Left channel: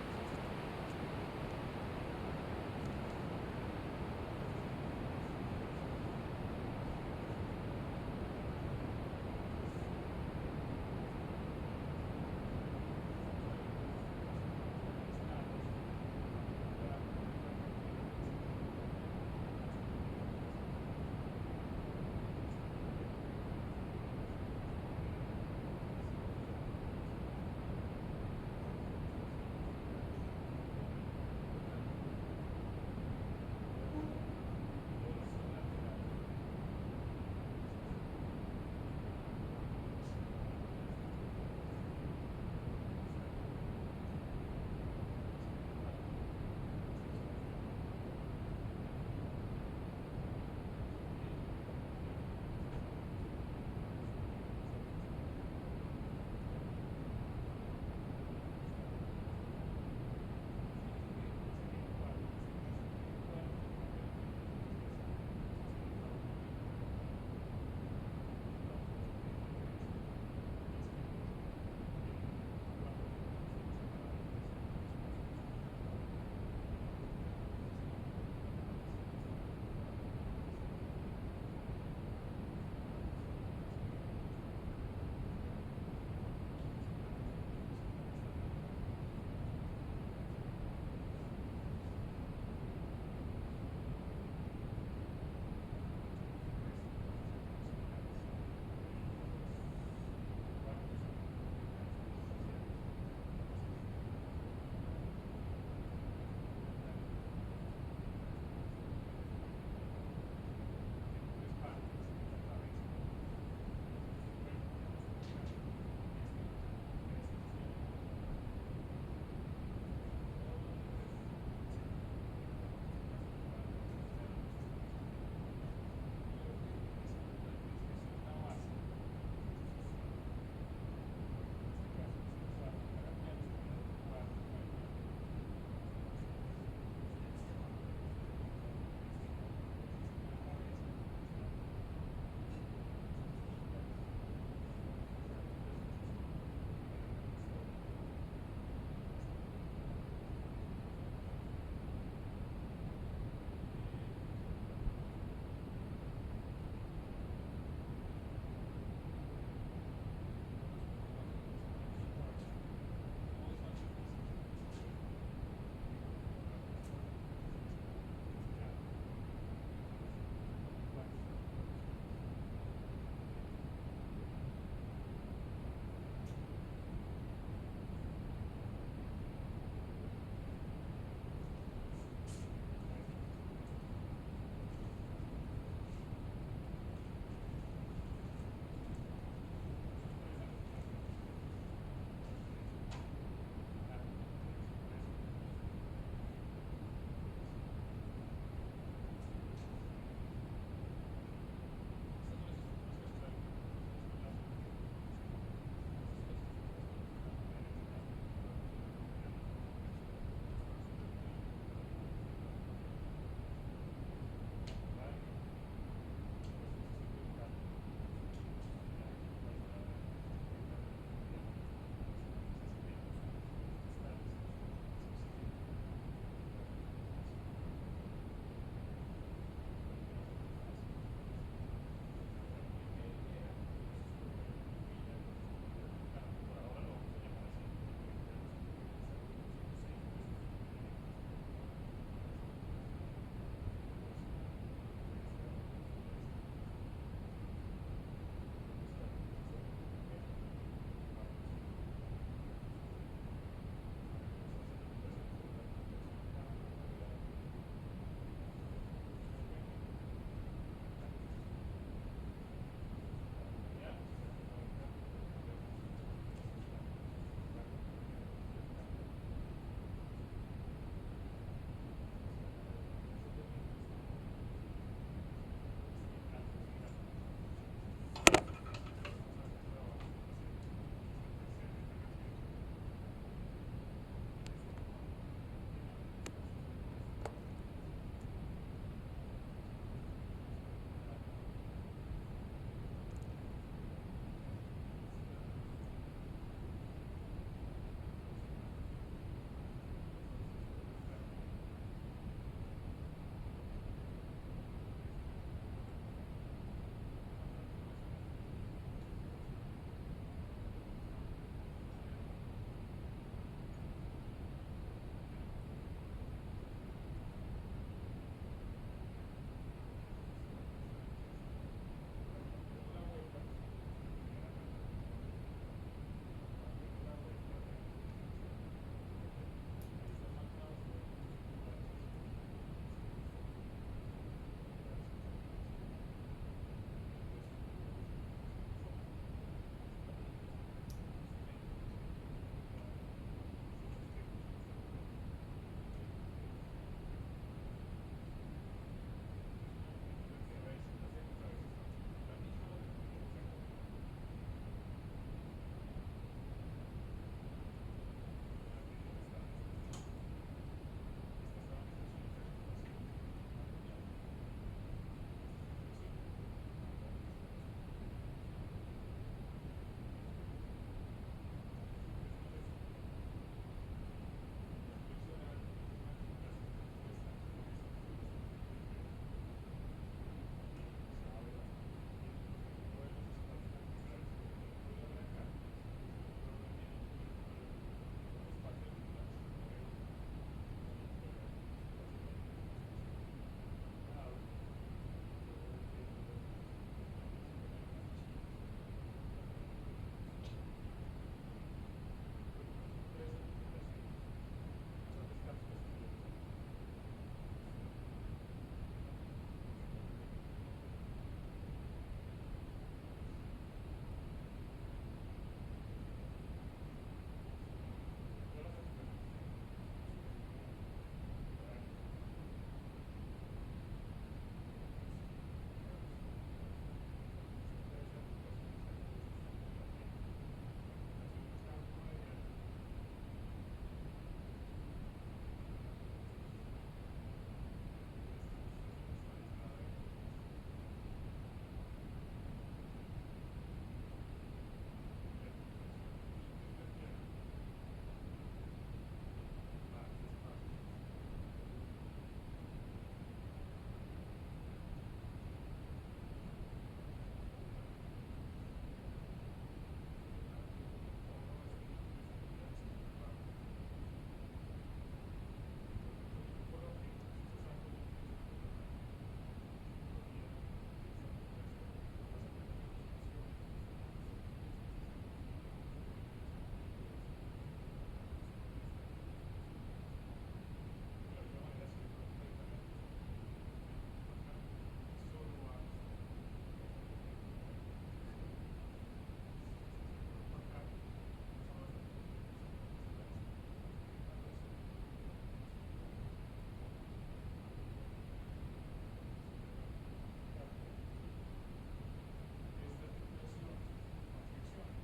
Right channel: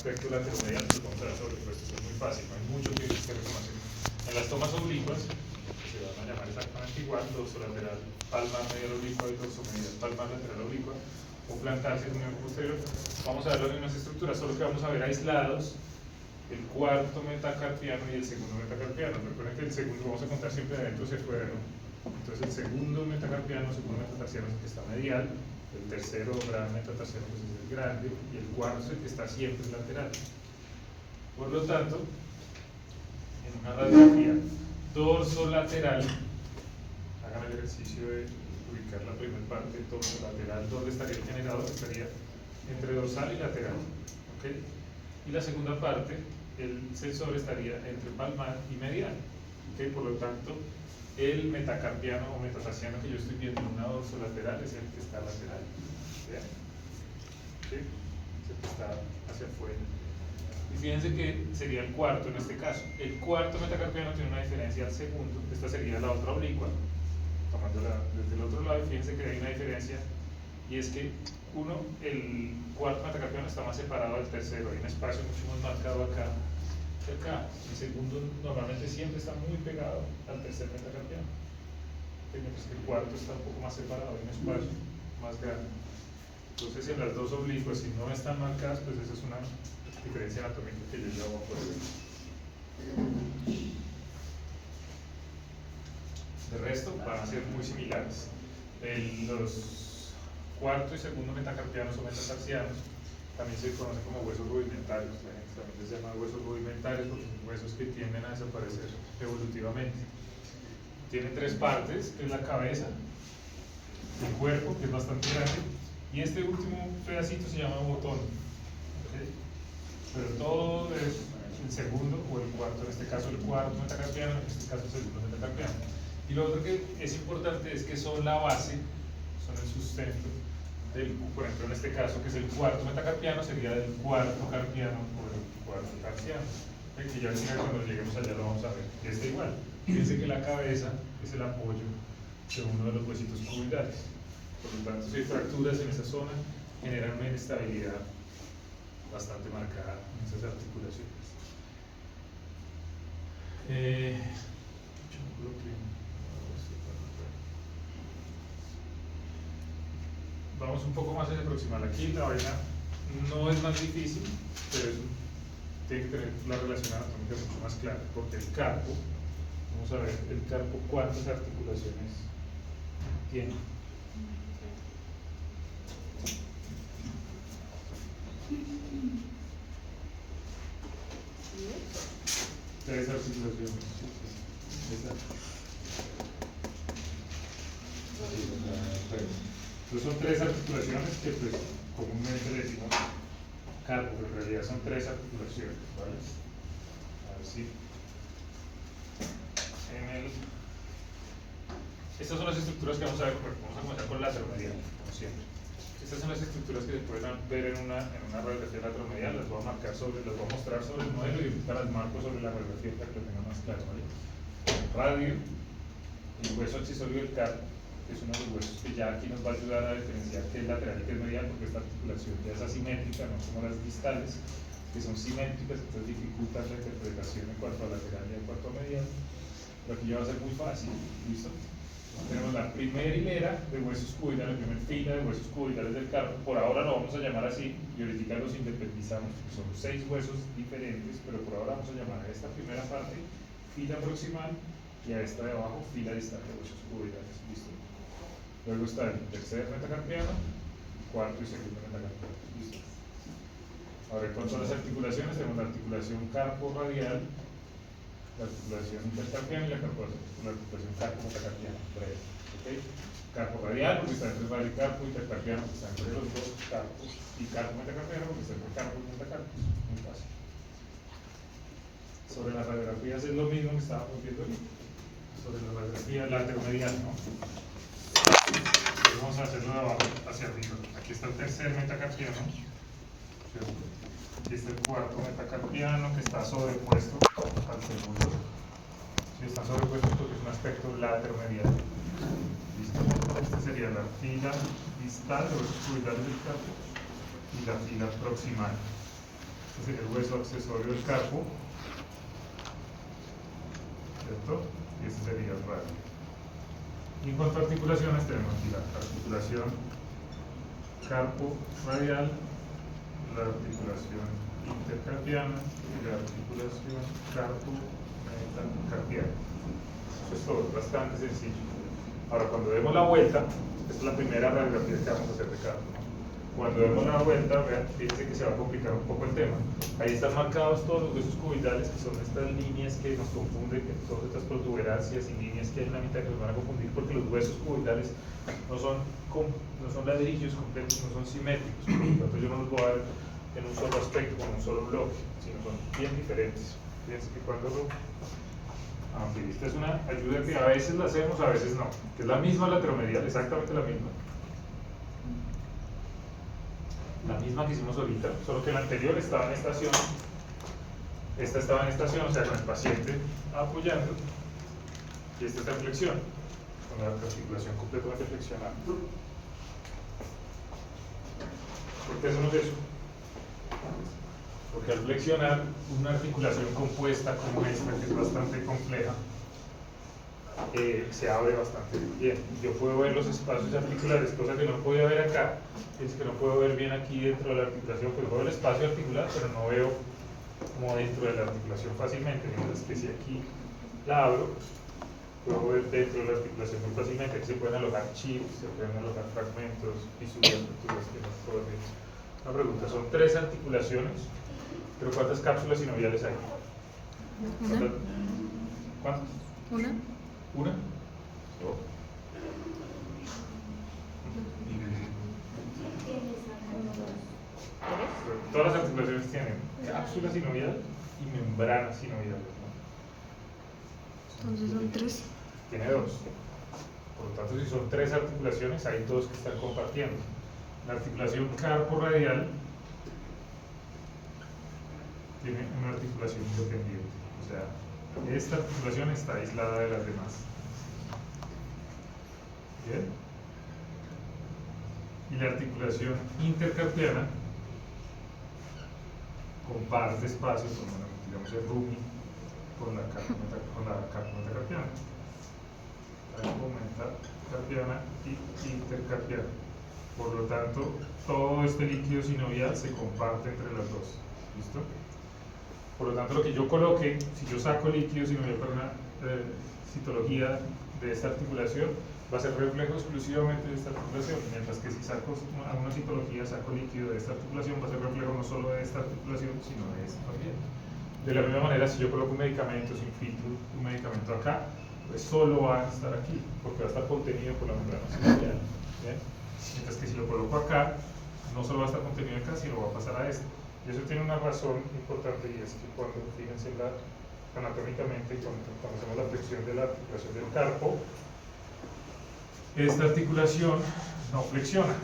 aspecto lateral y contra sobrepuesto. Es muy fácil, no hay mucho que reconocer. En las tomas oblicuas se van a llamar exactamente igual, dorso lateral, palmar medial oblicua y dorso medial, palmar lateral oblicua, o plantar según el posterior. Vamos a ver las mismas estructuras, solo que vamos a ver aislados el cuarto metacarpiano y el segundo metacarpiano. Recuerden que el segundo vamos a contar siempre de adentro hacia afuera, ¿no? Entonces el segundo metacarpiano, segundo metatarsiano es el que está medial, el tercero gran metatarsiano es el grande, y el cuarto es el que está siempre lateral. Por lo tanto, en una radiografía dorso-lateral, hagan el ejercicio de ubicar la primera parte dorso-lateral, donde estaría el generador, estaría entre dorsal y lateral. ¿Okay? Y la segunda parte, el sensor estaría entre palmar y medial. ¿Okay? Por lo tanto, el metacarpiano o metatarsiano que yo estoy viendo en una dorsolateral es el que está lateral. ¿Vean? ¿Okay? Es el que está hacia afuera. Y fíjense que sería el cuarto en este caso. El cuarto metacarpiano tiene una diferencia al segundo. Esta sería la otra oblicua, tomándola desde el otro lado. Y fíjense que hay una diferencia, y es que el cuarto metacarpiano está más separado del tercero. Hay un espacio mucho más marcado acá. El segundo normalmente siempre está muy pegado al tercer metacarpiano, mientras que el cuarto está un poco más separado, hay un espacio más grande. Entonces en las dos oblicuas, si no están marcadas, pues esa es una diferencia anatómica que yo ya voy a poder ver. De resto van a ser muy similares. Los cuarto y segundo metacarpianos o metatarsianos también se conocen como huesos rudimentarios. También se llama huesos rudimentarios porque son huesos que tienden a desaparecer evolutivamente. Tiene tres partes, que es la cabeza, el cuerpo, que es bastante grande, y este último pedacito se llama botón. ¿Sí? Pero todo es el segundo o el cuarto, en este caso el cuarto metacarpiano, en este caso el segundo metacarpiano. Y lo otro que es importante es que son la base, son el sustento del, por ejemplo en este caso que es el cuarto metacarpiano, sería del cuarto carpiano o del cuarto tarsiano. Que ya al final cuando lleguemos allá lo vamos a ver. Está igual. Fíjense que la cabeza es el apoyo de uno de los huesitos cuboidales. Por lo tanto, si hay fracturas en esa zona, generan una inestabilidad bastante marcada en esas articulaciones. Vamos un poco más a aproximar. Aquí la vaina no es más difícil, pero tiene que tener la relación anatómica mucho más clara, porque el carpo, vamos a ver el carpo cuántas articulaciones tiene. Tres articulaciones. Entonces son tres articulaciones que pues comúnmente le decimos carpo, pero en realidad son tres articulaciones, ¿vale? A ver si estas son las estructuras que vamos a ver. Vamos a comenzar con el lateromedial, como siempre. Estas son las estructuras que se pueden ver en una radiografía lateromedial. Las voy a mostrar sobre el modelo y ahorita las marco sobre la radiografía para que lo tengan más claro, ¿vale? Radio, el hueso accesorio del carpo, que es uno de los huesos que ya aquí nos va a ayudar a diferenciar qué es lateral y qué es medial, porque esta articulación ya es asimétrica, no como las distales, que son simétricas, entonces dificultan la interpretación en cuanto a lateral y en cuanto a medial. Pero aquí ya va a ser muy fácil, ¿listo? Tenemos la primera hilera de huesos cuboidales, la primera fila de huesos cuboidales del carpo. Por ahora lo vamos a llamar así, y ahorita los independizamos, porque son 6 huesos diferentes, pero por ahora vamos a llamar a esta primera parte fila proximal y a esta de abajo fila distal de huesos cuboidales. ¿Listo? Luego está el tercer metacarpiano, cuarto y segundo metacarpiano. ¿Listo? Ahora, ¿cuáles son las articulaciones? Tenemos la articulación carpo-radial, la articulación intercarpiana y la articulación carpo-metacarpiana. ¿Okay? Carpo radial porque está entre el radio y carpo, intercarpiano porque está entre los dos carpos, y carpo metacarpiano porque está entre carpo y metacarpos. Muy fácil. Sobre las radiografías es lo mismo que estábamos viendo ahorita. Sobre la radiografía lateromedial, ¿no? Entonces vamos a hacerlo de abajo hacia arriba. Aquí está el tercer metacarpiano. Aquí está el cuarto metacarpiano que está sobrepuesto al segundo. Si está sobrepuesto porque es un aspecto lateromedial. Esta sería la fila distal de los cuboidales del carpo y la fila proximal. Este sería el hueso accesorio del carpo, ¿cierto? Y este sería el radio. Y en cuanto a articulaciones, tenemos aquí la articulación carpo radial, la articulación intercarpiana y la articulación carpo metacarpiana. Eso es todo, bastante sencillo. Ahora, cuando demos la vuelta, esta es la primera radiografía que vamos a hacer de carpo. Cuando demos la vuelta, vean, fíjense que se va a complicar un poco el tema. Ahí están marcados todos los huesos cubitales, que son estas líneas que nos confunden, que todas estas protuberancias y líneas que hay en la mitad que nos van a confundir, porque los huesos cubitales no son ladrillos completos, no son simétricos. Por lo tanto, yo no los voy a ver en un solo aspecto, con un solo bloque, sino son bien diferentes. Fíjense que cuando aunque esta es una ayuda que a veces la hacemos, a veces no, que es la misma lateromedial, exactamente la misma. La misma que hicimos ahorita, solo que la anterior estaba en estación, esta estaba en estación, o sea, con el paciente apoyando, y esta está en flexión, con la articulación completamente flexionada. ¿Por qué hacemos eso? Porque al flexionar una articulación compuesta como esta, que es bastante compleja, se abre bastante bien. Yo puedo ver los espacios articulares, cosa que no podía ver acá, es que no puedo ver bien aquí dentro de la articulación, pues veo el espacio articular, pero no veo como dentro de la articulación fácilmente, mientras que si aquí la abro, puedo ver dentro de la articulación muy fácilmente. Aquí se pueden alojar chips, se pueden alojar fragmentos, fisuras, fracturas, que no puedo ver. Una pregunta, son 3 articulaciones, pero ¿cuántas cápsulas sinoviales hay? Una. ¿Cuántas? Una. ¿Una? Todas las articulaciones tienen cápsula sinovial y membrana sinoviales, ¿no? Entonces son 3. Tiene 2. Por lo tanto, si son 3 articulaciones, hay 2 que están compartiendo. La articulación carpo-radial tiene una articulación independiente. O sea, esta articulación está aislada de las demás. ¿Bien? Y la articulación intercarpiana comparte espacio con, digamos, el rumi con la carpo metacarpiana. Carpo metacarpiana y intercarpiana. Por lo tanto, todo este líquido sinovial se comparte entre las dos. ¿Listo? Por lo tanto, lo que yo coloque, si yo saco líquido sinovial para una citología de esta articulación, va a ser reflejo exclusivamente de esta articulación, mientras que si saco a una citología, saco líquido de esta articulación, va a ser reflejo no solo de esta articulación, sino de esta también. De la misma manera, si yo coloco un medicamento, si infiltro un medicamento acá, pues solo va a estar aquí, porque va a estar contenido por la membrana sinovial. ¿Bien? Mientras que si lo coloco acá, no solo va a estar contenido acá, sino va a pasar a este. Y eso tiene una razón importante, y es que cuando, fíjense, anatómicamente, cuando hacemos la flexión de la articulación del carpo, esta articulación no flexiona.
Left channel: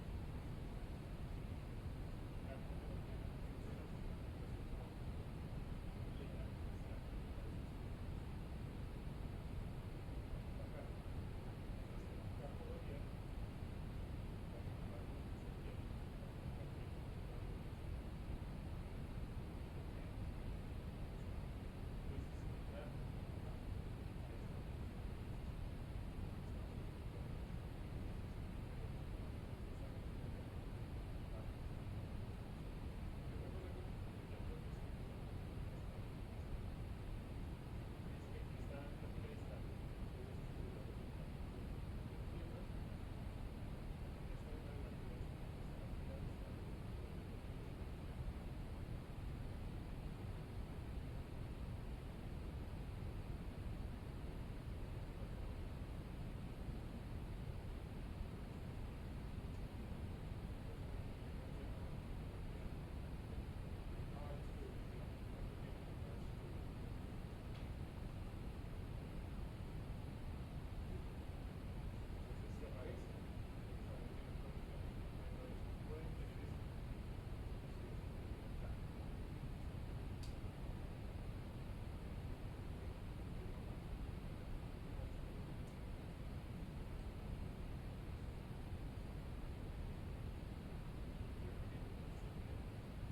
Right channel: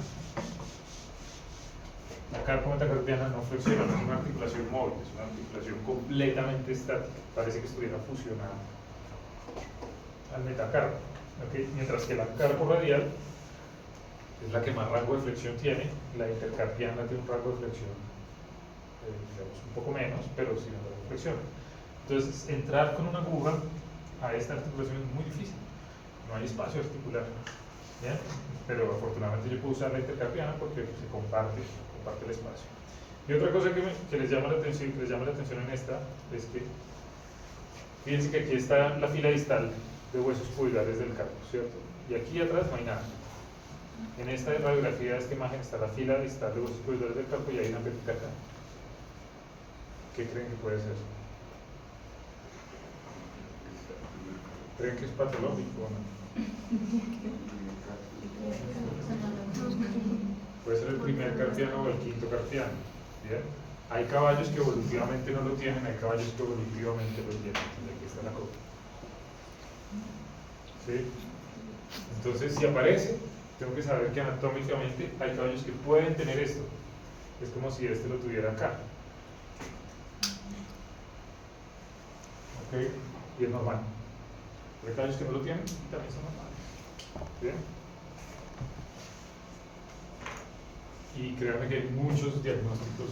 La carpo metacarpiana no flexiona, no es una articulación móvil, es una articulación completamente estática, parece que estuviera fusionada al metacarpo. ¿Okay? Mientras que la carpo radial es la que más rango de flexión tiene, la intercarpiana tiene un rango de flexión, digamos, un poco menos, pero sin embargo flexiona. Entonces, entrar con una aguja a esta articulación es muy difícil, no hay espacio articular. ¿Bien? Pero afortunadamente yo puedo usar la intercarpiana porque se comparte el espacio. Y otra cosa que les llama la atención, en esta es que fíjense que aquí está la fila distal de huesos cubitales del carpo, ¿cierto? Y aquí atrás no hay nada. En esta radiografía de esta imagen está la fila distal de huesos cubitales del carpo y hay una petita acá. ¿Qué creen que puede ser? ¿Creen que es patológico o no? Puede ser el primer carpiano o el quinto carpiano. ¿Bien? Hay caballos que evolutivamente no lo tienen, hay caballos que evolutivamente lo tienen. Aquí está la cosa. ¿Sí? Entonces, si aparece, tengo que saber que anatómicamente hay caballos que pueden tener esto. Es como si este lo tuviera acá. ¿Ok? Y es normal. Hay caballos que no lo tienen y también son normales. ¿Bien? Y créanme que hay muchos diagnósticos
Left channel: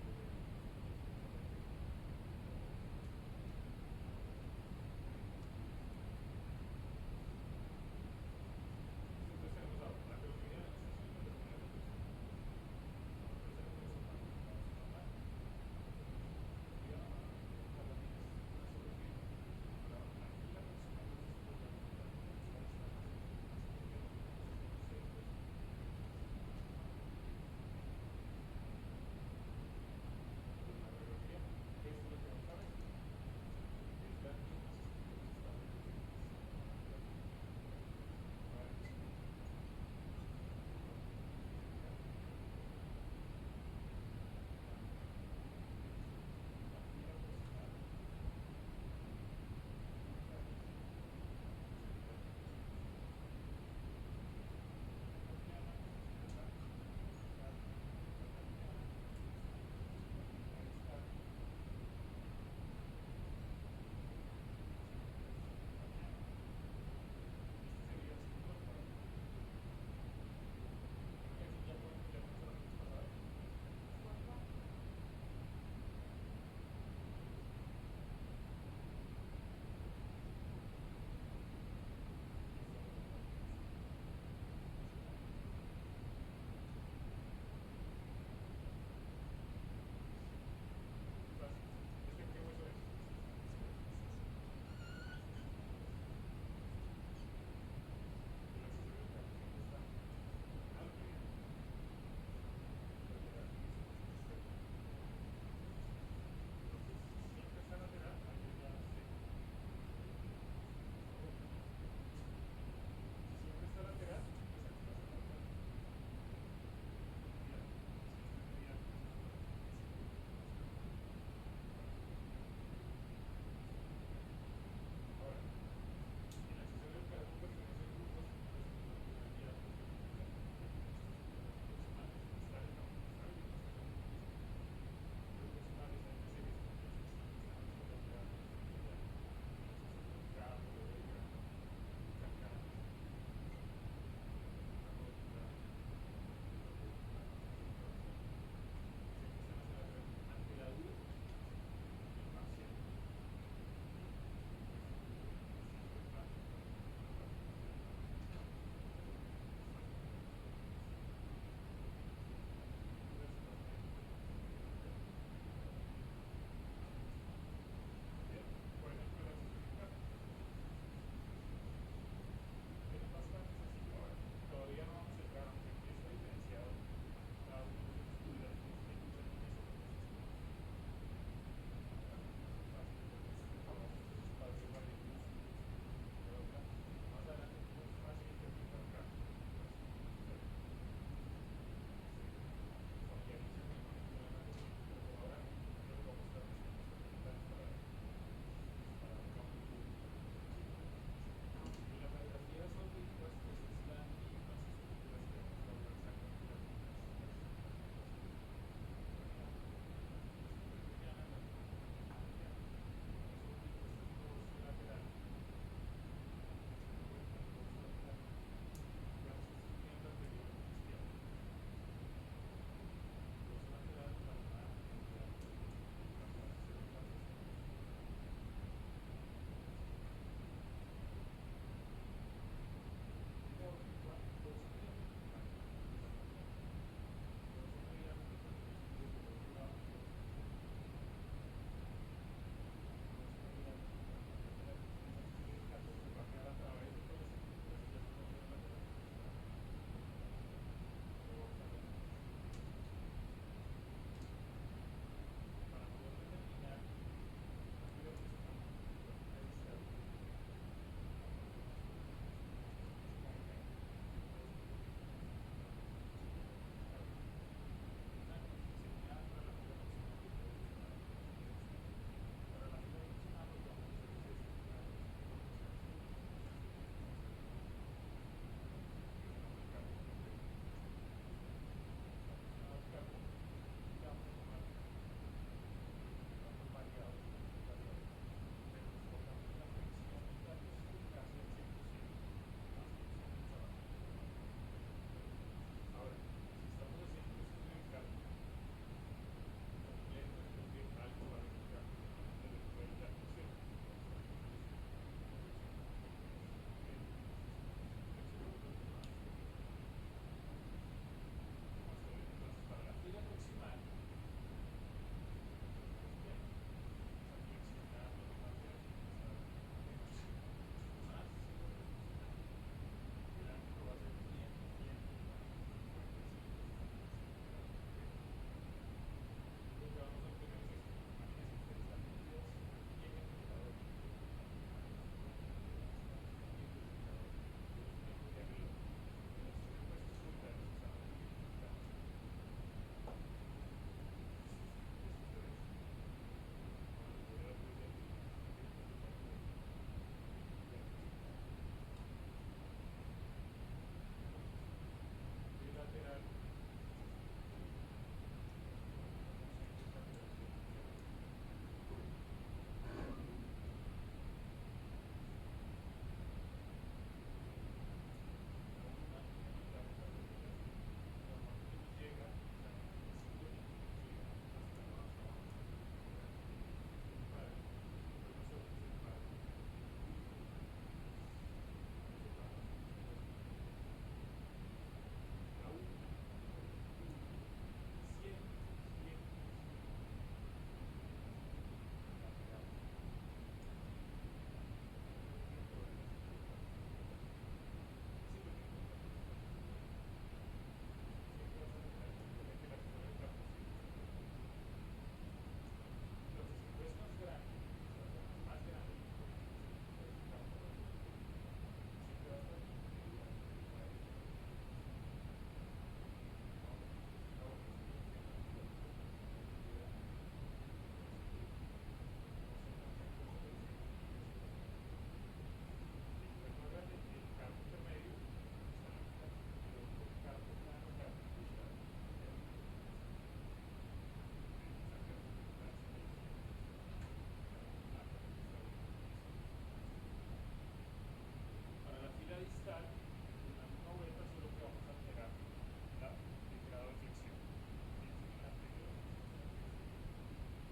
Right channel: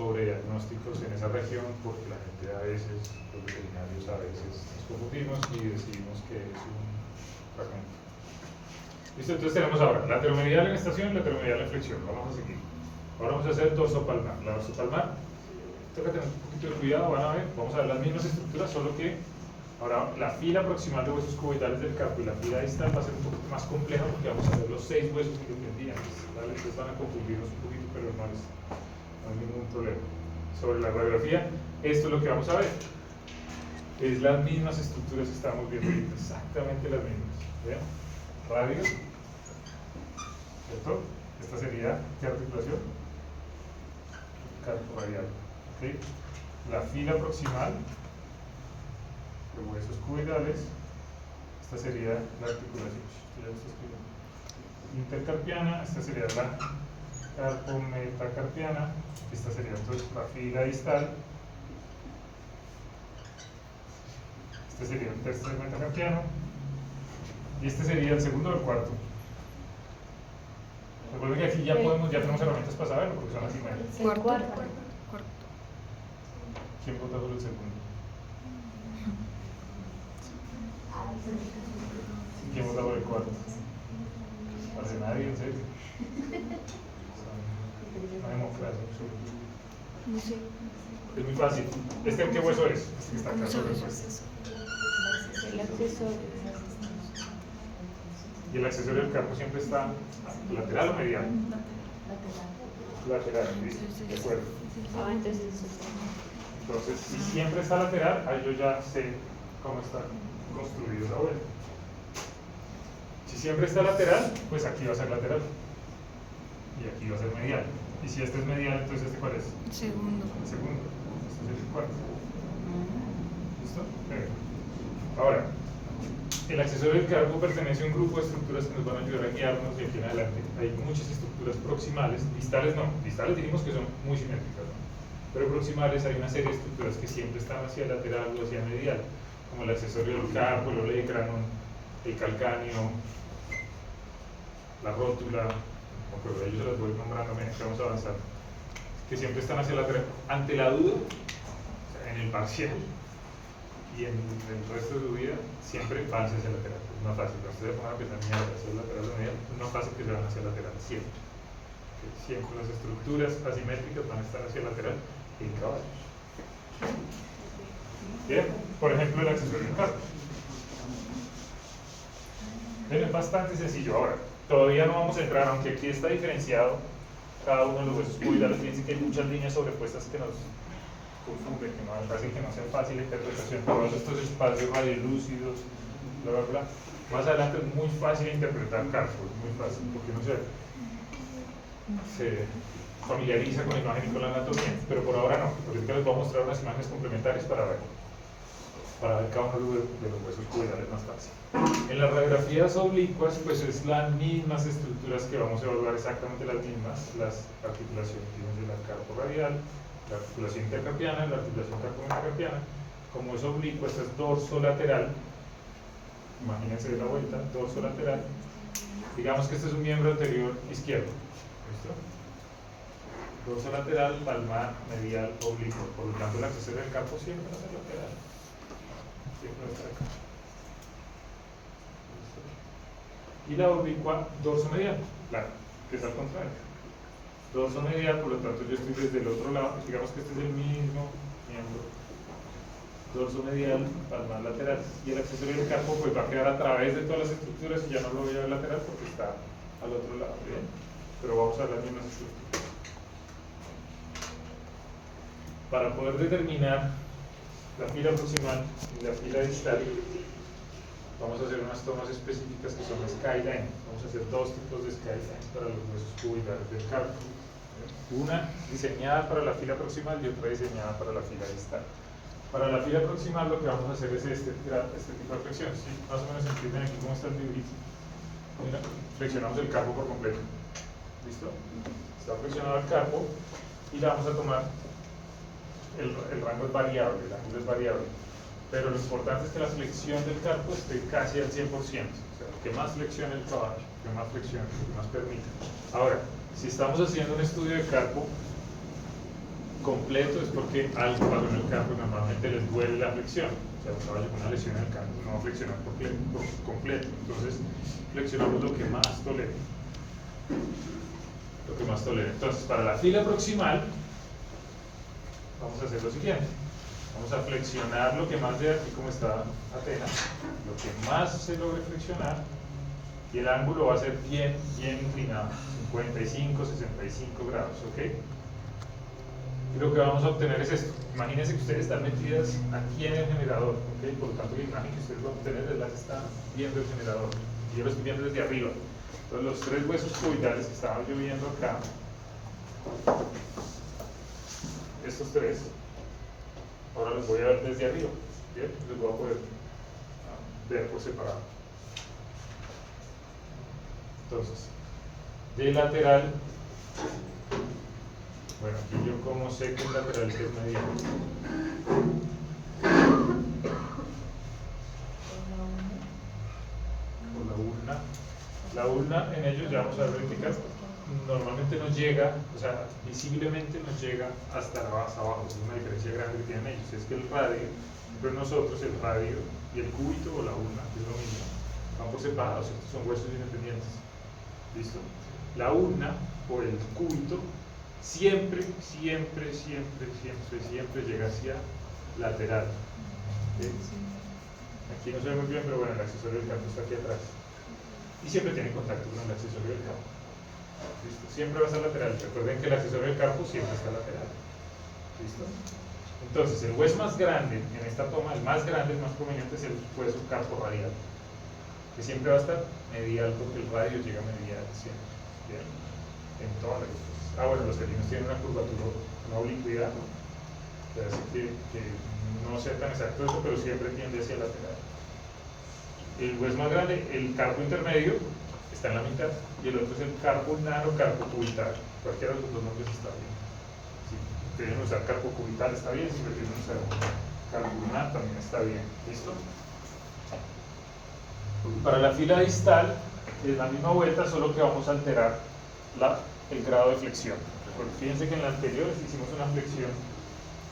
sobrediagnósticos en esa región porque la gente a veces, los veterinarios a veces nos confundimos y decimos que es un fragmento. Listo, entonces tenemos ahora lateromedial en estación y lateromedial en flexión. Vamos a seguir. Ahora vamos a hacer dorsopalmar. La dorsopalmar, toca tener un poquito de cuidado, van a ver, vamos a ver las mismas estructuras, solo que ahora la fila proximal de huesos cuboidales del carpo y la fila distal va a ser un poquito más compleja porque vamos a ver los 6 huesos independientes. ¿Vale? Entonces van a confundirnos un poquito, pero no hay ningún problema. Sobre la radiografía, esto es lo que vamos a ver. Es las mismas estructuras que estamos viendo ahorita, exactamente las mismas. ¿Vean? Radio, ¿cierto? Esta sería, ¿qué articulación? Carpo radial. ¿Okay? La fila proximal de huesos cuboidales, esta sería la articulación. Ya lo está escribiendo. Intercarpiana, esta sería la carpometacarpiana, esta sería entonces la fila distal, este sería el tercer metacarpiano y este sería el segundo o el cuarto. Recuerden que aquí ya tenemos herramientas para saberlo porque son las imágenes. Cuarto. ¿Quién vota por el segundo? ¿Quién vota por el cuarto? Parece nadie, en serio. Una democracia absoluta. No sé. Es muy fácil. ¿Este qué hueso es? Este que está acá. No sabes. El accesorio. Y el accesorio del carpo siempre está lateral o medial. Lateral, ¿listo? De acuerdo. Ah, entonces Entonces, si siempre está lateral, ahí yo ya sé cómo está construido la vuelta. Si siempre está lateral, pues aquí va a ser lateral. Y aquí va a ser medial. Y si este es medial, entonces ¿este cuál es? Segundo. El segundo. Este es el cuarto. ¿Listo? Perfecto. Ahora, el accesorio del carpo pertenece a un grupo de estructuras que nos van a ayudar a guiarnos de aquí en adelante. Hay muchas estructuras proximales, distales no. Distales dijimos que son muy simétricas, ¿no? Pero proximales hay una serie de estructuras que siempre están hacia lateral o hacia medial, como el accesorio del carpo, el olecranon, el calcáneo, la rótula, pero ellos se las voy nombrando a medida que vamos a avanzar, que siempre están hacia lateral. Ante la duda, o sea, en el parcial y en el resto de su vida, siempre van hacia el lateral. Es más fácil, cuando ustedes pongan a pensar en hacia el lateral o medial, es más fácil que se van hacia el lateral, siempre. Siempre las estructuras asimétricas van a estar hacia el lateral en caballos. Bien, por ejemplo, el accesorio del carpo. Es bastante sencillo. Ahora, todavía no vamos a entrar, aunque aquí está diferenciado cada uno de los huesos cuboidales. Fíjense que hay muchas líneas sobrepuestas que nos confunden, que nos hacen que no sea fácil la interpretación. Todos estos espacios radiolúcidos, bla, bla, bla. Más adelante es muy fácil interpretar carpo, es muy fácil, porque no se familiariza con la imagen y con la anatomía, pero por ahora no. Ahorita les voy a mostrar unas imágenes complementarias para ver cada uno de los huesos cuboidales más fácil. En las radiografías oblicuas, pues es las mismas estructuras que vamos a evaluar, exactamente las mismas, las articulaciones de la carpo radial, la articulación intercarpiana, la articulación carpometacarpiana. Como es oblicuo, esta es dorso lateral, imagínense la vuelta, dorso lateral. Digamos que este es un miembro anterior izquierdo. ¿Listo? Dorso lateral, palmar, medial, oblicuo. Por lo tanto, el accesorio del carpo siempre va a ser lateral. Siempre va a estar acá. ¿Listo? Y la oblicua, dorso medial, claro, que es al contrario. Dorso medial, por lo tanto, yo estoy desde el otro lado. Digamos que este es el mismo miembro. Dorso medial, palmar lateral. Y el accesorio del carpo pues va a quedar a través de todas las estructuras y ya no lo voy a ver lateral porque está al otro lado. ¿Bien? Pero vamos a ver las mismas estructuras. Para poder determinar la fila proximal y la fila distal, vamos a hacer unas tomas específicas que son skyline. Vamos a hacer dos tipos de skylines para los huesos cuboidales del carpo. Una diseñada para la fila proximal y otra diseñada para la fila distal. Para la fila proximal lo que vamos a hacer es este tipo de flexiones. ¿Sí? Más o menos entienden aquí cómo está el dibujito. Mira, flexionamos el carpo por completo. ¿Listo? Está flexionado el carpo y la vamos a tomar. El rango es variable, el ángulo es variable. Pero lo importante es que la flexión del carpo esté casi al 100%. O sea, que más flexione el caballo, que más flexione, que más permita. Ahora, si estamos haciendo un estudio de carpo, completo es porque algo pasó en el campo y normalmente les duele la flexión. O sea, un caballo con una lesión en el campo no va a flexionar por completo. Entonces, flexionamos lo que más tolere. Lo que más tolere. Entonces, para la fila proximal, vamos a hacer lo siguiente. Vamos a flexionar lo que más de aquí, como está Atenas, lo que más se logre flexionar, y el ángulo va a ser bien inclinado, 55, 65 grados, ¿ok? Y lo que vamos a obtener es esto. Imagínense que ustedes están metidas aquí en el generador, ¿ok? Por lo tanto, la imagen que ustedes van a obtener es la que está viendo el generador. Y yo lo estoy viendo desde arriba. Entonces, los tres huesos cuboidales que estaban yo viendo acá, estos tres, ahora los voy a ver desde arriba, ¿bien? Los voy a poder ver por separado. Entonces, de lateral, bueno, aquí yo como sé que el lateral que es mediano. Por la ulna. La ulna en ellos, ya vamos a ver ahorita, normalmente no llega, o sea, visiblemente no llega hasta abajo. Es una diferencia grande que tienen ellos. Es que el radio, pero nosotros el radio y el cúbito o la ulna, que es lo mismo, van por separados, estos son huesos independientes. ¿Listo? La ulna o el cúbito siempre llega hacia lateral. ¿Sí? Aquí no se ve muy bien, pero bueno, el accesorio del campo está aquí atrás. Y siempre tiene contacto con el accesorio del campo. ¿Listo? Siempre va a estar lateral. Recuerden que el accesorio del campo siempre está lateral. ¿Listo? Entonces, el hueso más grande en esta toma, el más grande, el más conveniente, es el hueso carpo radial, que siempre va a estar medial porque el radio llega medial siempre. ¿Bien? En todas las cosas. Bueno, los felinos tienen una curvatura, una oblicuidad, que hace que no sea tan exacto eso, pero siempre tiende hacia lateral. El hueso más grande, el carpo intermedio, está en la mitad, y el otro es el carpo ulnar o carpo cubital. Cualquiera de los dos nombres está bien. Si prefieren usar carpo cubital está bien, si prefieren usar carpo ulnar también está bien. ¿Listo? Para la fila distal es la misma vuelta, solo que vamos a alterar el grado de flexión. Fíjense que en la anterior hicimos una flexión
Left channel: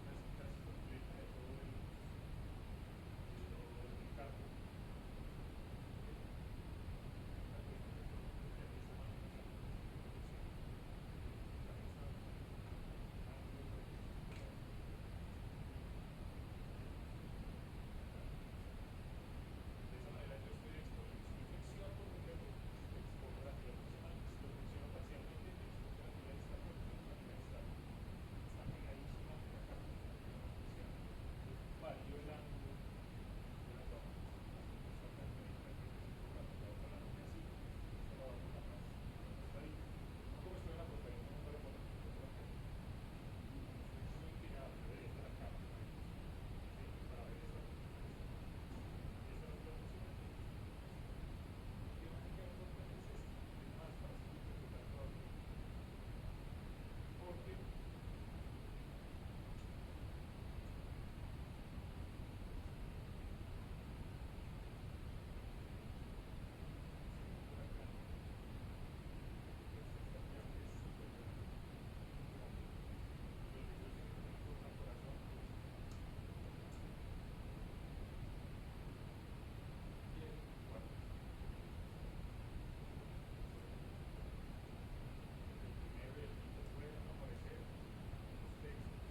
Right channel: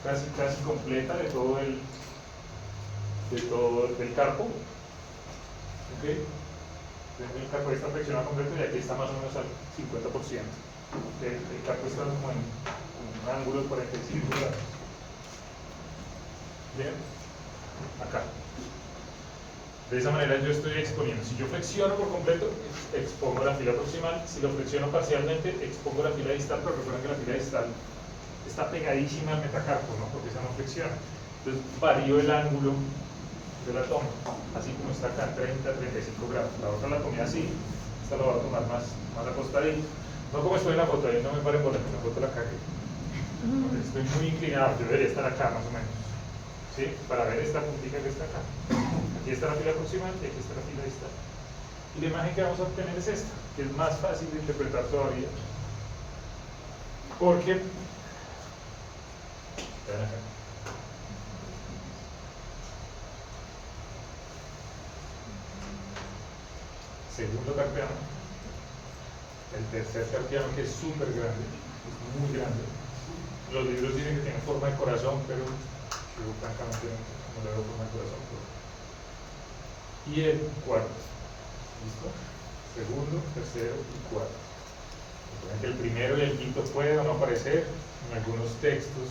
casi completa de todo el carpo. ¿Ok? El carpo está flexionado completo y aquí está más o menos al 50%. El carpo está como en un ángulo de 45 grados. Bien, acá. De esa manera yo estoy exponiendo. Si yo flexiono por completo, expongo la fila proximal. Si lo flexiono parcialmente, expongo la fila distal, pero recuerden que la fila distal está pegadísima al metacarpo, ¿no? Porque esa no flexiona. Entonces varío el ángulo de la toma, así como está acá, 30-35 grados. La otra la tomé así, esta la voy a tomar más acostadita. No como estoy en la foto, ahí no me paren por aquí, la foto la cagué. Estoy muy inclinado, yo debería estar acá más o menos. ¿Sí? Para ver esta puntita que está acá. Aquí está la fila proximal y aquí está la fila distal. Y la imagen que vamos a obtener es esta, que es más fácil de interpretar todavía. Porque, vean acá. Segundo carpiano, el tercer carpiano, que es súper grande, es muy grande. Los libros dicen que tiene forma de corazón, pero yo francamente no le veo forma de corazón. Y el cuarto, ¿listo? Segundo, tercero y cuarto. Recuerden que el primero y el quinto puede o no aparecer. En algunos textos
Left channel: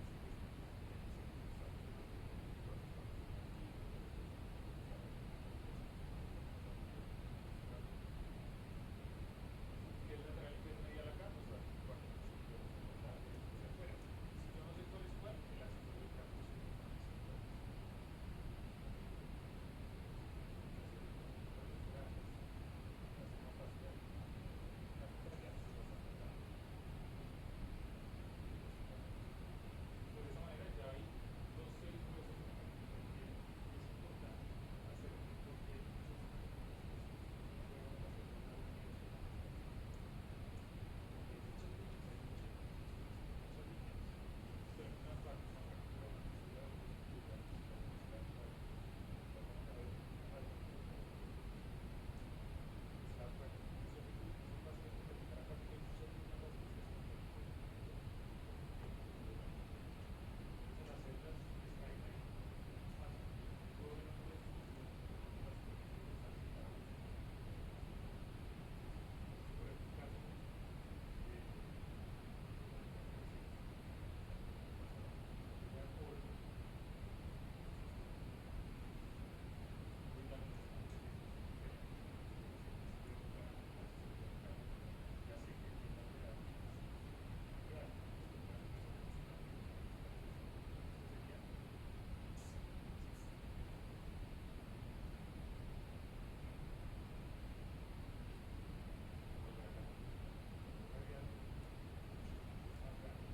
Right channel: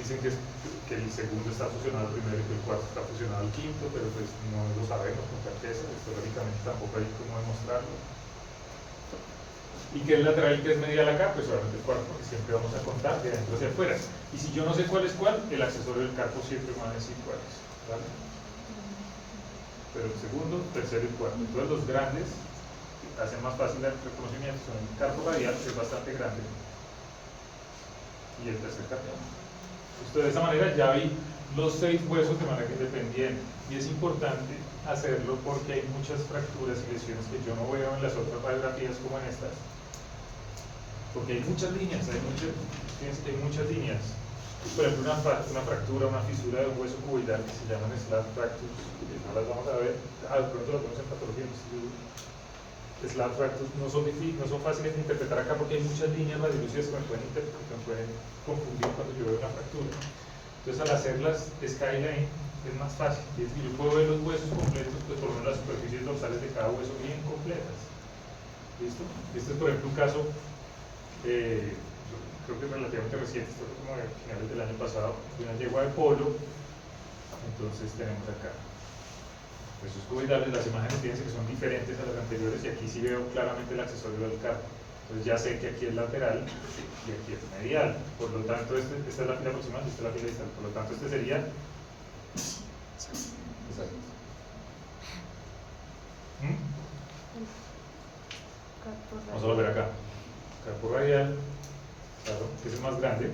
dicen que el segundo está fusionado al primero y que el cuarto está fusionado al quinto, pero pues no lo sabemos con certeza, históricamente tampoco hay cómo demostrarlo. Y que el lateral y que es medial acá, pues obviamente el cuarto, porque siempre vamos a contar de adentro hacia afuera. Y si yo no sé cuál es cuál, el accesorio del carpo siempre me va a decir cuál es, ¿vale? Pero el segundo, tercero y cuarto. Entonces los grandes hacen más fácil el reconocimiento, son el carpo radial, que es bastante grande, y el tercer carpiano. Entonces de esa manera ya vi los 6 huesos de manera independiente, y es importante hacerlo porque hay muchas fracturas y lesiones que yo no veo en las otras radiografías como en estas, porque hay muchas líneas, fíjense que hay muchas líneas. Por ejemplo, una fractura, una fisura de un hueso cuboidal que se llaman slab fractures, que no las vamos a ver, de pronto las vemos en patología, slab fractures no son fáciles de interpretar acá porque hay muchas líneas radiolúcidas que me pueden confundir cuando yo veo una fractura. Entonces al hacer las skyline es más fácil, y yo puedo ver los huesos completos, pues por lo menos las superficies dorsales de cada hueso bien completas. ¿Listo? Este es por ejemplo un caso, creo que es relativamente reciente, esto fue como a finales del año pasado, de una yegua de polo. Entonces tenemos acá huesos cuboidales, las imágenes fíjense que son diferentes a las anteriores y aquí sí veo claramente el accesorio del carpo. Entonces ya sé que aquí es lateral y aquí es medial. Por lo tanto, esta es la fila proximal y esta es la fila distal. Por lo tanto, este sería. Exacto. Vamos a volver acá. Carpo radial, claro, que es el más grande.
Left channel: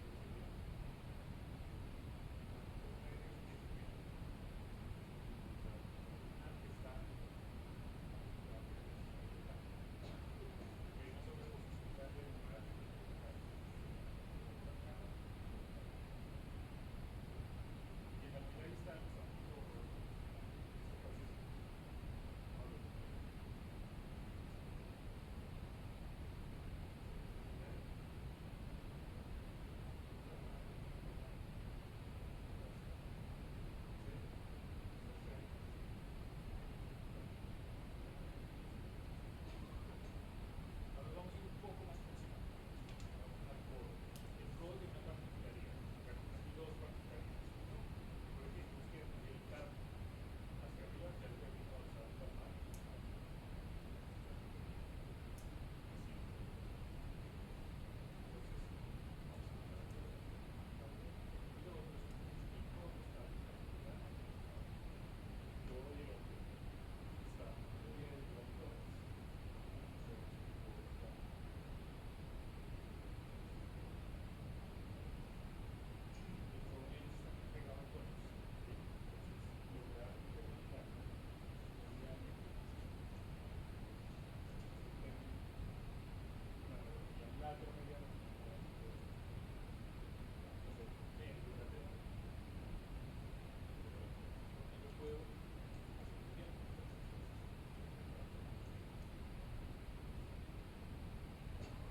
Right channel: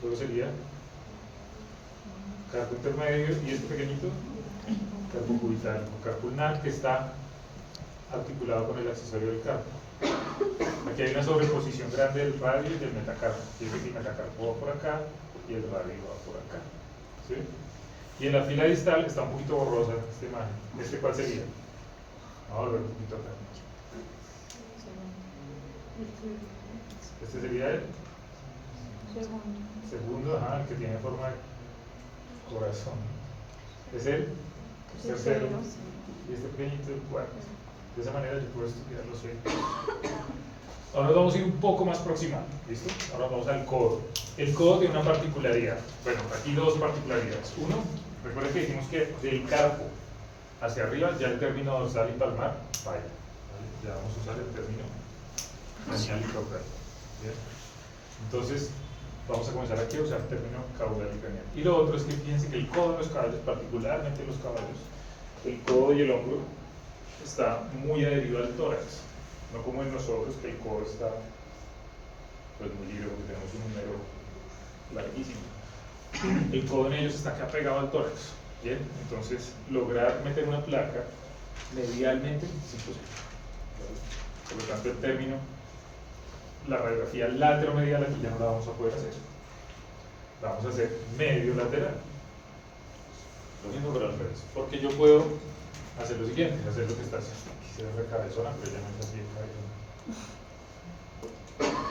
Luego sería carpo intermedio y este pequeñito, carpo cubital o carpo ulnar, que está articulado con el accesorio del carpo. Aquí hay una sobreposición grande del radio y del metacarpo. Fíjense que el metacarpo va por acá y el radio va por acá. ¿Sí? Y en la fila distal está un poquito borrosa esta imagen. ¿Este cuál sería? Vamos a volver un poquito acá. Este sería el segundo, ajá, el que tiene forma de corazón. Es el tercero. Y este pequeñito el cuarto. De esa manera yo puedo estudiar los sueños. Ahora vamos a ir un poco más proximal, ¿listo? Ahora vamos al codo. El codo tiene una particularidad. Bueno, aquí dos particularidades. Uno, recuerden que dijimos que del carpo hacia arriba ya el término dorsal y palmar falla. ¿Vale? Ya vamos a usar el término cranial y caudal. ¿Bien? Entonces, vamos a comenzar aquí a usar el término caudal y cranial. Y lo otro es que fíjense que el codo de los caballos, particularmente los caballos, el codo y el hombro está muy adherido al tórax, no como en nosotros que el codo está pues muy libre porque tenemos un número larguísimo. El codo en ellos está acá pegado al tórax, ¿bien? Entonces lograr meter una placa medialmente es imposible. Por lo tanto el término, la radiografía lateromedial aquí ya no la vamos a poder hacer, la vamos a hacer medio lateral. Lo mismo pero al revés, porque yo puedo hacer lo siguiente, hacer lo que está haciendo. Quisiera ver cabezona, pero ya no es así cabezona.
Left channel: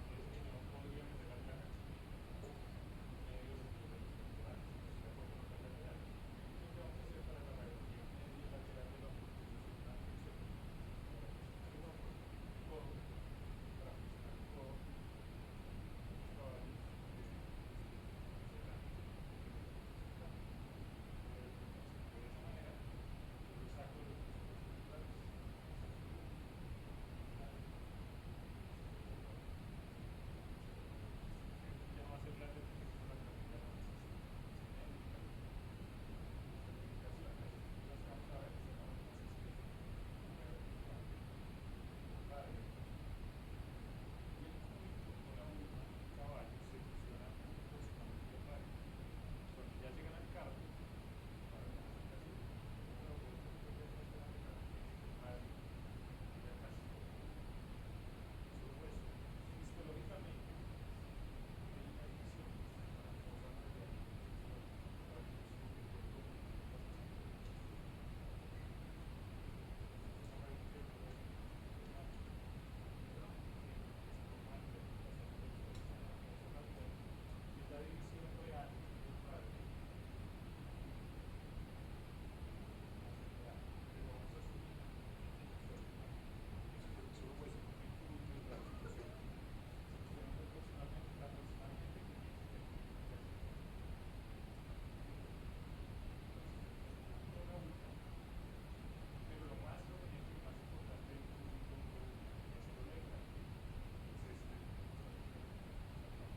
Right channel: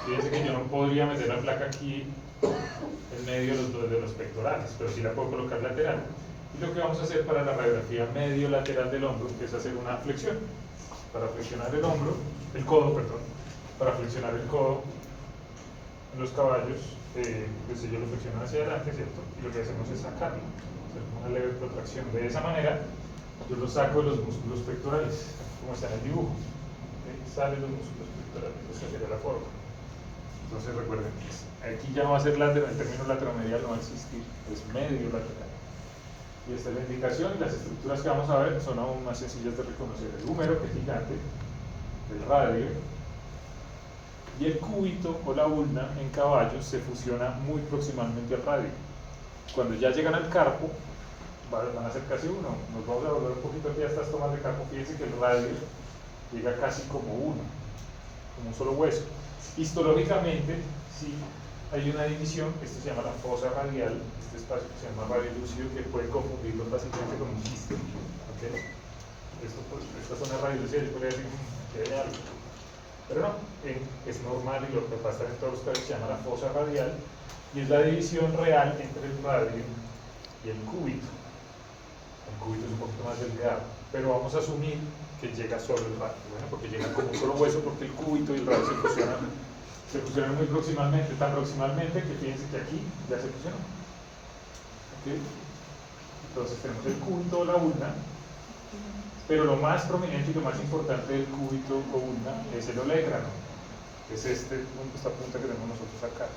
Fíjense que yo no podría meter la placa aquí en medio de los pectorales, pero sí la puedo colocar lateral. Y lo que vamos a hacer para la radiografía medio lateral del hombro es hacer una flexión. Para flexionar el hombro, el codo, perdón, para flexionar el codo en los caballos, pues ellos lo flexionan hacia adelante, ¿cierto? Y lo que hacemos es sacarlo, hacer una leve protracción. De esa manera, yo lo saco de los músculos pectorales, como está en el dibujo. ¿Okay? Salen los músculos pectorales, esa sería la forma. Entonces recuerden, aquí ya va a ser lateral, el término lateromedial no va a existir, es medio lateral. Y esta es la indicación, y las estructuras que vamos a ver son aún más sencillas de reconocer. El húmero, que es gigante, el radio, y el cúbito o la ulna en caballos se fusiona muy proximalmente al radio. Cuando ya llegan al carpo, van a ser casi uno. Nos vamos a volver un poquito aquí a estas tomas de carpo. Fíjense que el radio llega casi como uno, como un solo hueso. Histológicamente, sí hay una división, esto se llama la fosa radial, este espacio que se llama radio lúcido, que puede confundirlo fácilmente con un quiste. ¿Okay? Esta zona radio lúcida yo podría decir que hay algo, pero no, es normal y lo que pasa en todos los casos se llama la fosa radial y es la división real entre el radio y el cúbito. El cúbito es un poquito más delgado, pero vamos a asumir que llega solo el radio, bueno, porque llega como un solo hueso, porque el cúbito y el radio se fusionan muy proximalmente, tan proximalmente que fíjense que aquí ya se fusionó. ¿Okay? Entonces tenemos el cúbito o la ulna, pero lo más prominente y lo más importante del cúbito o ulna es el olégrano, que es esta punta que tenemos nosotros acá,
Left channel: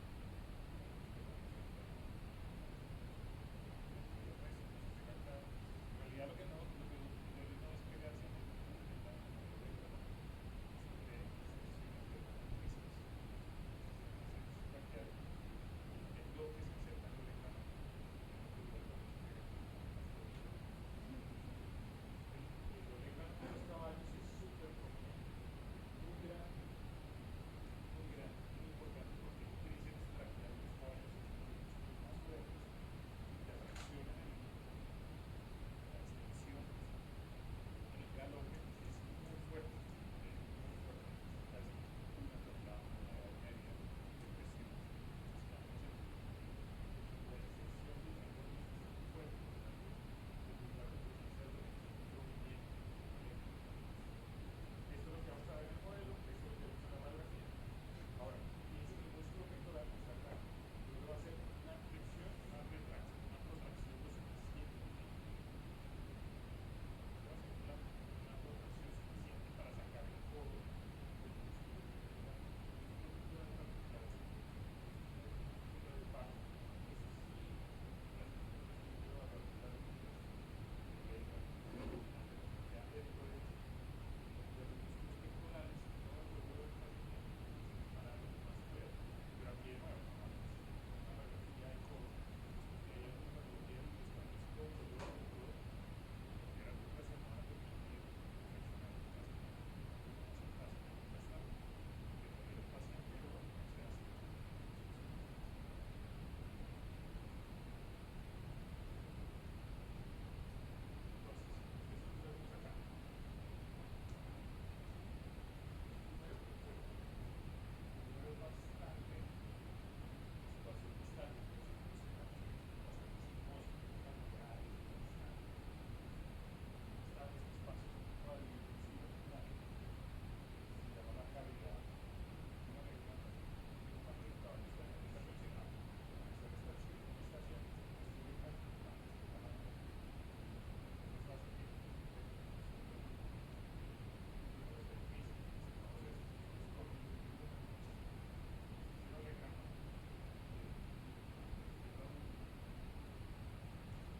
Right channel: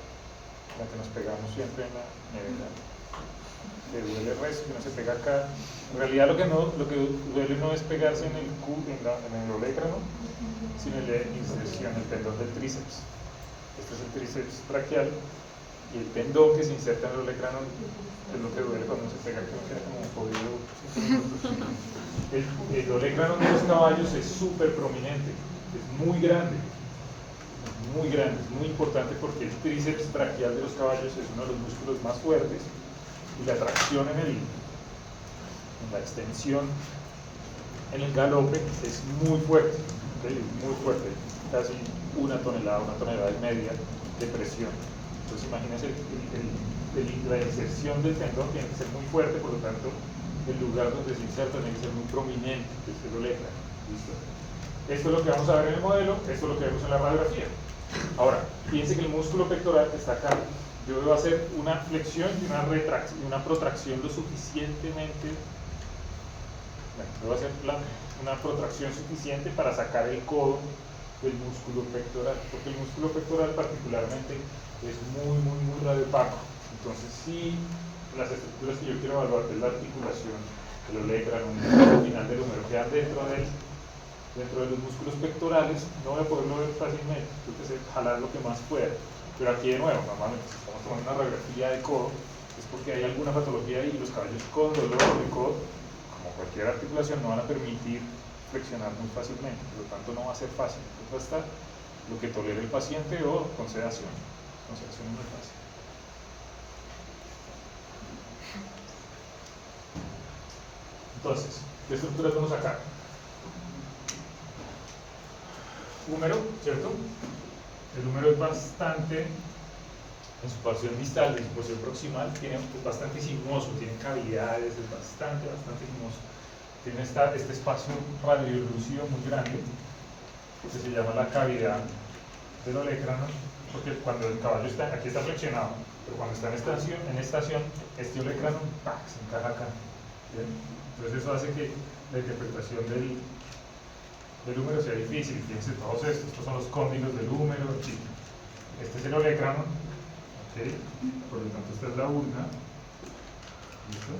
la que nos pegamos siempre en la nevera. Le duele el resto, que no se pega acá. En realidad lo que duele no es pegarse en el olégrano, sino en la inserción, el tendón del tríceps. Este es el tríceps braquial y el tendón que se inserta en el olégrano es lo que duele cuando se pega, que no queda como jodido. El olégrano de los caballos es súper prominente, es muy grande, es muy importante porque el tríceps braquial de los caballos es uno de los músculos más fuertes y la tracción en la extensión, en el galope es muy fuerte. ¿ok? Es muy fuerte, casi una tonelada y media de presión. Entonces imagínense, la inserción del tendón tiene que ser muy fuerte, por lo tanto, el lugar donde se inserta tiene que ser muy prominente, que es el olecra. ¿Listo? Esto es lo que vamos a ver en el modelo, esto es lo que vemos en la radiografía. Ahora, fíjense que el músculo pectoral está acá. Yo debo hacer una flexión y una protracción lo suficientemente. Bueno, debo hacer una protracción suficiente para sacar el codo del músculo pectoral, porque el músculo pectoral particularmente es muy radiopaco. Entonces, si las estructuras que yo quiero evaluar, que es la articulación, el olecranon, el final del húmero, quedan dentro de los músculos pectorales, no voy a poderlo ver fácilmente, tengo que jalar lo que más pueda. Pero aquí de nuevo, normalmente si estamos tomando una radiografía de codo, es porque hay alguna patología ahí y los caballos con dolor de codo, como cualquier articulación, no van a permitir flexionar muy fácilmente, por lo tanto no va a ser fácil. Entonces va a estar lo que tolere el paciente o con sedación. Con sedación es muy fácil. Entonces, ¿qué estructuras vamos a sacar? Húmero, ¿cierto? El húmero es bastante, en su porción distal, en su porción proximal, es bastante sinuoso, tiene cavidades, es bastante sinuoso. Tiene este espacio radiolúcido muy grande, que se llama la cavidad del olecranon, porque cuando el caballo está, aquí está flexionado, pero cuando está en estación este olecranon se encaja acá. ¿Bien? Entonces eso hace que la interpretación del húmero sea difícil. Fíjense todos estos son los cóndilos del húmero, sí. Este es el olecranon, ¿okay? Por lo tanto esta es la ulna, ¿listo?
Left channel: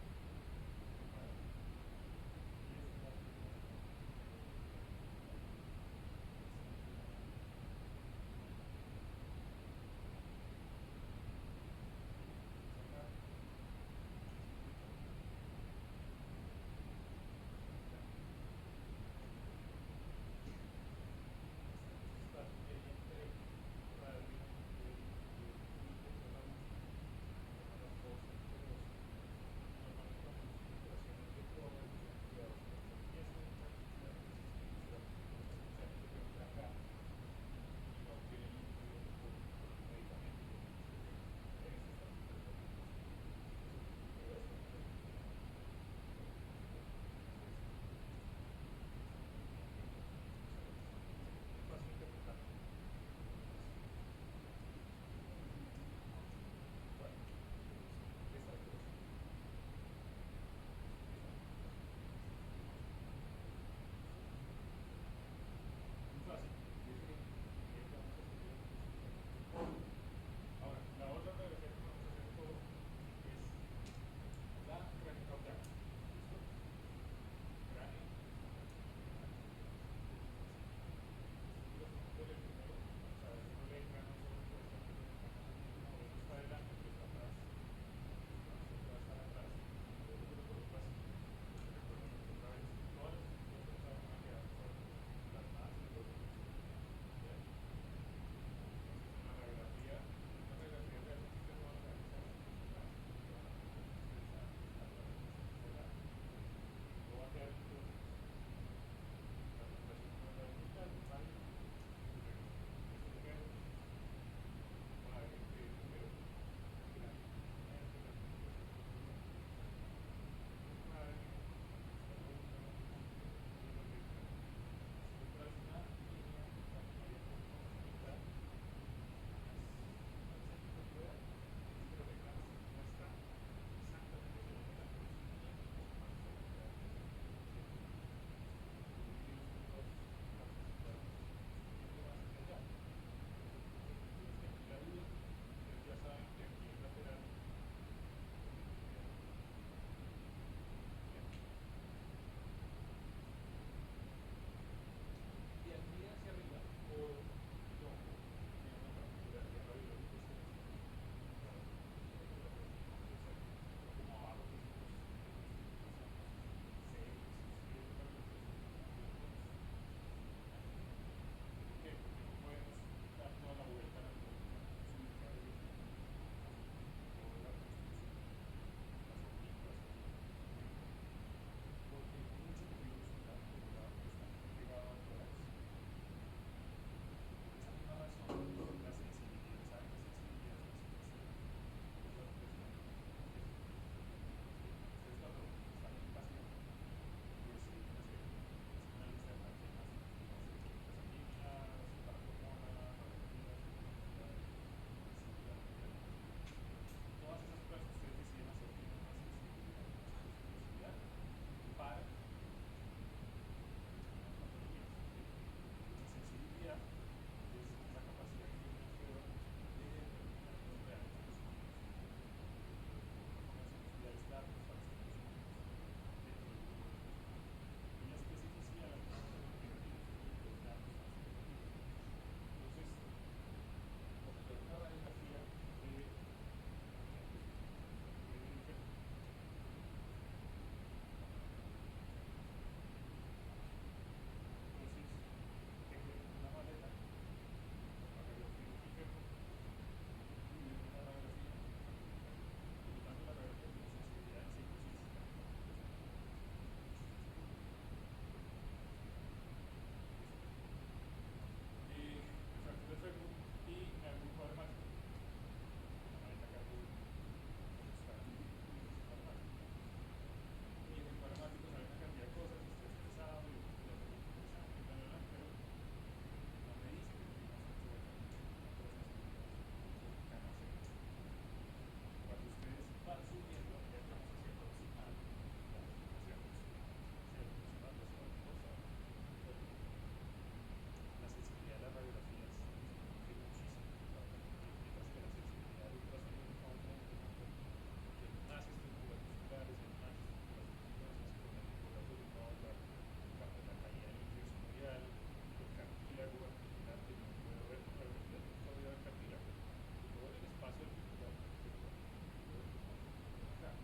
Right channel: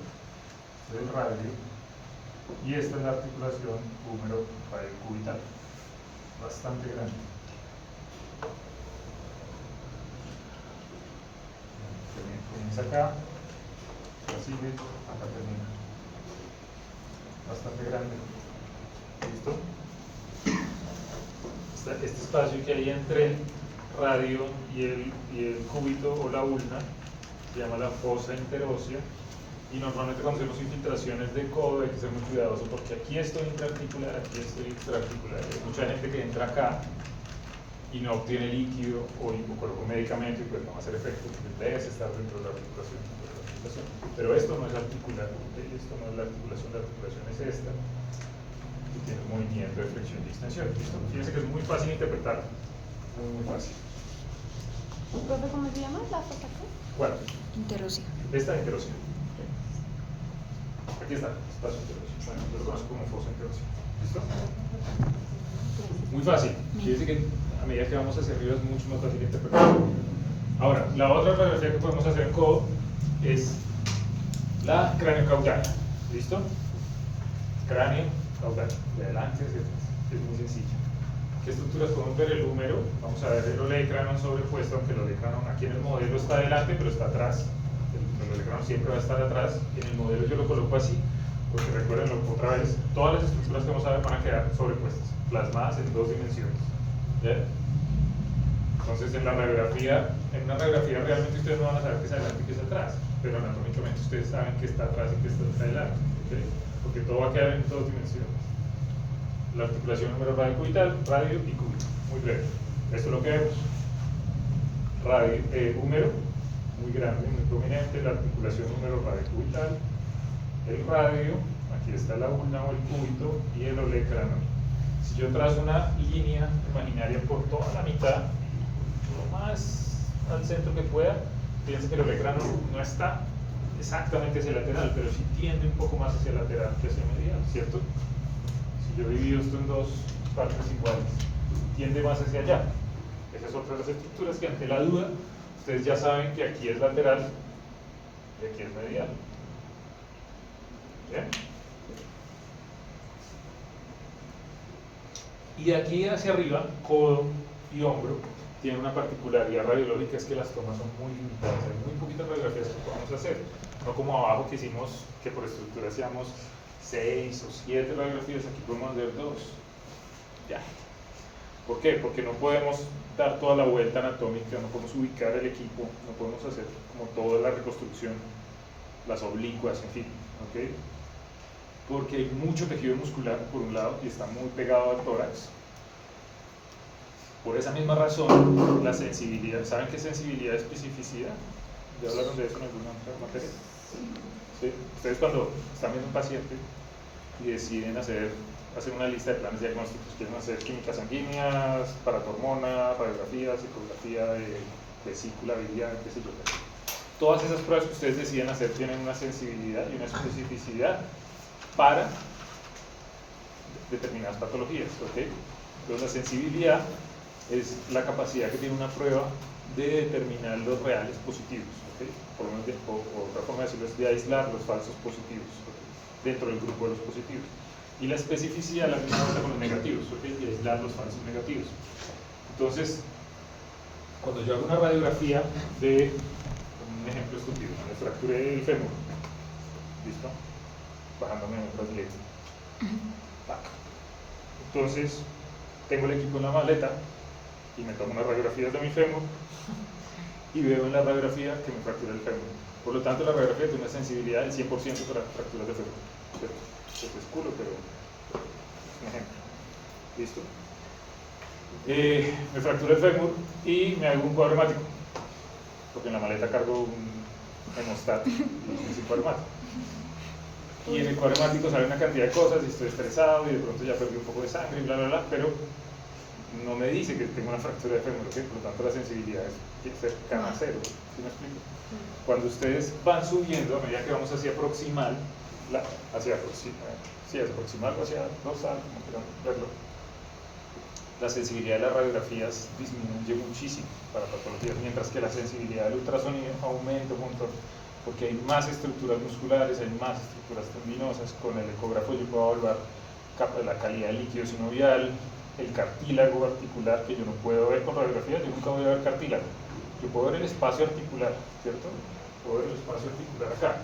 Este es el radio, y esta es la articulación húmero radiocubital, bastante grande. Comienza acá, sigue, acá termina. Bastante grande. ¿Listo? Este espacio que hay entre el radio y el cúbito o la ulna se llama la fosa interósea, y normalmente cuando hacemos infiltraciones de codo hay que ser muy cuidadoso porque aquí estoy intraarticular, aquí estoy extraarticular. Hay mucha gente que entra acá y no obtiene líquido o coloca un medicamento y pues no va a hacer efecto, debe estar dentro de la articulación. Pero esto no es articular, esto no es la articulación es esta, que tiene un movimiento de flexión y extensión. ¿Listo? Fíjense que es muy fácil interpretar, muy fácil. Profe, ¿cómo se llama la fosa qué? ¿Cuál? Interósea. Esta interósea. Aquí está, espacio interósea. Bueno, yo lo conozco como fosa interósea. ¿Listo? Muy fácil. Fíjense que a medida que vamos hacia arriba es mucho más fácil interpretar. Ahora, la otra radiografía que podemos hacer en codo es la cráneo-caudal. ¿Listo? Cráneo, caudal. De adelante hacia atrás. Es muy sencillo. ¿Qué estructuras podemos ver? El húmero. Vamos a ver el olecranon sobrepuesto, aunque el olecranon aquí en el modelo está adelante, pero está atrás. El olecranon siempre va a estar atrás. En el modelo yo lo coloco así, porque recuerden otra vez, todas las estructuras que vamos a ver van a quedar sobrepuestas, plasmadas en 2 dimensiones. ¿Ya? Entonces en una radiografía realmente ustedes no van a saber qué es adelante y qué es atrás, pero anatómicamente ustedes saben que está atrás y que está adelante, ¿okay? Porque todo va a quedar en 2 dimensiones. La articulación húmero radiocubital, radio y cúbito, muy breve. Esto es lo que vemos. Húmero, muy grande, muy prominente, la articulación húmero radiocubital, el radio, aquí está la ulna o el cúbito, y el olecranon. Si yo trazo una línea imaginaria por toda la mitad, lo más al centro que pueda, fíjense que el olecranon no está exactamente hacia el lateral, pero sí tiende un poco más hacia el lateral que hacia el medial, ¿cierto? Si yo divido esto en 2 partes iguales, tiende más hacia allá. Esa es otra de las estructuras que ante la duda, ustedes ya saben que aquí es lateral y aquí es medial. ¿Bien? Y de aquí hacia arriba, codo y hombro tienen una particularidad radiológica, es que las tomas son muy limitadas, hay muy poquitas radiografías que podemos hacer, no como abajo que hicimos que por estructura hacíamos 6 o 7 radiografías, aquí podemos hacer 2. Ya. ¿Por qué? Porque no podemos dar toda la vuelta anatómica, no podemos ubicar el equipo, no podemos hacer como toda la reconstrucción, las oblicuas, en fin, ¿ok? Porque hay mucho tejido muscular por un lado y está muy pegado al tórax, Por esa misma razón, la sensibilidad, ¿saben qué es sensibilidad y especificidad? ¿Ya hablaron de eso en alguna otra materia? ¿Sí? Ustedes cuando están viendo un paciente y deciden hacer una lista de planes diagnósticos, quieren hacer químicas sanguíneas, paratormona, radiografía, psicografía de vesícula biliar, qué sé yo. Todas esas pruebas que ustedes deciden hacer tienen una sensibilidad y una especificidad para determinadas patologías, ¿ok? Entonces la sensibilidad es la capacidad que tiene una prueba de determinar los reales positivos, ¿ok? O otra forma de decirlo es de aislar los falsos positivos, ¿ok? Dentro del grupo de los positivos. Y la especificidad la misma cosa con los negativos, ¿ok? De aislar los falsos negativos. Entonces, cuando yo hago una radiografía de, un ejemplo estúpido, me fracturé el fémur, ¿listo? Bajándome en otras letras. Entonces, tengo el equipo en la maleta y me tomo unas radiografías de mi fémur y veo en la radiografía que me fracturé el fémur. Por lo tanto, la radiografía tiene una sensibilidad del 100% para fracturas de fémur. Esto es culo, pero es un ejemplo. ¿Listo? Me fracturé el fémur y me hago un cuadro hemático, porque en la maleta cargo un hemostat y es un cuadro hemático. Y en el cuadro hemático sale una cantidad de cosas y estoy estresado y de pronto ya perdí un poco de sangre y bla bla bla, pero no me dice que tengo una fractura de fémur, ¿okay? Por lo tanto la sensibilidad es cercana a cero. ¿Sí me explico? Cuando ustedes van subiendo, a medida que vamos hacia proximal, hacia proximal o hacia dorsal, como quieran verlo, la sensibilidad de las radiografías disminuye muchísimo para patologías, mientras que la sensibilidad del ultrasonido aumenta un montón, porque hay más estructuras musculares, hay más estructuras tendinosas. Con el ecógrafo yo puedo evaluar la calidad del líquido sinovial, el cartílago articular, que yo no puedo ver con radiografía. Yo nunca voy a ver cartílago. Yo puedo ver el espacio articular, ¿cierto? Puedo ver el espacio articular acá,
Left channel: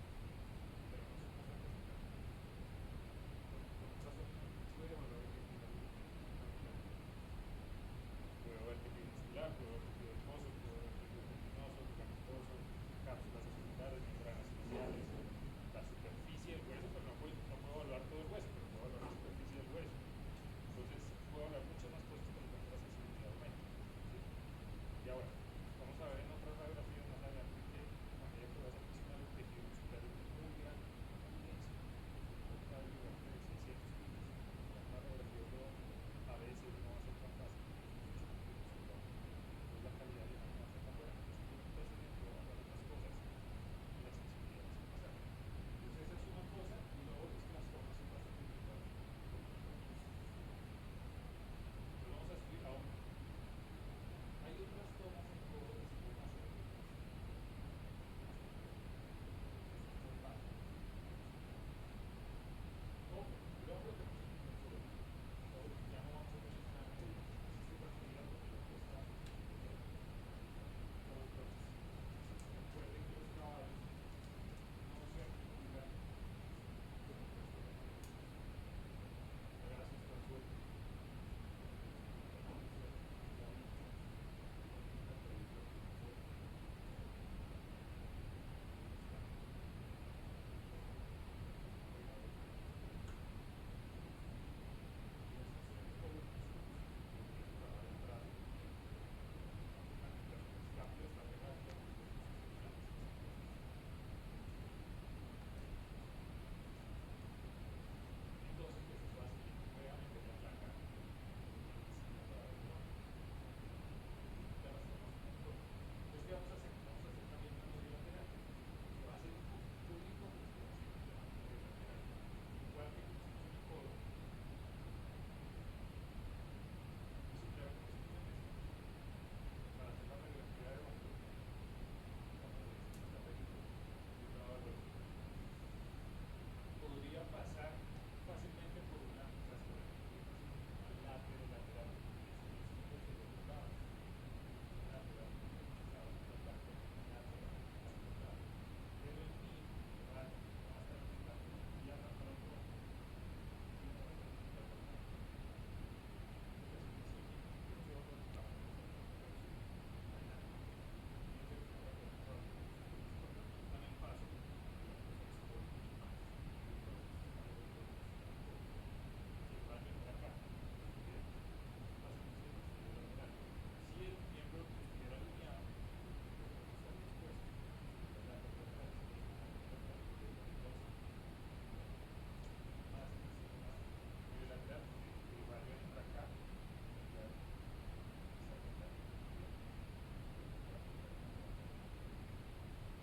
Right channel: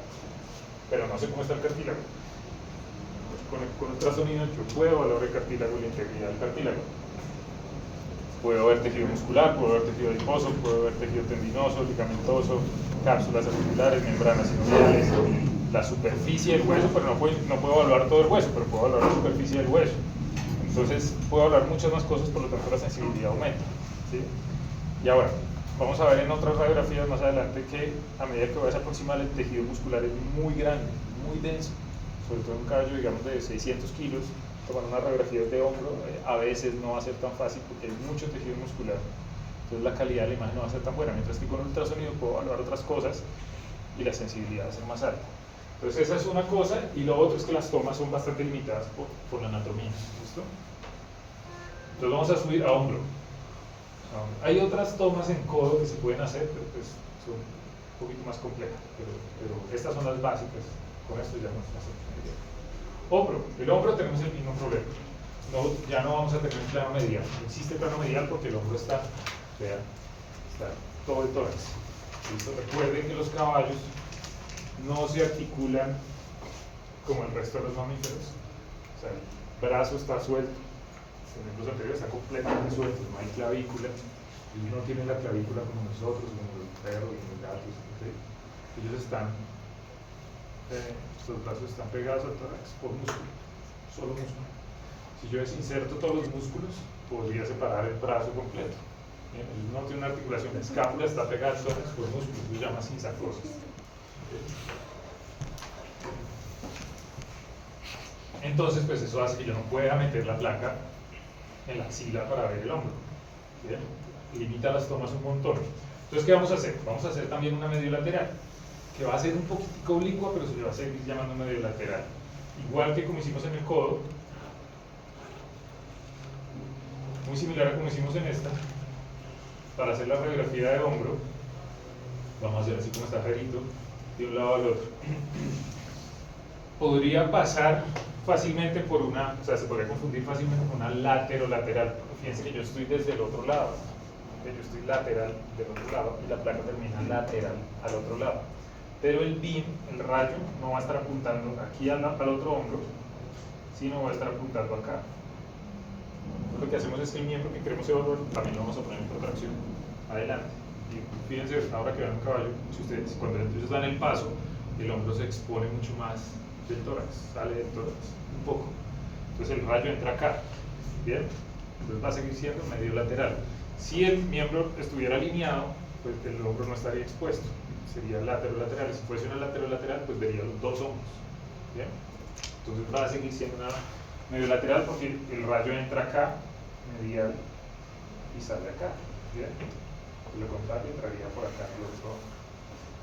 pero no sé cómo está el cartílago. Con ultrasonido yo puedo evaluar el cartílago y la integridad del cartílago. Puedo ver tejido muscular, puedo ver tejido adiposo, puedo ver tejido tendinoso, ligamentoso, cápsulas articulares, membranas sinoviales, la superficie del hueso, pero no puedo evaluar todo el hueso, pero puedo evaluar la superficie del hueso. Entonces puedo hablar muchas más cosas, por lo tanto la sensibilidad aumenta, ¿sí? Y ahora, vamos a ver en otras radiografías más adelante que a medida que vayas a aproximar, el tejido muscular es muy grande, muy denso, sobre todo en un caballo, digamos, de 600 kilos. Tomar una radiografía de hombro a veces no va a ser tan fácil porque hay mucho tejido muscular, entonces la calidad de la imagen no va a ser tan buena, mientras que con ultrasonido puedo evaluar otras cosas y la sensibilidad va a ser más alta. Entonces esa es una cosa, y lo otro es que las tomas son bastante limitadas por la anatomía, ¿listo? Entonces vamos a subir a hombro. Hay otras tomas en codo que se pueden hacer, pero pues son un poquito más complejas, pero estas son las básicas. Con esto ya nos hacemos una idea. Hombro. El hombro tenemos el mismo problema. Ya no vamos a tener un plano medial. No existe plano medial porque el hombro está, vean, está todo el tórax. ¿Listo? Recuerden que los caballos no se articulan como el resto de los mamíferos. O sea, el brazo está suelto, el miembro anterior está completamente suelto, no hay clavícula. Y no tienen la clavícula como nosotros, como los perros, como los gatos. ¿Sí? Ellos están, los brazos están pegados al tórax por músculo, solo músculo. Si yo desinserto todos los músculos, podría separar el brazo completo. Ellos no tiene una articulación, la escápula está pegada al tórax por músculo, se llama sinsarcosis. Entonces, pues eso hace que yo no pueda meter la placa en la axila para ver el hombro. ¿Bien? Limita las tomas un montón. Entonces, ¿qué vamos a hacer? Vamos a hacer también una medio lateral, que va a ser un poquitico oblicua, pero se le va a seguir llamando medio lateral. Igual que como hicimos en el codo, muy similar a como hicimos en esta. Para hacer la radiografía de hombro, vamos a hacer así como está Jerito, de un lado al otro. Podría pasar fácilmente por una, o sea, se podría confundir fácilmente con una lateral. Fíjense que yo estoy desde el otro lado, yo estoy lateral del otro lado y la placa termina lateral al otro lado. Pero el beam, el rayo, no va a estar apuntando aquí al otro hombro, sino va a estar apuntando acá. Entonces, lo que hacemos es que el miembro que queremos evaluar también lo vamos a poner en protracción adelante. Y fíjense, ahora que vean un caballo, cuando ellos dan el paso, el hombro se expone mucho más del tórax, sale del tórax un poco. Entonces el rayo entra acá, ¿bien? Entonces va a seguir siendo medio lateral. Si el miembro estuviera alineado, pues el hombro no estaría expuesto, sería lateral. Si fuese una lateral, pues vería los dos hombros. ¿Bien? Entonces va a seguir siendo una medio lateral porque el rayo entra acá, medial, y sale acá. ¿Bien? Por lo contrario, entraría por acá en el otro.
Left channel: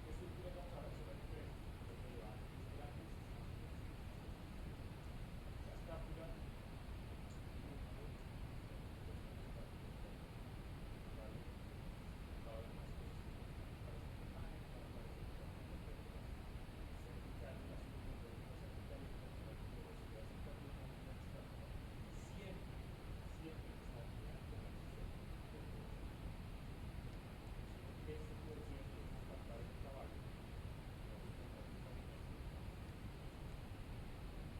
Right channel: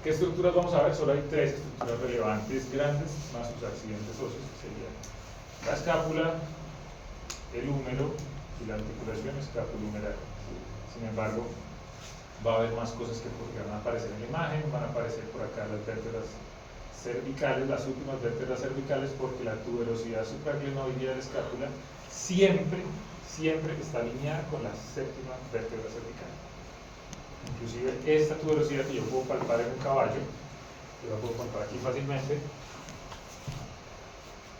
¿Qué estructuras vamos a ver? Solo hay 3 estructuras relevantes grandes, más sus accidentes óseos, que serían la escápula, el húmero y la articulación escapulohumeral. Sin embargo, va a haber más cosas que podrían aparecer en la imagen, van a aparecer por acá las vértebras cervicales, las últimas vértebras cervicales, porque la tuberosidad supraglenoidea de la escápula siempre está alineada con la séptima vértebra cervical. Inclusive esta tuberosidad que yo puedo palpar en un caballo, yo la puedo palpar aquí fácilmente,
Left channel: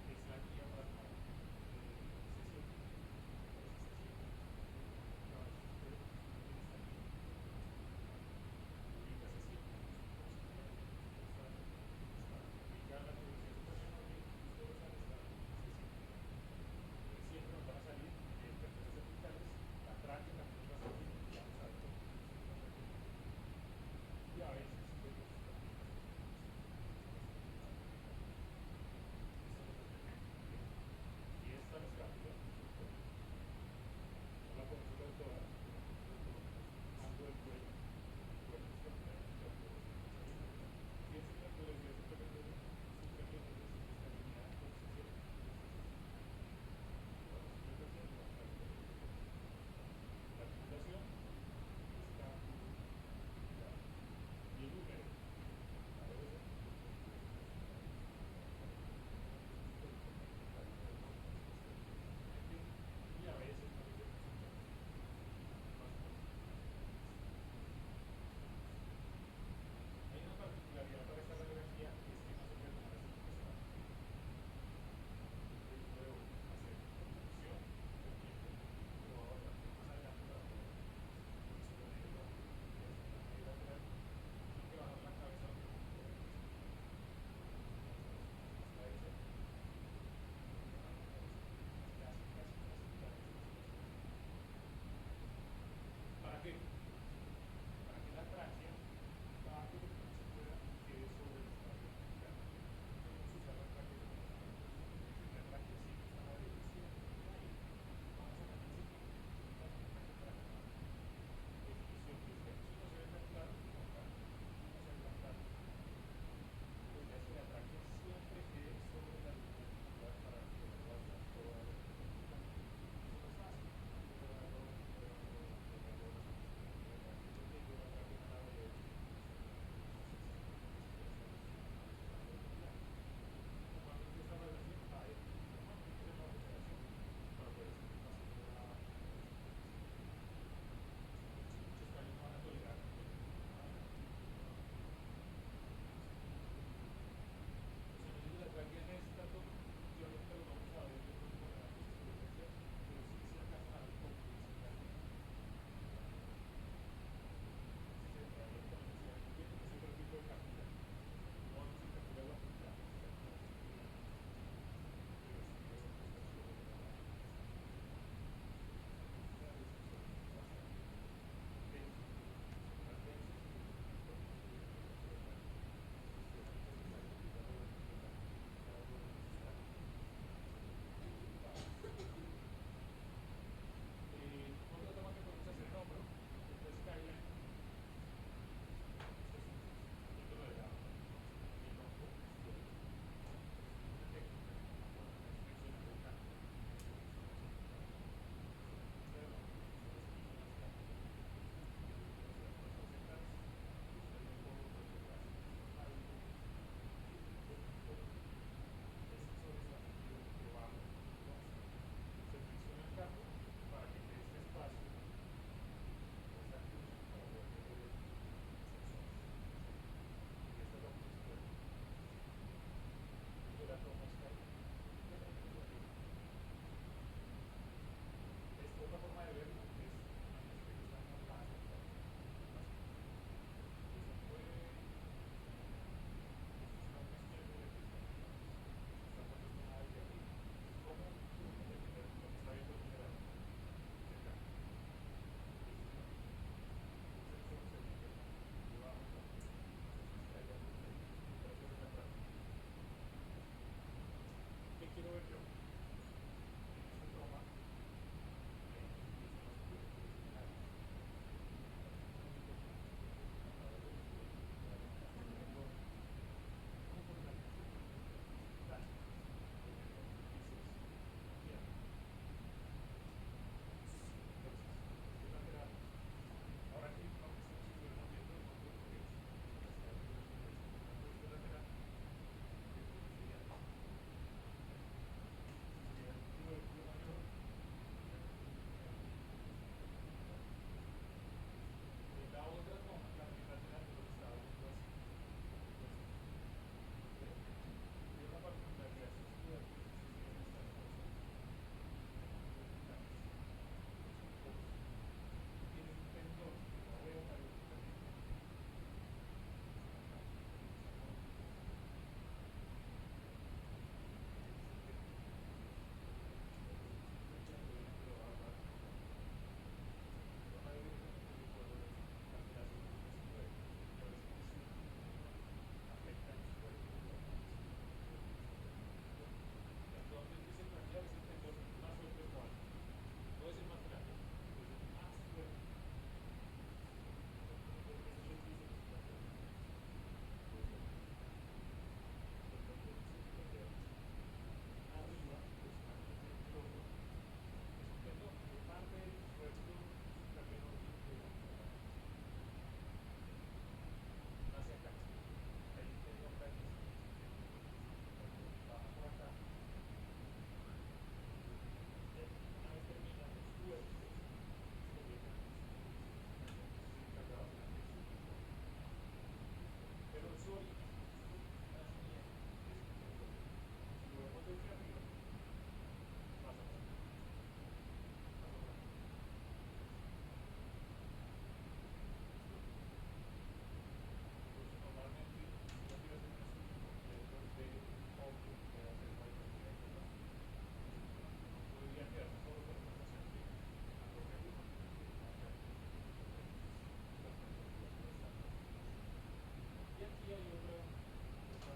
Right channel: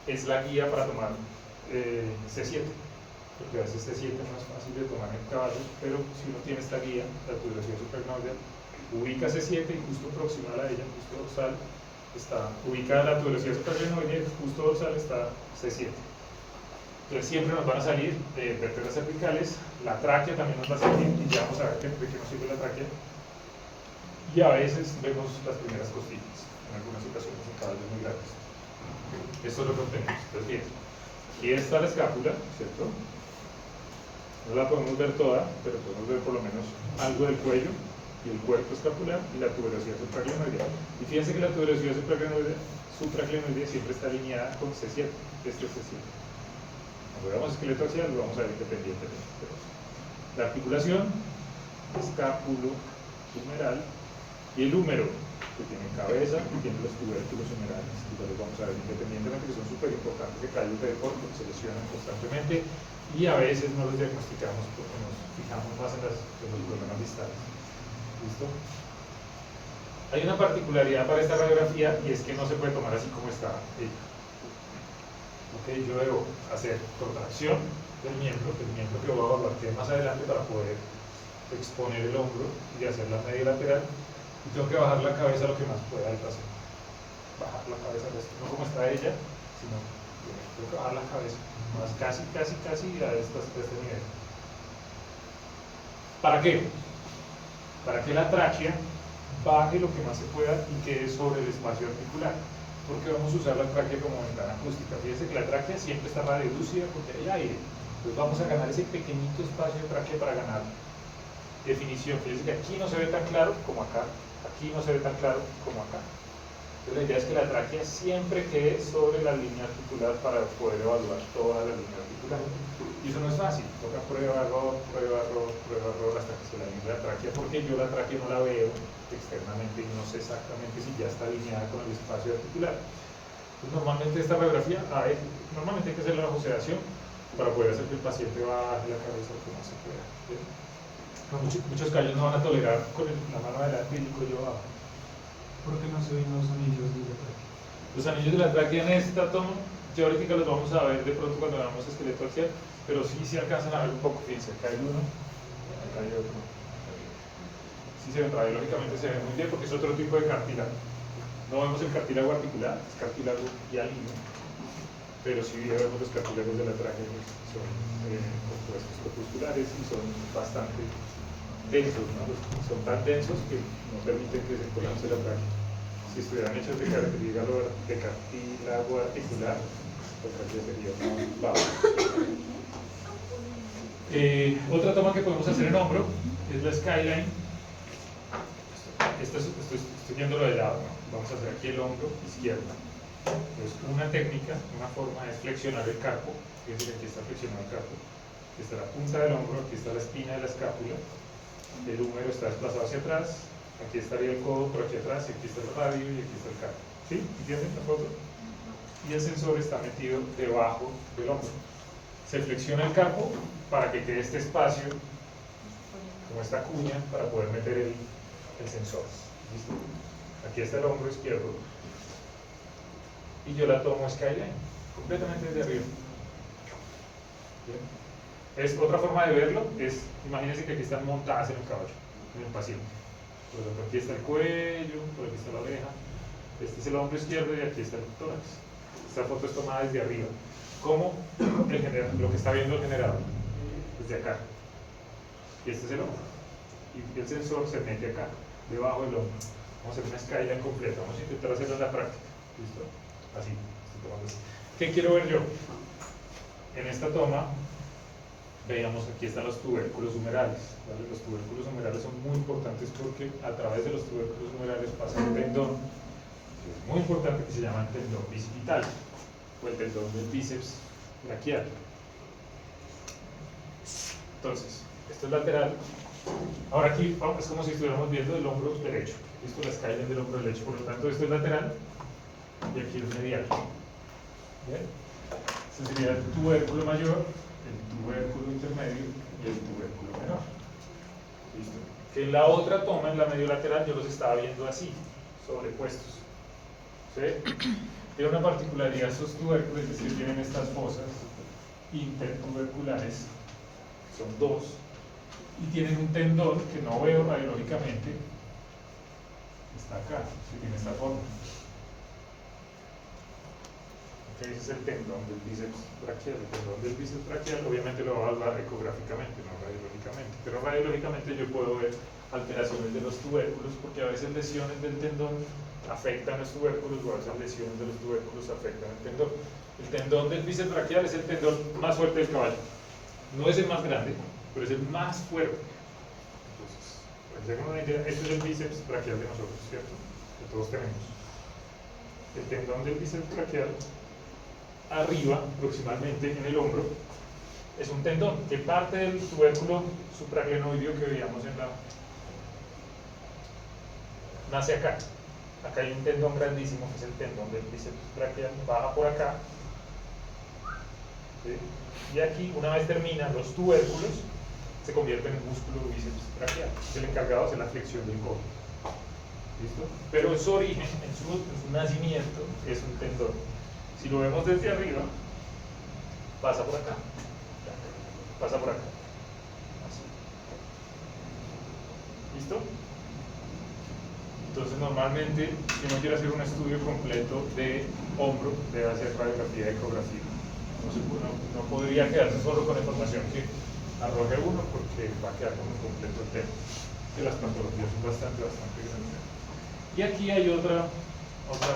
es la guía para tomar C7, porque a veces C7 no es fácil de tomar en un caballo, pero si uno tiene esta guía, la tuberosidad supraglenoidea, ubica C7 y justo proximal a ella, justo dorsal, está ubicada la tuberosidad supraglenoidea y justo dorsal está C7. Entonces siempre nos van a salir vértebras cervicales, la tráquea también nos va a salir, y ya vamos a ver de qué nos sirve la tráquea. Y a veces vemos las primeras costillas, en algunas ocasiones en caballos muy grandes. Esto es lo que obtenemos. Entonces bien, aquí está la escápula, ¿cierto? No la podemos ver toda, pero podemos ver por lo menos algo del cuello y el cuerpo escapular y la tuberosidad supraglenoidea. Y fíjense que la tuberosidad supraglenoidea siempre está alineada con C7, este es C7. Cuando veamos esqueleto axial lo vamos a ver independientemente. La articulación, escapulohumeral, y el húmero, que tiene cabeza y tiene los tubérculos humerales, que ya los vamos a ver independientemente, que son súper importantes de callos de deporte, porque se lesionan constantemente y a veces no los diagnosticamos porque nos fijamos más en los problemas distales. ¿Listo? Hay una particularidad para esta radiografía y es que no se puede tomar así como está ella. Okay, yo debo hacer contracción del miembro que voy a evaluar que más adelante para poder exponer el hombro y hacer la media lateral, y tengo que bajar la cabeza lo que más pueda del trasero. Bajar la cabeza, no como está ella, sino tengo que bajar la cabeza, más casi a este nivel. ¿Para qué? Para que la tráquea baje lo que más se pueda y quede sobre el espacio articular. Porque vamos a usar la tráquea como ventana acústica. Fíjense que la tráquea siempre está radiodúcida porque hay aire. Entonces vamos a ganar ese pequeñito espacio de tráquea para ganar definición. Fíjense que aquí no se ve tan claro como acá, aquí no se ve tan claro como acá. Entonces la idea es que la tráquea siempre quede sobre la línea articular para poder evaluar toda la línea articular. Y eso no es fácil, toca prueba, error, hasta que se la alinee la tráquea, porque yo la tráquea no la veo externamente y no sé exactamente si ya está alineada con el espacio articular. Entonces, normalmente esta radiografía, normalmente hay que hacer la bajo sedación para poder hacer que el paciente baje la cabeza lo que más se pueda. Muchos callos no van a tolerar con la mano adelante y el cuello abajo. ¿Por qué no se ven los anillos de la tráquea? Los anillos de la tráquea en esta toma, teóricamente los vamos a ver de pronto cuando veamos esqueleto axial, pero sí se alcanzan a ver un poco. Fíjense, acá hay uno, acá hay otro. Sí se ven, radiológicamente se ven muy bien porque es otro tipo de cartílago. No vemos el cartílago articular, es cartílago hialino, pero sí vemos los cartílagos de la tráquea, que son compuestos corpusculares y son bastante densos, ¿no? Son tan densos que no permiten que se colapse la tráquea. Si estuvieran hechos de cartílago articular, la tráquea sería más baja. Otra toma que podemos hacer en hombro es la skyline. Estoy yéndolo de lado, ¿no? Vamos a hacer aquí el hombro izquierdo. Es una técnica, una forma es flexionar el carpo. Fíjense que aquí está flexionado el carpo. Aquí está la punta del hombro, aquí está la espina de la escápula. El húmero está desplazado hacia atrás. Aquí estaría el codo por aquí atrás, y aquí está el radio y aquí está el carpo. ¿Sí? ¿Entienden la foto? Y el sensor está metido debajo del hombro. Se flexiona el carpo para que quede este espacio, como esta cuña, para poder meter el sensor. ¿Listo? Aquí está el hombro izquierdo. Y yo la tomo skyline, completamente desde arriba. ¿Bien? Otra forma de verlo es, imagínense que aquí están montadas en el caballo, en el paciente. Por ejemplo, aquí está el cuello, por aquí está la oreja, este es el hombro izquierdo y aquí está el tórax. Esta foto es tomada desde arriba. ¿Cómo? Lo que está viendo el generador, desde acá. y este es el hombro. Y el sensor se mete acá, debajo del hombro. Vamos a hacer una escala completa, vamos a intentar hacerlo en la práctica. ¿Listo? Así, estoy tomando así. ¿Qué quiero ver yo? En esta toma, veamos, aquí están los tubérculos humerales. ¿Vale? Los tubérculos humerales son muy importantes porque a través de los tubérculos humerales pasa un tendón, que es muy importante, que se llama el tendón bicipital, o el tendón del bíceps braquial. Entonces, esto es lateral. Ahora aquí es como si estuviéramos viendo el hombro derecho. Esto es la escala del hombro derecho, por lo tanto esto es lateral y aquí es medial. ¿Bien? Este sería el tubérculo mayor, el tubérculo intermedio y el tubérculo menor. ¿Listo? Que en la otra toma, en la medio lateral, yo los estaba viendo así, sobrepuestos. ¿Sí? Tiene una particularidad estos tubérculos, es decir, tienen estas fosas intertuberculares, son dos, y tienen un tendón que no veo radiológicamente, está acá, que tiene esta forma. Ese es el tendón del bíceps braquial. El tendón del bíceps braquial obviamente lo va a hablar ecográficamente, no radiológicamente, pero radiológicamente yo puedo ver alteraciones de los tubérculos, porque a veces lesiones del tendón afectan los tubérculos, o a veces lesiones de los tubérculos afectan el tendón. El tendón del bíceps braquial es el tendón más fuerte del caballo. No es el más grande, pero es el más fuerte. Entonces, para que se hagan una idea, esto es el bíceps braquial de nosotros, ¿cierto? Que todos tenemos. El tendón del bíceps braquial, arriba, aproximadamente en el hombro, es un tendón que parte del tubérculo supraglenoideo que veíamos en la... nace acá. Acá hay un tendón grandísimo que es el tendón del bíceps braquial, baja por acá. ¿Sí? Y aquí, una vez terminan los tubérculos, se convierte en el músculo bíceps braquial, que el encargado de hacer la flexión del codo. ¿Listo? Pero en su origen, en su nacimiento, es un tendón. Si lo vemos desde arriba, pasa por acá, pasa por acá. Así. ¿Listo? Entonces, normalmente, si uno quiere hacer un estudio completo de hombro, debe hacer radiografía y ecografía. No podría quedarse solo con la información que arroje uno, porque va a quedar como incompleto el tema. Que las patologías son bastante grandes. Y aquí hay otra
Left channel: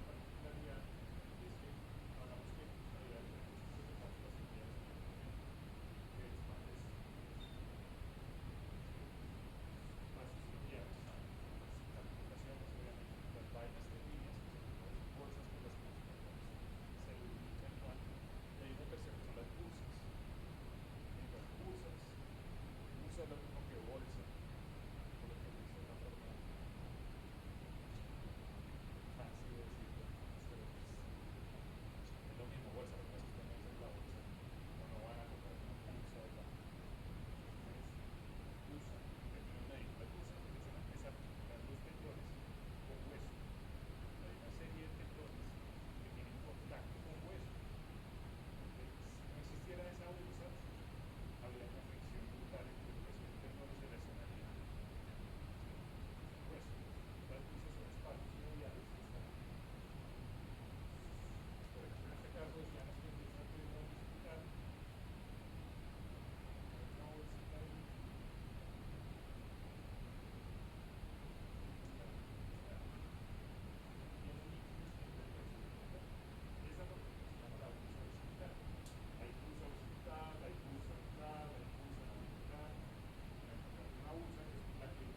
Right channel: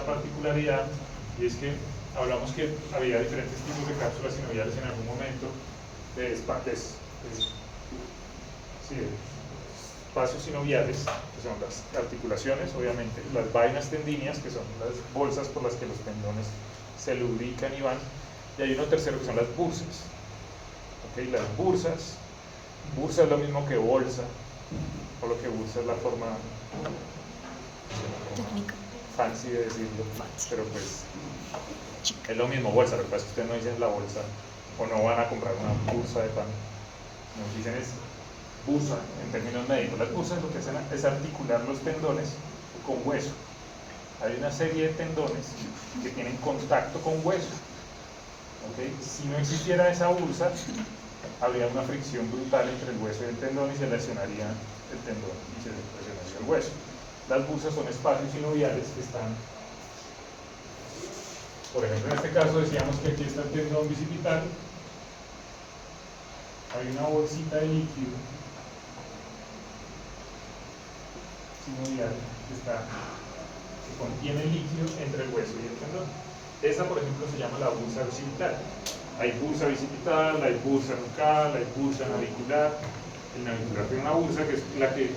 particularidad, y es que hablamos que había diferentes tipos de cápsulas sinoviales en algún momento, de espacios sinoviales, que son las articulaciones, obviamente, las vainas tendíneas, que son las bolsas por las que los tendones se lubrican y van, y hay uno tercero que son las bursas. ¿Okay? Las bursas, bursa es lo mismo que bolsa, solo que bursa es la forma fancy de decirlo, pero pues es lo mismo bolsa, lo que pasa es que ustedes no dicen la bolsa, o no van a comprar una bursa de pan, nos dicen es bursa en términos médicos. Las bursas lo que hacen es articular los tendones con hueso. Hay una serie de tendones que tienen contacto con hueso. ¿Okay? Si no existiera esa bursa, habría una fricción brutal entre el hueso y el tendón y se lesionaría el tendón y se lesionaría el hueso. Las bursas son espacios sinoviales que están, por ejemplo, en este caso decíamos que aquí está el tendón bicipital, hay una bolsita de líquido sinovial que contiene líquido entre el hueso y el tendón. Esa, por ejemplo, se llama la bursa bicipital. Hay bursa bicipital, hay bursa nucal, hay bursa navicular. El navicular tiene una bursa que es la que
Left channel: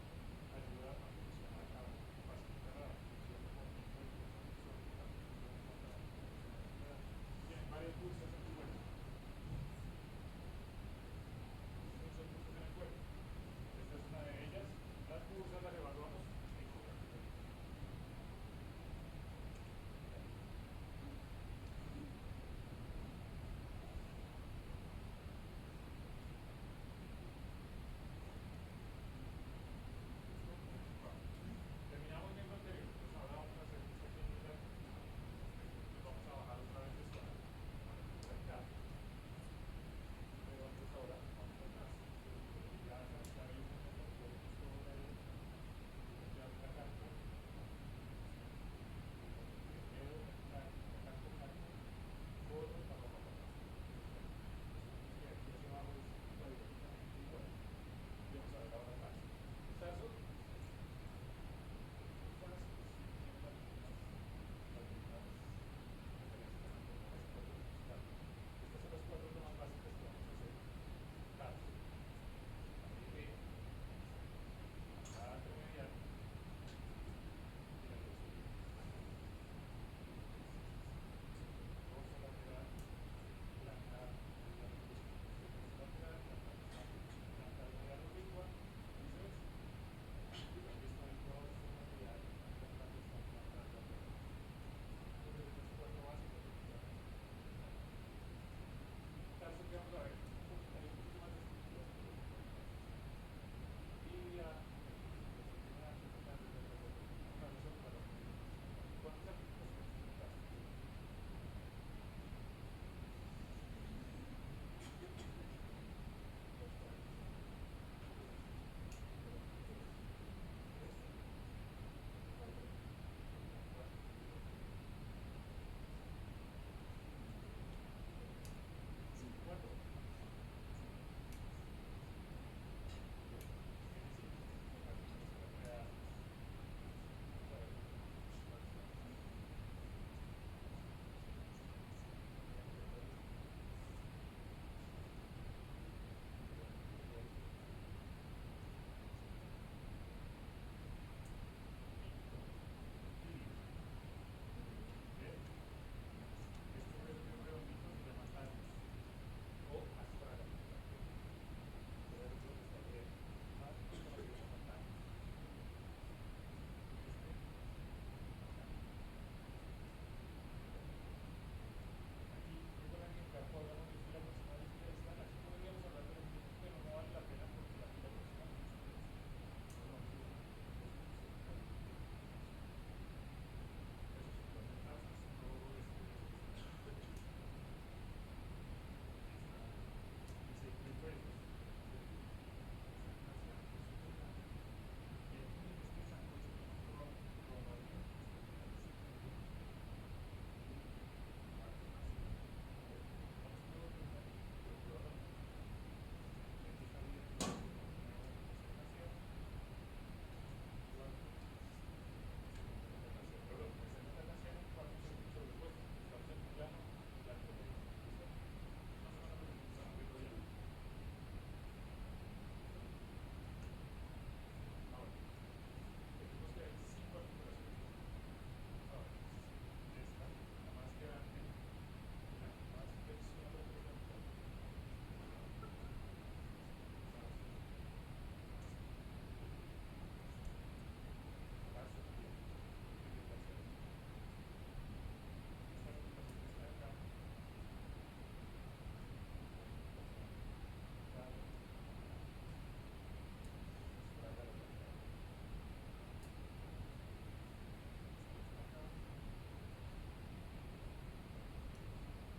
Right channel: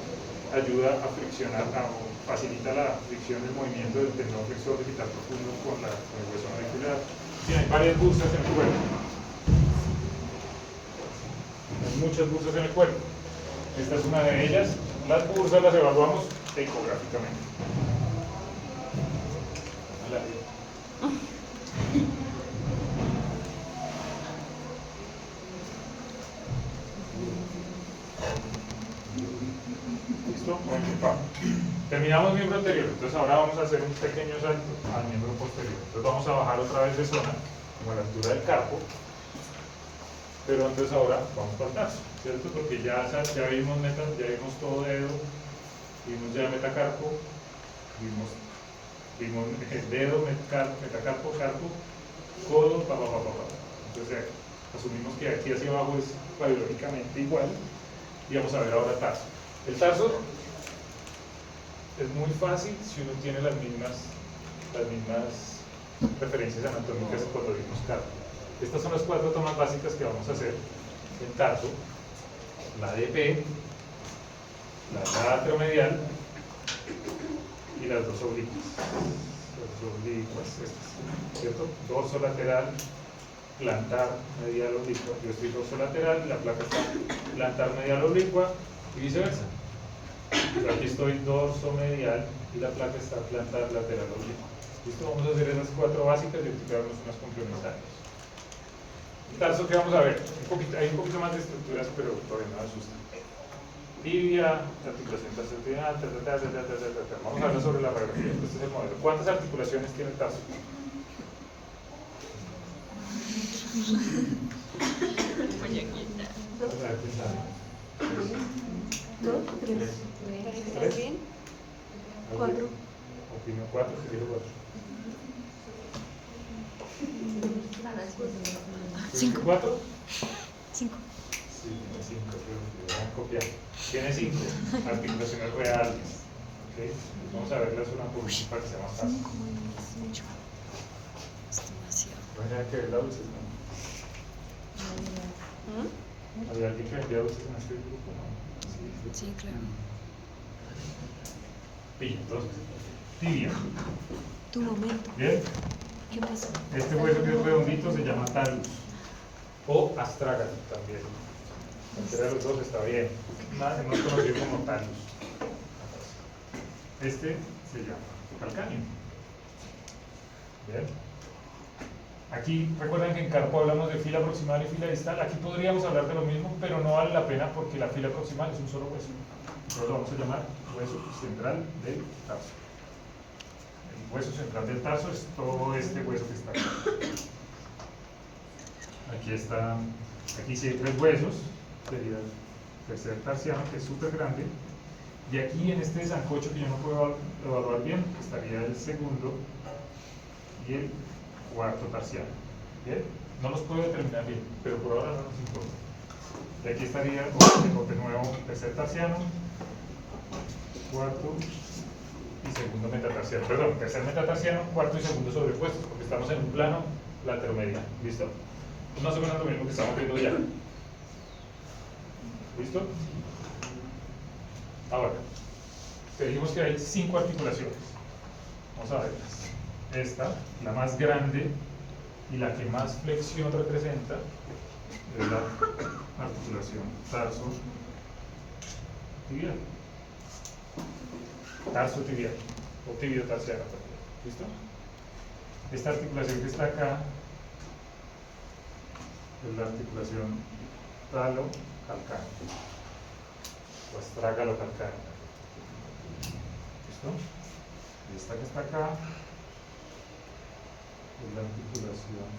ayuda a friccionar, o facilita la fricción del movimiento del tendón flexor bicipital profundo con el hueso navicular. Sí, hay varias bursas en el cuerpo. Hay muchas bursas en el cuerpo. Esta es una de ellas. Las bursas las evaluamos ecográficamente. ¿Listo? Terminamos miembro anterior, entonces ahora vamos a hacer un pequeño salto al miembro posterior. Entonces vamos a bajar otra vez de zona, como a la altura del carpo, pero entonces ahora vamos para el tarso, ¿cierto? Porque ya vimos todo dedo, vimos ya metacarpo, vimos dedo, metacarpo, carpo, codo, Entonces asumimos que aquí hacia abajo es radiológicamente igual, Y vamos a ver ahora tarso. El tarso es muy fácil si uno tiene las mismas referencias anatómicas cuando vimos carpo. Estas son las 4 tomas básicas que vamos a hacer en tarso: la DP, la lateromedial y las dos oblicuas. Las dos oblicuas estas, ¿cierto? Dorso lateral, plantar, medial, oblicua. Yo estoy dorso lateral, la placa está plantar, medial, oblicua y viceversa. Yo aquí estoy dorso medial y la placa está plantar, lateral, oblicua. Listo, vamos a hacer esas 4 básicas y explicarnos unas complementarias. El tarso que vamos a ver, hay un poquito más de estructuras, pero todavía no asusta. Tibia, articulación tarsal-tibial, vamos a hablar sobre la radiografía. Este es el modelo. ¿Cuántas articulaciones tiene el tarso? ¿Dos? ¿Tres? ¿Estás bien? ¿Cuatro? Opino 4, que digo 4. Cinco. 4? 5. Sí, tiene 5, pero van a copiar. Tiene 5 articulaciones reales. ¿Okay? Vamos a verlas una por una para que sea más fácil. 5 es mucho. Es demasiado. Bueno, hay que ver la dulce, ¿no? ¿Había alguien que vendía dulces en este grupo? ¿No? Sí, claro. Sí, entonces, tibia. Tu momento. ¿Bien? ¿Qué pasó? Este hueso que es redondito se llama talus o astrágalo también. Cualquiera de los dos está bien. Es más conocido como talus. Este se llama calcáneo. Bien. Aquí recuerden que en carpo hablamos de fila proximal y fila distal. Aquí podríamos hablar de lo mismo, pero no vale la pena porque la fila proximal es un solo hueso. Entonces lo vamos a llamar hueso central del tarso. El hueso central del tarso es todo este hueso que está aquí. Aquí sí hay 3 huesos, sería el tercer tarsiano, que es súper grande. Y aquí en este sancocho que yo no puedo evaluar bien, estaría el segundo y el cuarto tarsiano. ¿Bien? No los puedo determinar bien, pero por ahora no nos importa. Y aquí estaría de nuevo tercer tarsiano, cuarto y segundo metatarsiano. Perdón, tercer metatarsiano, cuarto y segundo sobrepuestos, porque estamos en un plano lateromedial. ¿Listo? Es más o menos lo mismo que estamos viendo ya. ¿Listo? Ahora, dijimos que hay 5 articulaciones. Vamos a verlas. Esta, la más grande y la que más flexión representa, es la articulación tarso tibial. Tarso tibial o tibio tarsiano también. ¿Listo? Esta articulación que está acá es la articulación talo-calcánea o astrágalo-calcánea. ¿Listo? Y esta que está acá es la articulación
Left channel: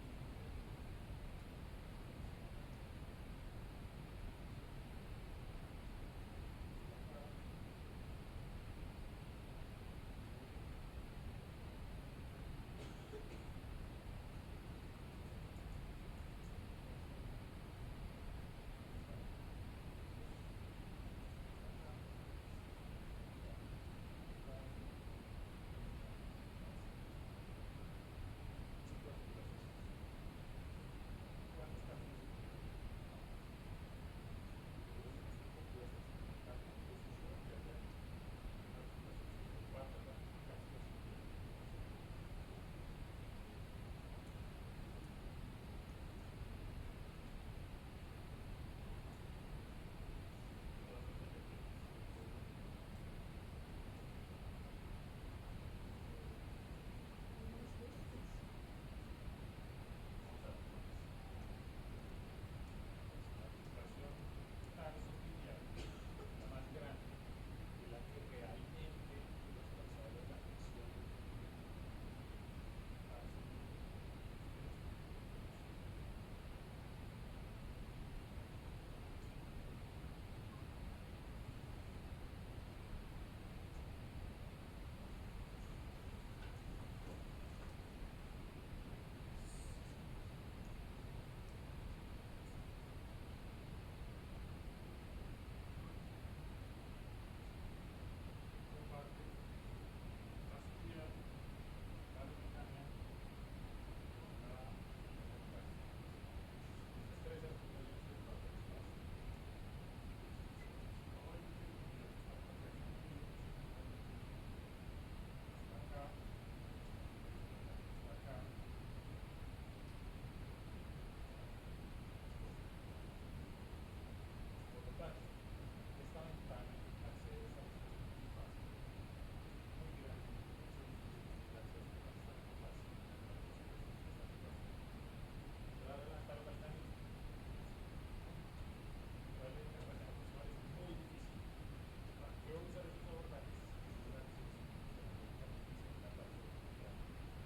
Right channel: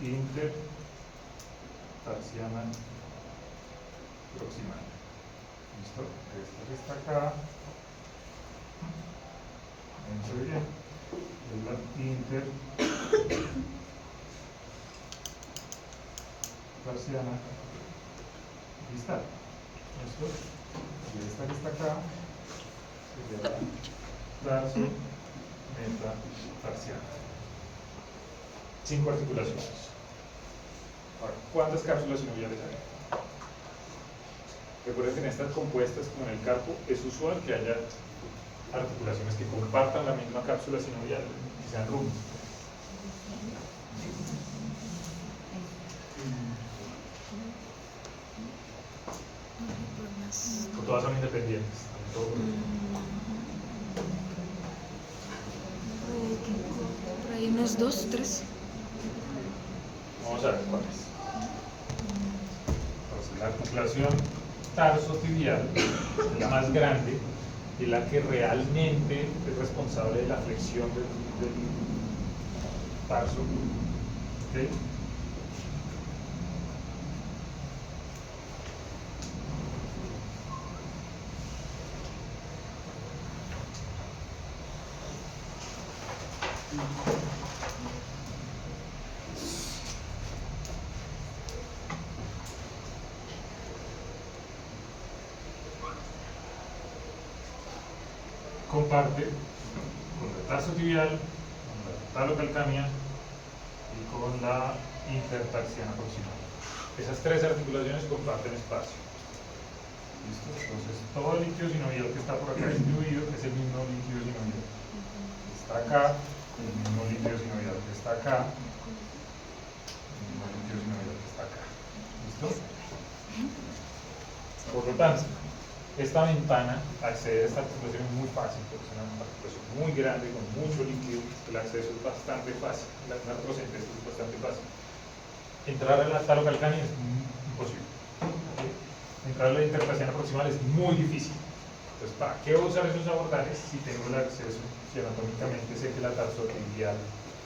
intertarsiana proximal. ¿Listo? Esta que está acá, entre bien, es la intertarsiana distal. ¿Listo? Y esta que está acá sería la tarso metatarsiana. 5 articulaciones. Ahora, ¿cuántas cápsulas sinoviales hay? Recuerden que en estas compuestas, como en el carpo, es usual que haya articulaciones que compartan la misma cápsula sinovial y sean rumos. O todas son independientes. Por ahí unos 2, 3. Vamos a ver cuáles. Entonces, la articulación tarso-tibial es la más grande y la que realmente es responsable de la flexión del tarso. ¿Okay? comparte con la tarsotibial, con la talocalcánea y con la intertarsiana proximal. Esas tres articulaciones comparten espacio. ¿Listo? Entonces, todo el líquido sinovial que está por acá distribuido es el mismo líquido sinovial. Está acá, el mismo líquido sinovial que está acá, el mismo líquido sinovial que está acá. ¿Listo? Por lo tanto, esta ventana accede a esta articulación muy fácil, porque es una articulación muy grande, con mucho líquido, el acceso es bastante fácil, la artrocentesis es bastante fácil. Entrar a la talocalcánea es imposible. ¿Okay? Entrar a la intertarsiana proximal es muy difícil. Entonces, ¿para qué voy a usar esos abordajes si tengo el acceso, si anatómicamente sé que la tarsotibial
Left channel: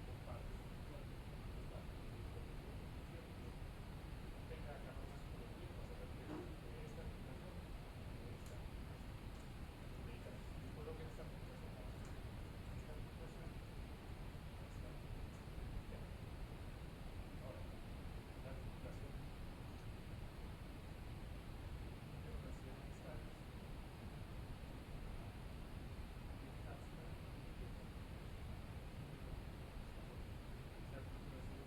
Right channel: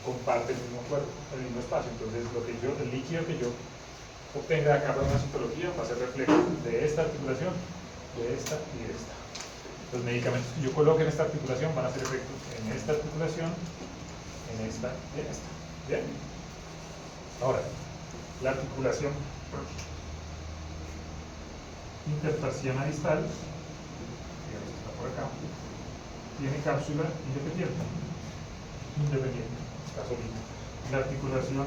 comparte el mismo cuerpo, el mismo espacio? Entonces, el líquido que yo obtenga acá para una citología va a ser reflejo de esta articulación, de esta y de esta. Los medicamentos que yo coloque en esta articulación van a hacer efecto en esta articulación, en esta y en esta. ¿Bien? Ahora, la articulación intertarsiana distal, digamos que está por acá, tiene cápsula independiente, está solita. La articulación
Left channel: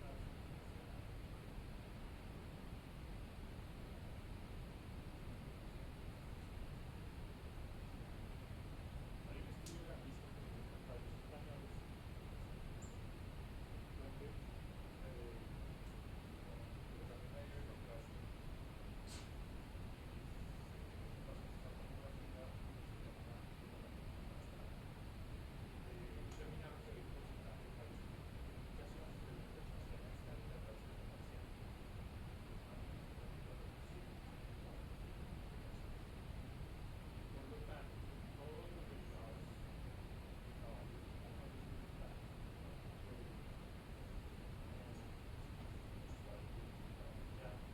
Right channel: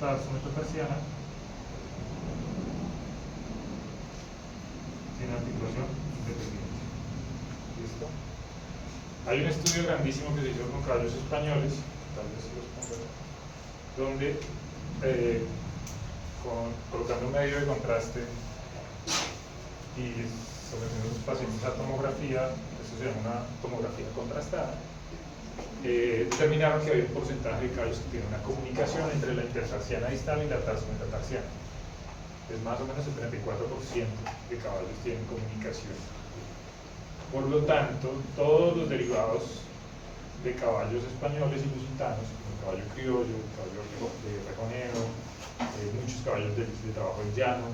tarso-metatarsiana tiene articulación independiente. ¿Listo? Hay un estudio grandísimo que se hizo con caballos españoles, tal vez se los ponga acá, donde colocando un medio de contraste y sometiendo a los pacientes a tomografía, esto se llama una tomografía contrastada, determinaron que había un porcentaje de caballos que tienen una comunicación entre la intertarsiana distal y la tarso-metatarsiana. Es más o menos el 34% de caballos tienen comunicación. Por lo tanto, todos los derivados de caballos españoles y lusitanos, como el caballo criollo, el caballo de rejoneo, muchos caballos de trabajo en llano,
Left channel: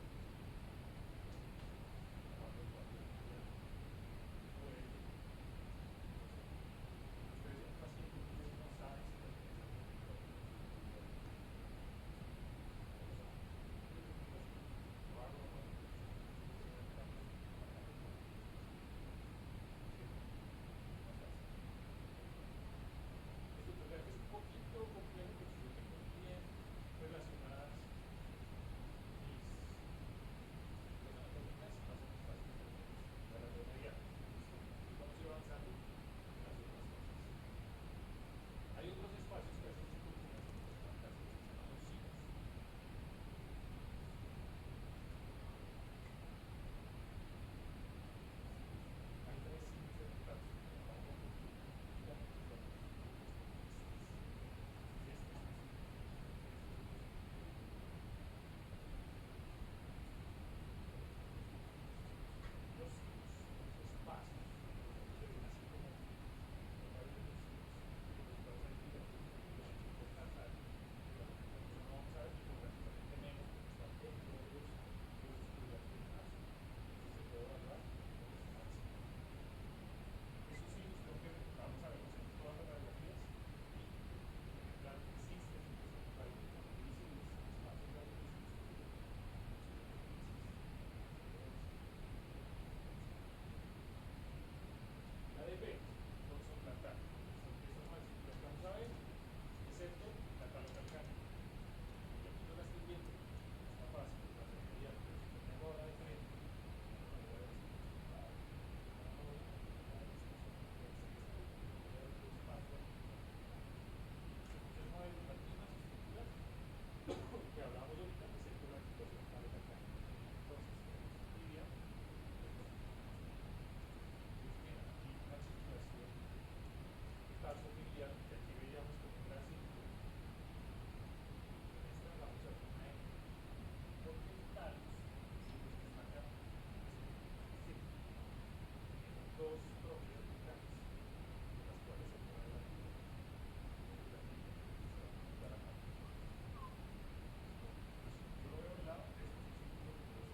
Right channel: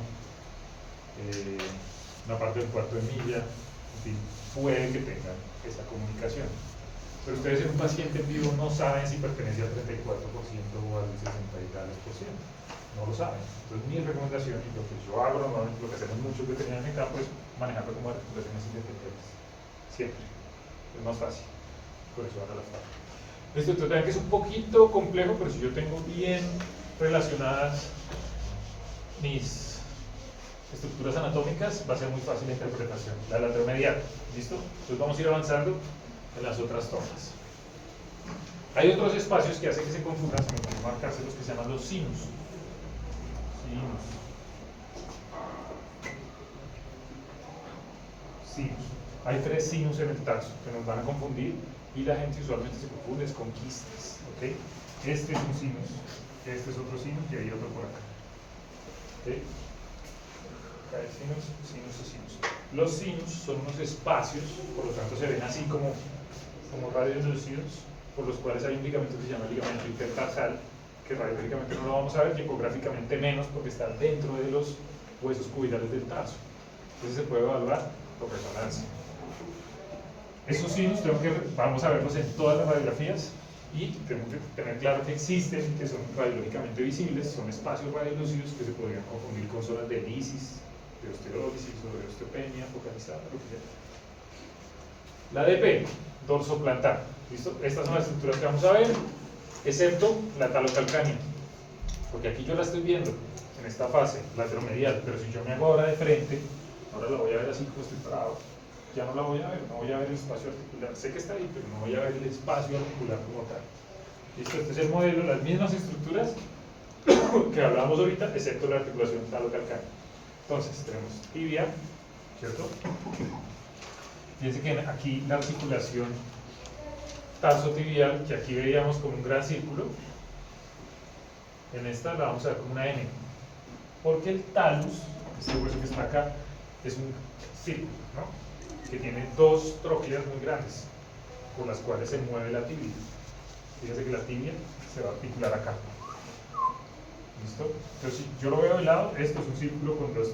una parte del cuarto de milla, en fin, puede que tengan esa comunicación. Pero ustedes en un paciente en vivo no saben si pertenece al 34% o al 60 y tales por ciento. No lo saben. Entonces mi recomendación, y lo que yo hago normalmente, lo que hacemos muchos veterinarios en el campo, es manejarlo como articulaciones independientes. Siempre. Es más fácil. Por eso van a la fácil. Esto entonces, que es un poquito complejo, pero si yo tengo bien relacionadas mis estructuras anatómicas, va a ser muy fácil la interpretación. La lateromedial, ¿listo? Entonces vamos a ir avanzando en las otras tomas. Hay otros espacios que hacen que se confundan, se me pueden marcarse los que se llaman los sinus. Sinus. Hay tres sinus en el tarso que nos van a confundir y la gente usualmente se confunde con quistes. ¿Okay? Este es un sinus, este es otro sinus y hay otro por acá. ¿Okay? Acá hay sinus, sinus y sinus. Los sinus son unos espacios, por lo tanto se ven así como radios lucidos, por los cuales hay un ligamento que se llama ligamento intertarsal, que radiológicamente no lo vamos a ver, y ecográficamente menos porque está dentro de los huesos cubilares del tarso. Entonces se puede evaluar por resonancia. Esos sinus vamos a verlos en todas las radiografías y tenemos que tener claro que existen, que son radiológicamente visibles, son espacios radiolúcidos que se podrían confundir con zonas de lisis, de osteólisis o de osteopenia focalizada, lo que sea. La DP, dorso plantar. ¿Listo? Estas son las estructuras que vamos a ver, excepto la talocalcánea, porque aquí yo la estoy viendo en esta fase lateromedial, pero si yo me hago ahora de frente, ahora la voy a ver así como estoy parado, ya no la voy a ver, no voy a ver el espacio articular, sé que está ahí, pero no voy a ver el espacio articular como tal. ¿Listo? Este es el modelo, las mismas estructuras que hablábamos ahorita, excepto la articulación talocalcánea. Entonces, tenemos tibia, ¿cierto? Fíjense que aquí la articulación tarsotibial, que aquí veíamos como un gran círculo, en esta la vamos a ver como una N, porque el talus, este hueso que está acá, es un círculo, ¿no? Que tiene dos tróqueas muy grandes, por las cuales se mueve la tibia. Fíjense que la tibia se va a articular acá. ¿Listo? Entonces, si yo lo veo de lado, esto es un círculo con dos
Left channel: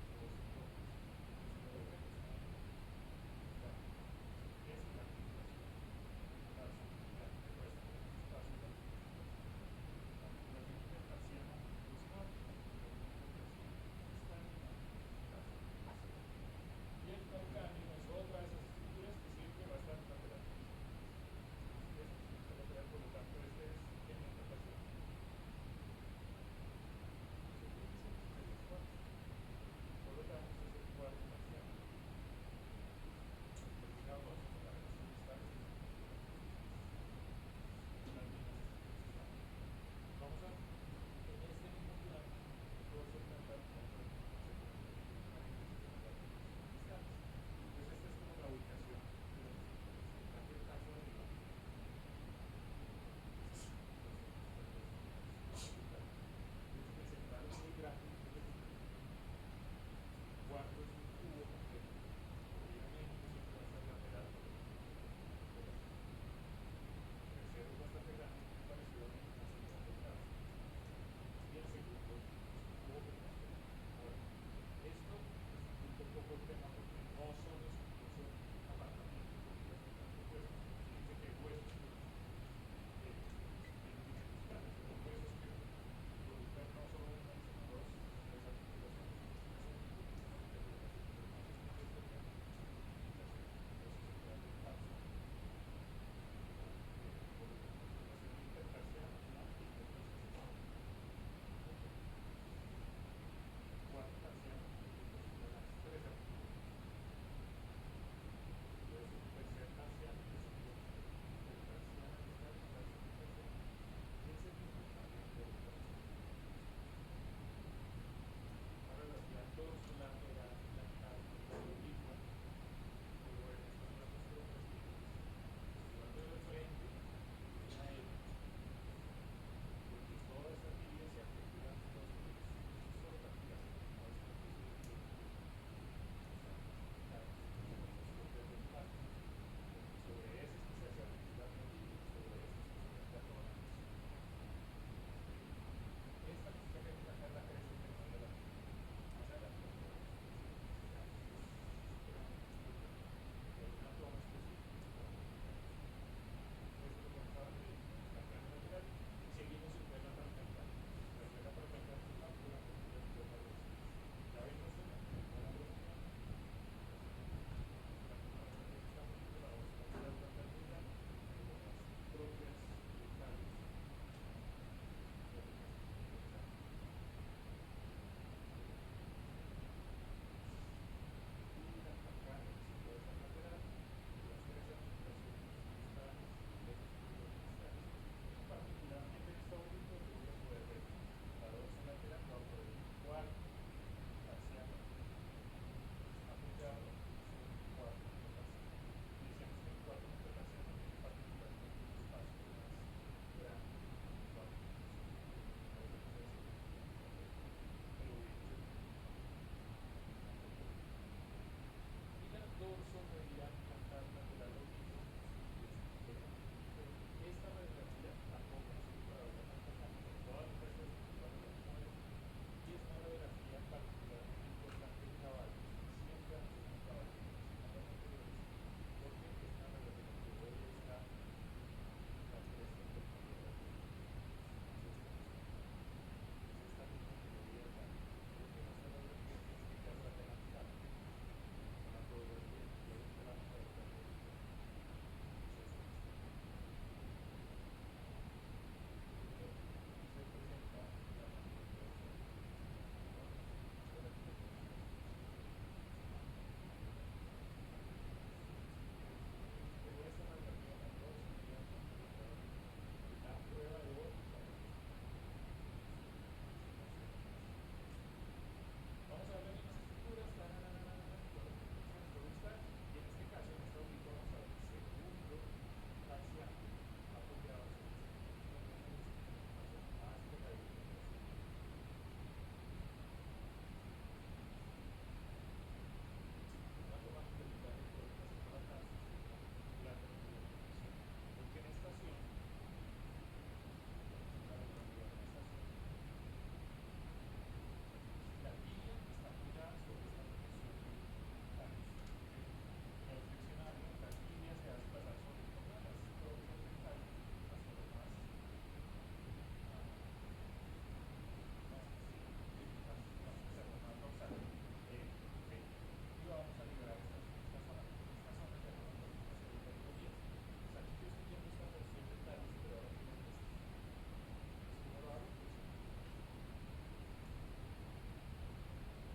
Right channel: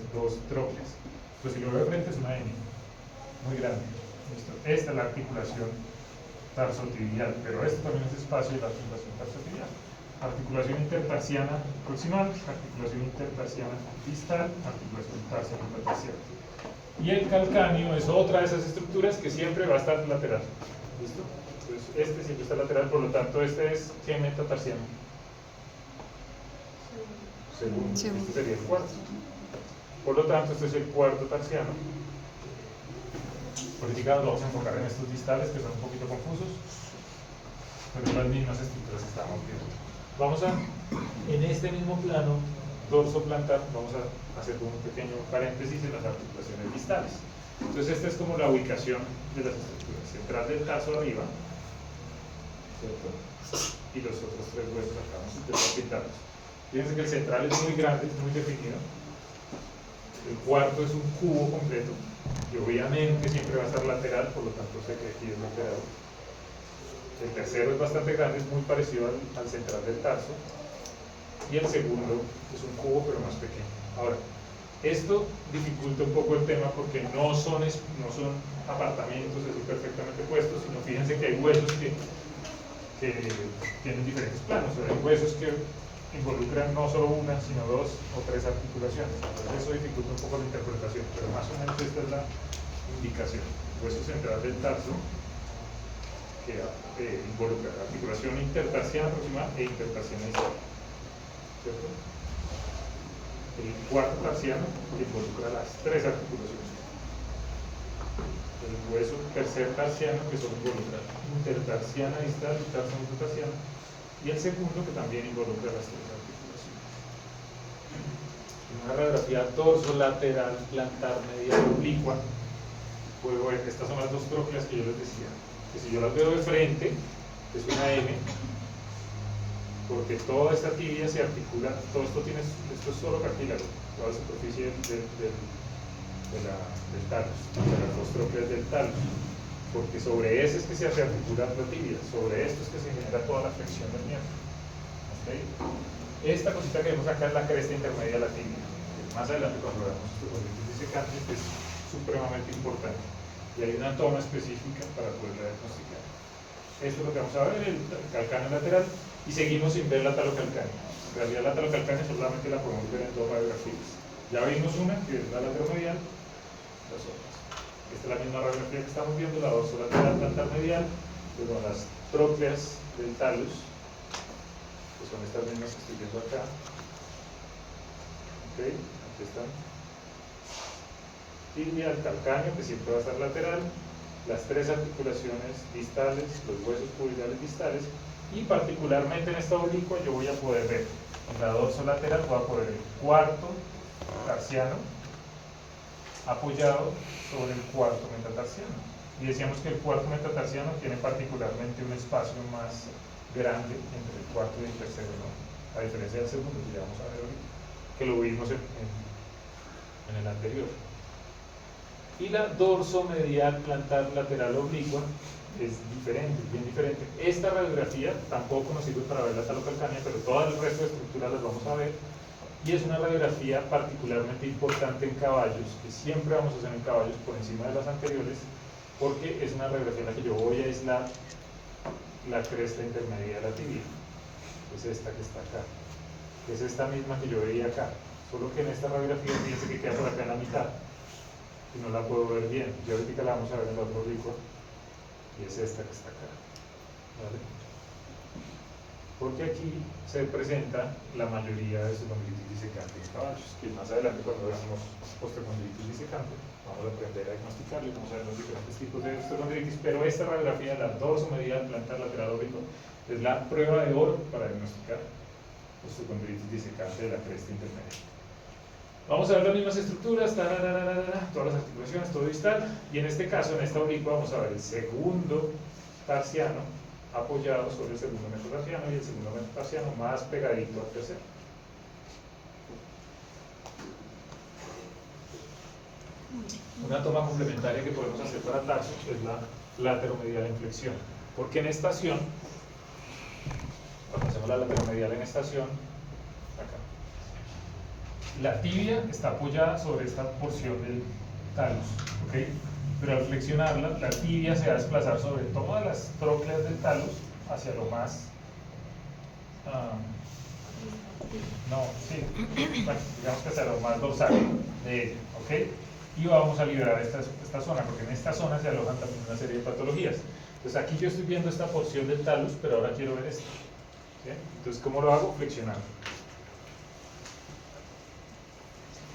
tróqueas. Pero si lo veo de frente, es una N, muy grande. ¿Listo? Esta es la articulación tarsotibial, pero esto también es espacio de la articulación tarsotibial. Articulación intertarsiana proximal, articulación intertarsiana distal, articulación tarso-metatarsiana. Y el calcáneo es otra de esas estructuras que siempre va a estar lateral. ¿Listo? Entonces, este siempre está lateral, por lo tanto, este es ¿qué metatarsiano? Segundo. Segundo. Este sería el cuarto. Por lo tanto, este es el cuarto tarsiano. Ahorita nos vamos a enfocar en estos distales que son un poquito confusos, pero las mismas estructuras que estábamos viendo. Vamos a, en este mismo plano dorso plantar, vamos a hacer un pequeño paréntesis en las articulaciones distales. Entonces, esta es como la ubicación de las estructuras: central del tarso arriba, ¿cierto? Y los otros tres huesos acá, vamos a intentar pintarlos. Fíjense que el central es muy grande, es muy definido. El cuarto es un cubo completo, y obviamente siempre va a estar lateral, por lo tanto sé que aquí es lateral. El tercero es bastante grande, es muy parecido al central del tarso. Y el segundo es un cubo, pero más pequeño. Ahora, esto dificulta un poco el tema porque no son apartamentos así perfectamente puestos, sino fíjense que hay huesos que tienen diferentes planos. O sea, hay huesos que involucran no solo una, sino dos o tres articulaciones. Entonces eso dificulta un poco la interpretación, pero más o menos esta es la indicación. Hueso central del tarso, que involucra la articulación intertarsiana proximal e intertarsiana distal, ¿cierto? El cuarto tarsiano, que involucra las tres articulaciones. El hueso tercer tarsiano, que solo involucra intertarsiana distal y tarso metatarsiano. Y el segundo, que también involucra las tres articulaciones. En una radiografía dorso-lateral, plantar, medial, oblicua, puedo ver que estas son las dos trócleas que yo les decía. Que si yo las veo de frente, es una M, porque toda esta tibia se articula, esto es solo cartílago, toda la superficie del talus, de las dos trócleas del talus, porque sobre ese es que se hace articular la tibia, sobre esto es que se genera toda la flexión del miembro. ¿Okay? Esta cosita que vemos acá es la cresta intermedia de la tibia, que más adelante cuando veamos osteochondritis disecante es supremamente importante, y hay una toma específica para poderla diagnosticar. Esto es lo que vamos a ver, el calcáneo lateral, y seguimos sin ver la talocalcánea. En realidad la talocalcánea solamente la podemos ver en dos radiografías. Ya vimos una, que es la lateromedial, las otras. Esta es la misma radiografía que estamos viendo, la dorsolateral plantar medial, luego las trócleas del talus, que son estas mismas que estoy viendo acá. Ok, aquí están. Tibia, el calcáneo, que siempre va a estar lateral, las tres articulaciones distales, los huesos cubilares distales, y particularmente en esta oblicua yo voy a poder ver, en la dorsolateral voy a poder ver el cuarto tarsiano apoyado sobre el cuarto metatarsiano. Y decíamos que el cuarto metatarsiano tiene particularmente un espacio más grande entre el cuarto y el tercero, ¿no? A diferencia del segundo, que ya vamos a ver ahorita, que lo vimos en el anterior. Y la dorsomedial plantar lateral oblicua es diferente, bien diferente. Esta radiografía tampoco nos sirve para ver la talocalcánea, pero todo el resto de estructuras las vamos a ver. Y es una radiografía particularmente importante en caballos, que siempre vamos a hacer en caballos por encima de las anteriores, porque es una radiografía en la que yo voy a aislar la cresta intermedia de la tibia. Es esta que está acá. Es esta misma que yo veía acá. Solo que en esta radiografía fíjense que queda por acá en la mitad. Y no la puedo ver bien. Y ahorita la vamos a ver en la otra oblicua. Y es esta que está acá. ¿Vale? Porque aquí se presenta la mayoría de osteochondritis disecante en caballos, que más adelante cuando veamos osteochondritis disecante vamos a aprender a diagnosticarlo, vamos a ver los diferentes tipos de osteochondritis, pero esta radiografía de la dorsomedial plantar lateral oblicuo es la prueba de oro para diagnosticar osteochondritis disecante de la cresta intermedia. Vamos a ver las mismas estructuras, todas las articulaciones, todo distal, y en este caso, en esta oblicua, vamos a ver el segundo tarsiano apoyado sobre el segundo metatarsiano y el segundo metatarsiano más pegadito al tercero. Una toma complementaria que podemos hacer para tarso es la lateromedial en flexión, porque en estación, cuando hacemos la lateromedial en estación, acá, la tibia está apoyada sobre esta porción del talus, ¿ok? Pero al flexionarla, la tibia se va a desplazar sobre todas las trócleas del talus hacia lo más... bueno, digamos que hacia lo más dorsal de ella, ¿ok? y vamos a liberar esta zona, porque en esta zona se alojan también una serie de patologías. Entonces aquí yo estoy viendo esta porción del talus, pero ahora quiero ver esto. ¿Sí? Entonces, ¿cómo lo hago? Flexionando.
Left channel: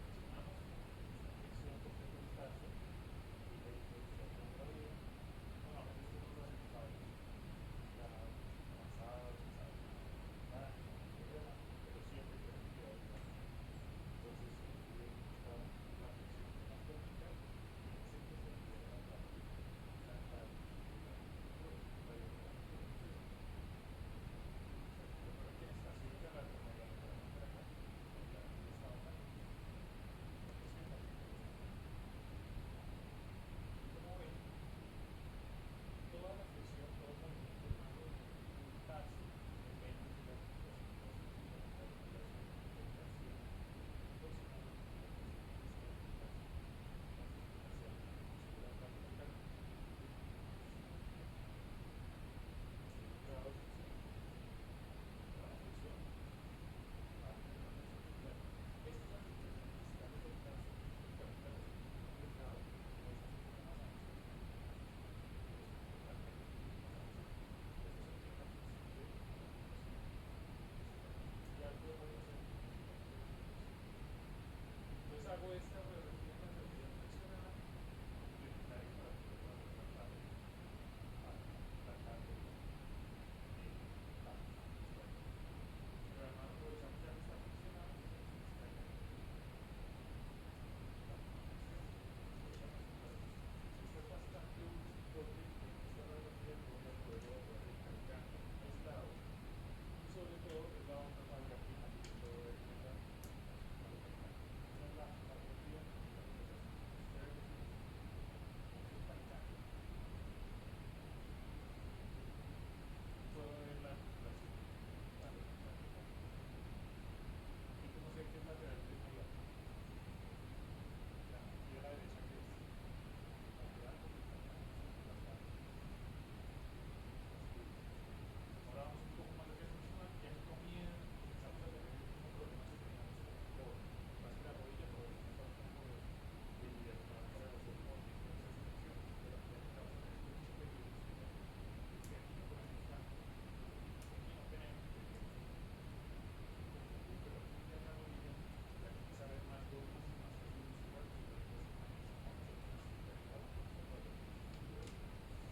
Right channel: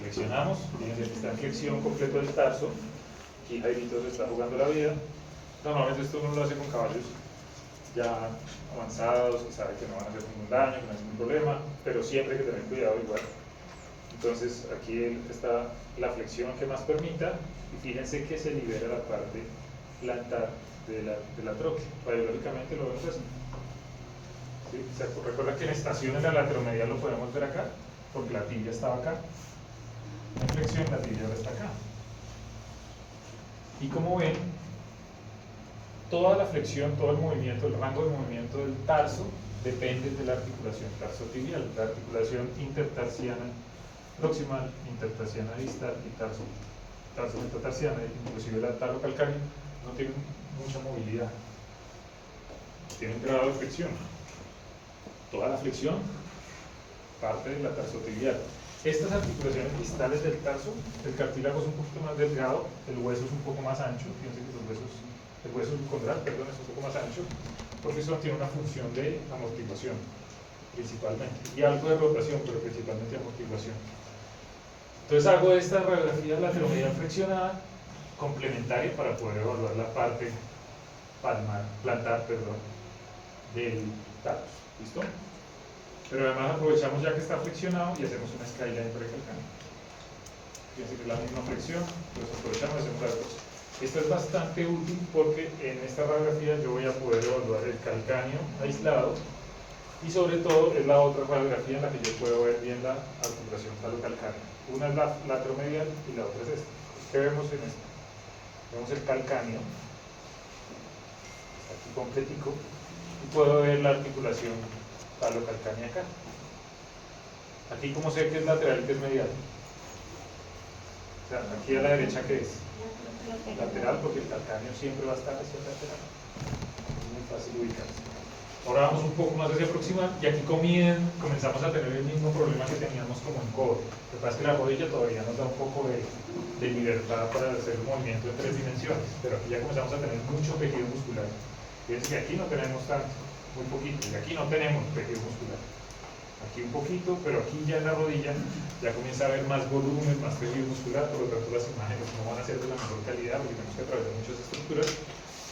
Flexionamos, fíjense que está en flexión completo del tarso. Aquí Jairito se está jugando la vida. Normalmente esto uno lo hace con caballos ya avanzados, que sabe que no van a hacer ningún daño, que no hay ningún problema, pero siempre hay que tener cuidado igual. Entonces aquí está la flexión que más permita, y fíjense que se libera la parte plantar de la tróquea. Radiológicamente lo vemos así. ¿Sí? Recuerda que en estación en la lateromedial lo podemos ver acá, porque la tibia estaba acá. En flexión la tibia ahora está acá. Y como ven, toda la flexión, todo el movimiento, el rango de movimiento del tarso depende de la articulación tarsotibial, la articulación intertarsiana proximal, intertarsiana distal y tarso-metatarsiana, inclusive la talocalcánea, no tienen mucha movilidad, tienen grado de flexión. Toda la flexión parte de la tarsotibial. Estas articulaciones distales del tarso, el cartílago es un poquito más delgado, el hueso es un poco más ancho, fíjense que el hueso condral, perdón, es un poco más ancho, porque eso tiene una función de amortiguación, principalmente, y algo de rotación, pero principalmente amortiguación. Entonces hago esta radiografía lateromedial flexionada, complementaria para poder evaluar la parte plantar, del tarso. ¿Listo? Pero además aprovechamos ya que está flexionado y hacemos una skyline precalcánea. Fíjense que es la misma flexión, pues aprovechamos y hacemos las dos. Esto es bastante útil porque en esta radiografía yo voy a poder evaluar el calcáneo aislado, y sobre todo es la otra radiografía en la que yo puedo ver bien la articulación talocalcánea. Una es la lateromedial y la otra es esta. ¿Qué vemos en esta? Vemos el calcáneo, aquí completico, y puedo ver la articulación talocalcánea acá. Aquí, como sé que es lateral y que es medial. O sea, aquí a la derecha, ¿qué es? Lateral, porque el calcáneo siempre va a estar hacia el lateral. Es muy fácil ubicarse. Ahora vamos un poco más hacia proximal, y aquí comenzamos a tener el mismo problema que teníamos como en codo. Lo que pasa es que la rodilla todavía nos da un poco de libertad para hacer un movimiento en 3 dimensiones, pero aquí ya comenzamos a tener mucho tejido muscular. Fíjense que aquí no tenemos tanto, muy poquito, y aquí no tenemos tejido muscular. Aquí un poquito, pero aquí ya en la rodilla ya comienza a haber más volumen, más tejido muscular, por lo tanto las imágenes no van a ser de la mejor calidad porque tenemos que atravesar muchas estructuras,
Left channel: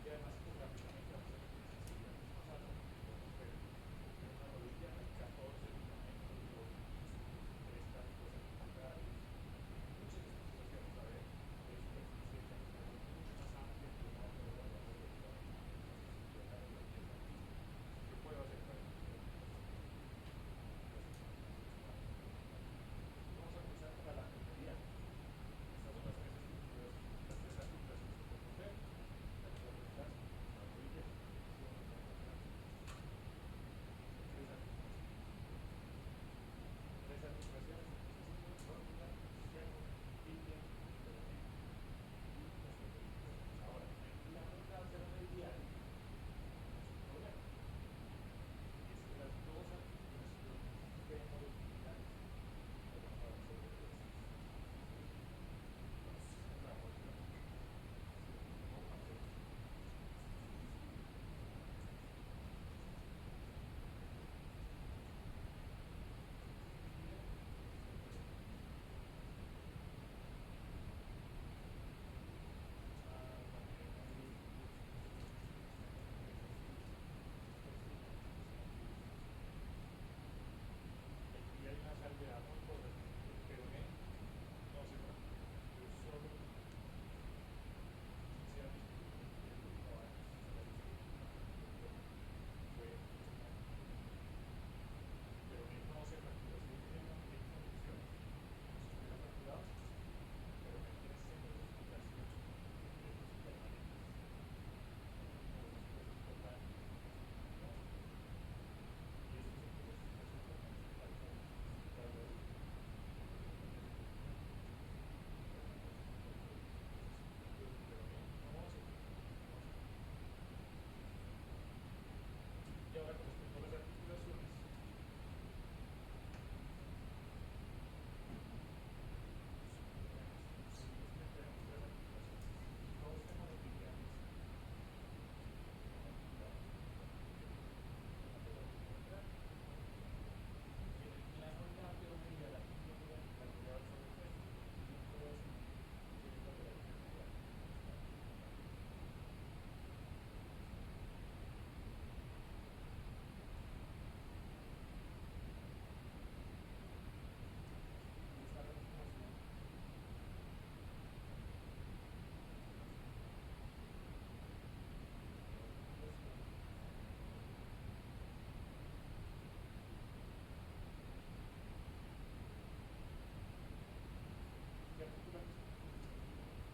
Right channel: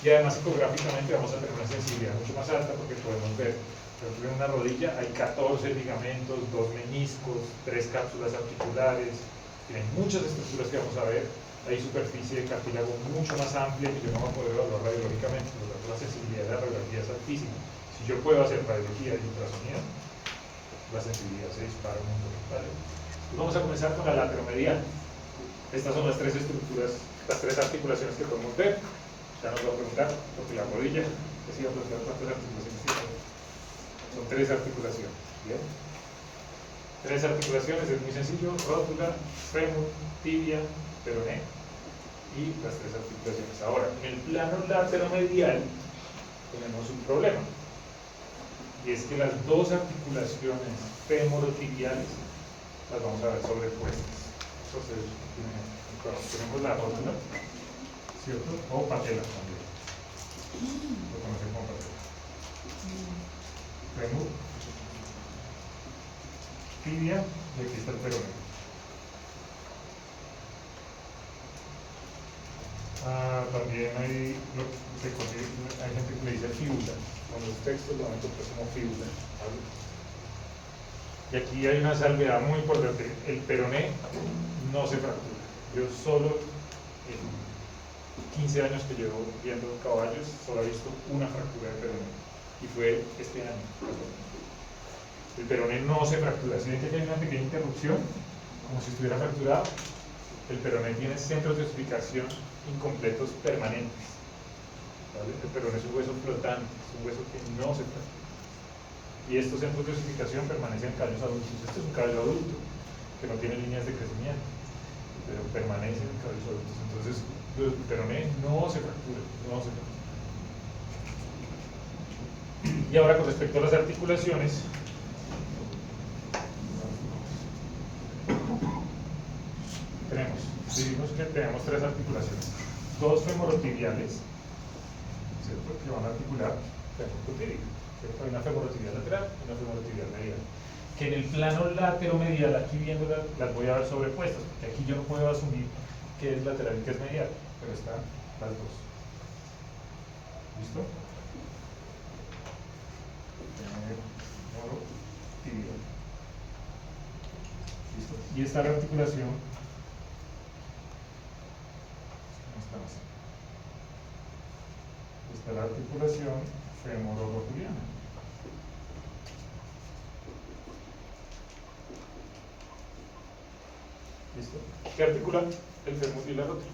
y además ecográficamente vamos a tener una sensibilidad mucho más alta porque podemos ver, por ejemplo, en una rodilla hay 14 ligamentos, 2 meniscos, 3 cápsulas articulares, tienen muchas estructuras que vamos a ver, hay superficie de cartílago mucho más amplia que yo no voy a poder evaluar radiológicamente, por lo tanto la sensibilidad de la radiología es altísima. Si yo puedo hacer radiología y ultrasonido, la sensibilidad se dispara un montón, ¿vale? Pues vamos a comenzar con la lateromedial. Estas son las 3 estructuras, las 3 articulaciones que podemos ver. Ya nos va a preguntar, porque la rodilla, que siga preguntando cuántas articulaciones tiene. Son 3 articulaciones, ¿bien? 3 articulaciones, es muy sencillo: rótula, fémur, tibia, peroné, y las 3 articulaciones. Ahora, en el plano lateromedial tenemos un problema, y es que las 2 articulaciones femorotibiales las vamos a ver sobrepuestas. Entonces, tenemos la rótula, ¿cierto? O patela también. Lo conocemos como patela. Fémur, tibia, y aquí está el peroné. También hay gente que le dice fíbula. Con los textos lo van a encontrar como fíbula, ¿vale? Y aquí hay una salvedad muy importante: el peroné no se fractura. Yo solo en 15 años que llevo viendo caballos solo he visto una fractura de peroné, y fue este año. El peroné no se fractura. Si ven que hay una pequeña interrupción, como si estuviera fracturado, el peroné tiene centros de osificación incompletos permanentes, ¿vale? El peroné es un hueso flotante, es un hueso que no se fractura, y estos centros de osificación permanecen en caballos adultos. Este es un caballo adulto que no tiene líneas de crecimiento, pero permanece en caballos adultos. Entonces el peroné no se fractura, no se fractura. Y ahora, con respecto a las articulaciones, tenemos decimos que tenemos tres articulaciones, dos femorotibiales, ¿cierto? Que van a articular femorotibial, ¿cierto? Hay una femorotibial lateral y una femorotibial medial. Que en el plano lateromedial, aquí viéndolas, las voy a ver sobrepuestas, porque aquí yo no puedo asumir que es lateral y que es medial, pero están las dos. ¿Listo? Femorotibial. ¿Listo? Y esta articulación, esta es la articulación femororotuliana. ¿Listo? ¿Qué articula el fémur y la rótula?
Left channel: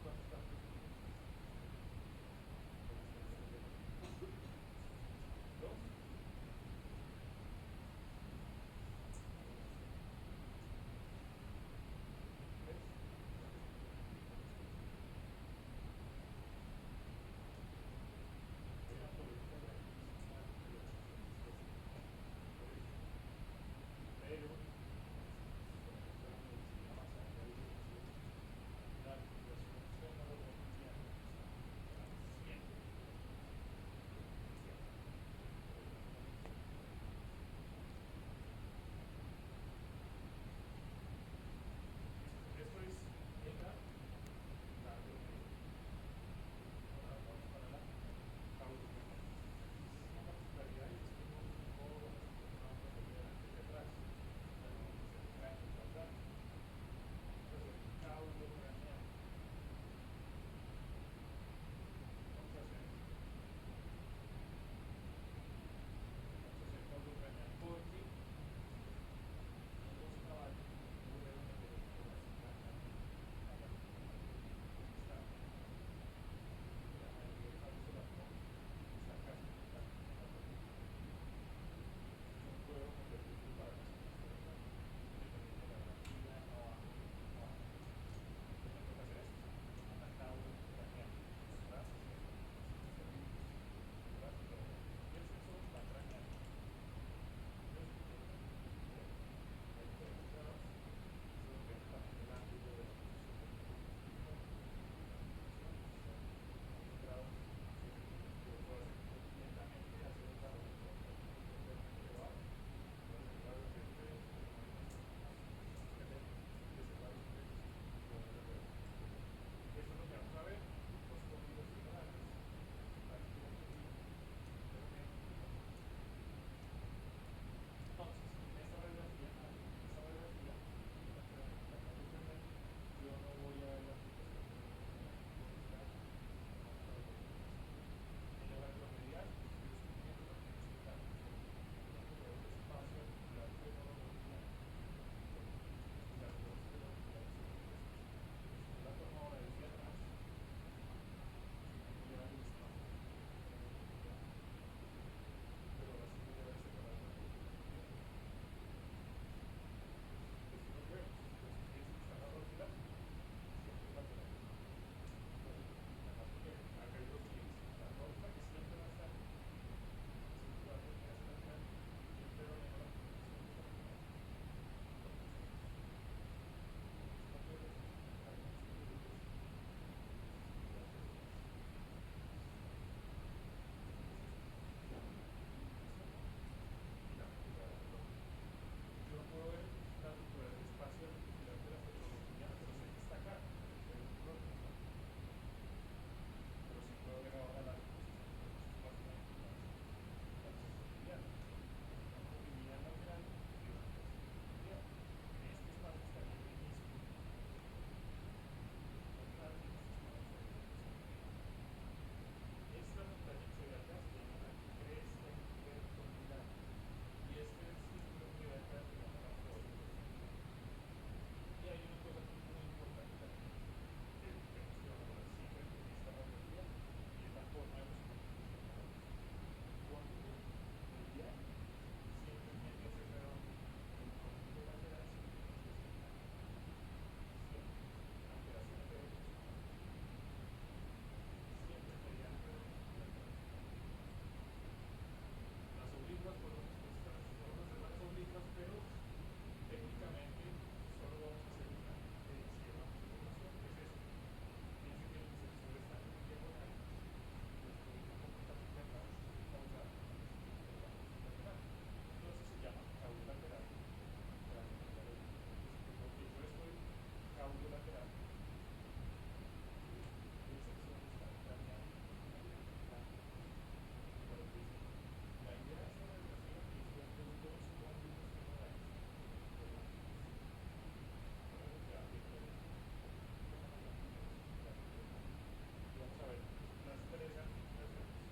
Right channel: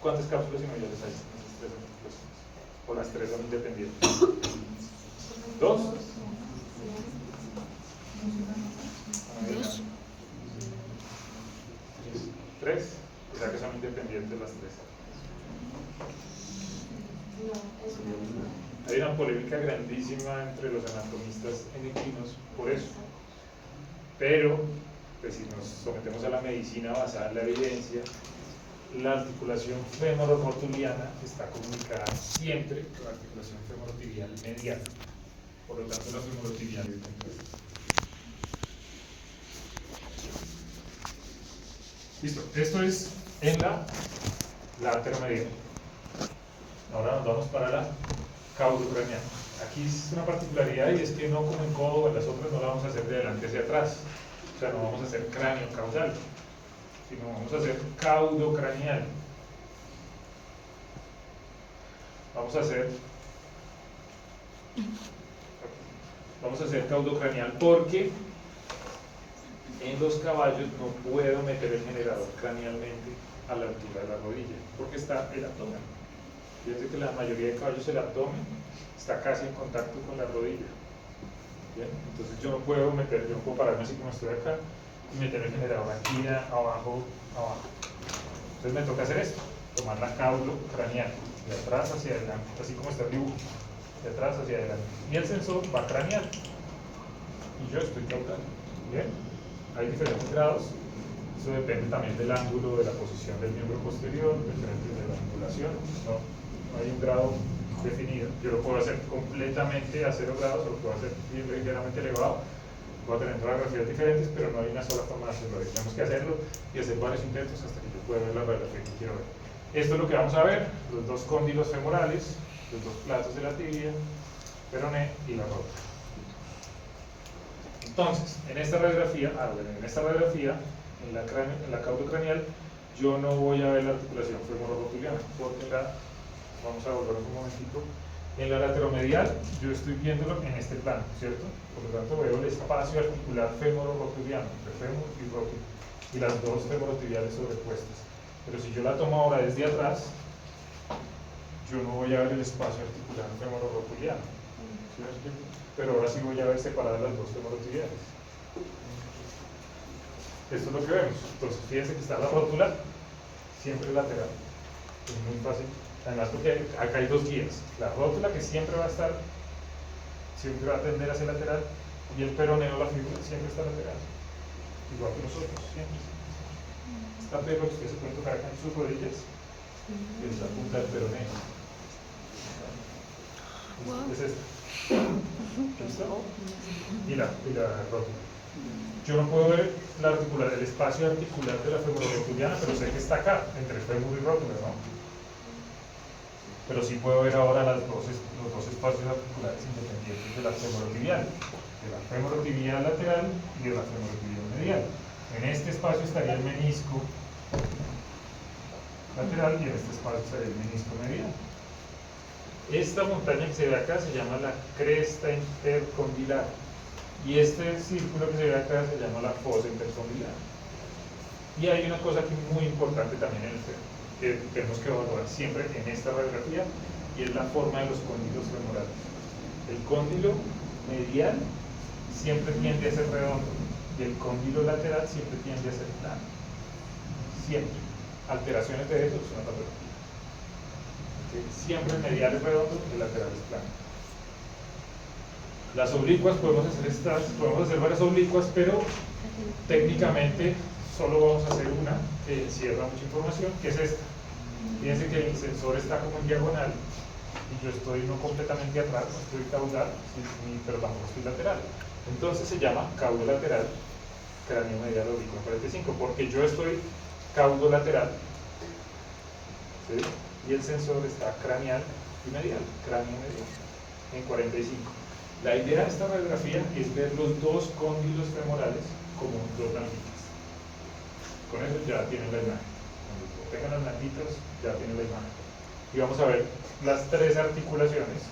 ¿Cuántas cápsulas sinoviales hay en esas tres articulaciones? ¿O las tres son independientes? ¿Dos? Dos. ¿Tres? O sea que son independientes las tres. Hay una polémica grandísima entre los anatomistas endocrinos por eso. Pero, pues, si nos sometemos a la medicina basada en la evidencia, la articulación femororotuliana está comunicada siempre con la articulación femorotibial medial. Por lo tanto, la femorotibial es completa. Listo, esto es en la lateromedial. Ahora nos vamos para la caudocraneal. Aquí es una particularidad y es que no como en codo o en las otras no la vamos a hacer de adelante hacia atrás. O sea, no vamos a hacer cráneo caudal, sino vamos a hacer caudocraneal. Vamos a hacer caudocraneal porque en los caballos no puedo meter el generador cranealmente a la altura de la rodilla, porque está el abdomen. Fíjense que la mayoría de caballos el abdomen está casi en contacto con la rodilla. ¿Bien? Entonces yo no puedo pararme así como estoy acá y meter el generador aquí abajo. Entonces me toca hacer esto, tomar la caudo craneal, de atrás hacia adelante, así como está el dibujo, de atrás hacia adelante. Y el sensor va craneal. Y yo estoy caudal. ¿Bien? Hay diferentes grados. Eso depende también del ángulo, de la posición del miembro posterior, depende de la angulación. No hay un grado definido. Yo lo puedo hacer completamente a 0 grados, o lo puedo hacer bien ligeramente elevado. Voy a tener radiografías diferentes, pero no hay una sola forma de hacerlo. Tenemos que hacerlo y hacer varios intentos hasta que yo pueda ver la radiografía que quiero ver. Esto es lo que vamos a ver: los dos cóndilos femorales, los dos platos de la tibia, peroné y la rótula. Entonces, en esta radiografía, en la caudocraneal, yo no voy a ver la articulación femororotuliana, porque vamos a volver un momentito. En la lateromedial, yo estoy viéndolo en este plano, ¿cierto? Por lo tanto, veo el espacio articular femororotuliano, entre fémur y rótula, y las dos femorotibiales sobrepuestas. Pero si yo la tomo ahora desde atrás, yo no voy a ver el espacio articular femororotuliano, ¿cierto? Pero ahora sí voy a ver separadas las dos femorotibiales. Esto es lo que vemos. Entonces, fíjense que está la rótula siempre lateral. Es muy fácil. Además, porque acá hay dos guías. La rótula, que siempre va a tender hacia lateral, y el peroneo, la fibra, siempre está lateral. Igual que nosotros, siempre. Esta perla que ustedes se pueden tocar acá en sus rodillas, y es la punta del peroneo. Es esta. ¿Listo? Y la rótula. Yo no puedo ver el espacio articular de la femororotuliana, pero sé que está acá, entre fémur y rótula, ¿no? Pero sí puedo ver ahora los dos espacios articulares independientes de la femorotibial, lateral y de la femorotibial medial. En este espacio estaría el menisco lateral y en este espacio estaría el menisco medial. Esta montaña que se ve acá se llama la cresta intercondilar, y este círculo que se ve acá se llama la fosa intercondilar. Y hay una cosa aquí muy importante también en el fémur, que tenemos que evaluar siempre en esta radiografía, y es la forma de los cóndilos femorales. El cóndilo medial siempre tiende a ser redondo, y el cóndilo lateral siempre tiende a ser plano. Siempre. Alteraciones de eso es una patología. Siempre el medial es redondo, el lateral es plano. Las oblicuas podemos hacer varias oblicuas, pero técnicamente solo vamos a hacer una que encierra mucha información, que es esta. Fíjense que el sensor está como en diagonal y yo estoy no completamente atrás, no estoy caudal, pero tampoco estoy lateral. Entonces se llama caudo lateral, cráneo medial oblicuo en 45, porque yo estoy caudo lateral, ¿sí? Y el sensor está craneal y medial, cráneo medial, en 45. La idea de esta radiografía es ver los dos cóndilos femorales como dos blanquitas. Con eso ya tienen la imagen. Cuando tengan las blanquitas, ya tienen la imagen. Y vamos a ver las tres articulaciones,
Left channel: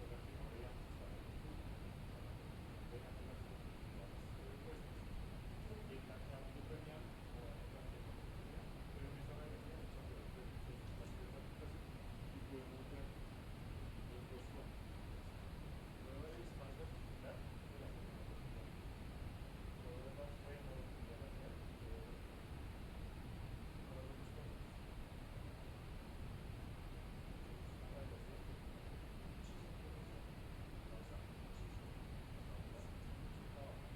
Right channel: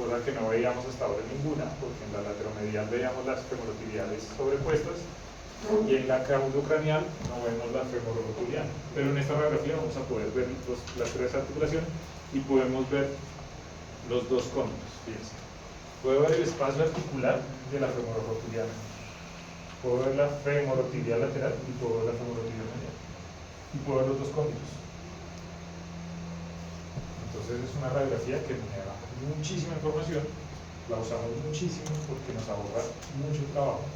cosa que no veíamos hasta ahora ninguna, porque en la lateromedial veíamos las femorotibiales sobrepuestas, y en la caudocranial no vemos la femororotuliana. Pero en esta radiografía vamos a poder ver las tres articulaciones y podemos ver los dos cóndilos. Fíjense. Puedo ver el espacio articular de la femororotuliana. Puedo ver la femorotibial lateral y puedo ver la femorotibial medial. Y puedo ver los dos cóndilos. Entonces es una radiografía que me da muchísima información, la usamos muchísimo porque nos ahorra mucho trabajo.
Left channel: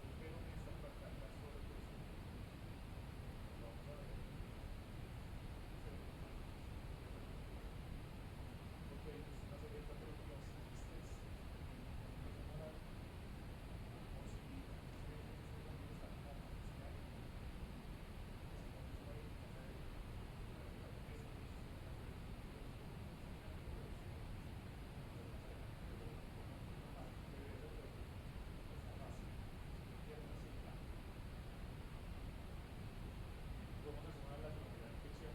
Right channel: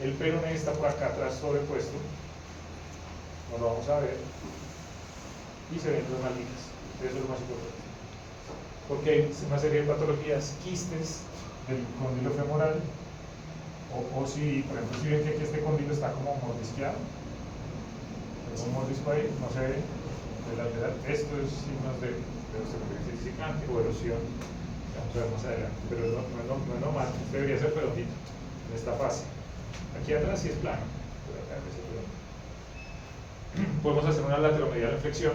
El peroné está por acá atrás sobrepuesto, no lo vamos a ver, y se ven dos nalguitas, eso es lo más importante. Porque hay una serie de patologías, quistes del cóndilo femoral, o si, por ejemplo, si ven que aquí este cóndilo está como mordisqueado, es un mordisco ahí, no se ve de lateral, esto es signos de osteoporosis o erosión, vamos a ver más adelante, pero no es normal, debería ser redondito en esta fase. Aquí atrás sí es plano, pero acá es redondito. Podemos hacer una lateromedial en flexión,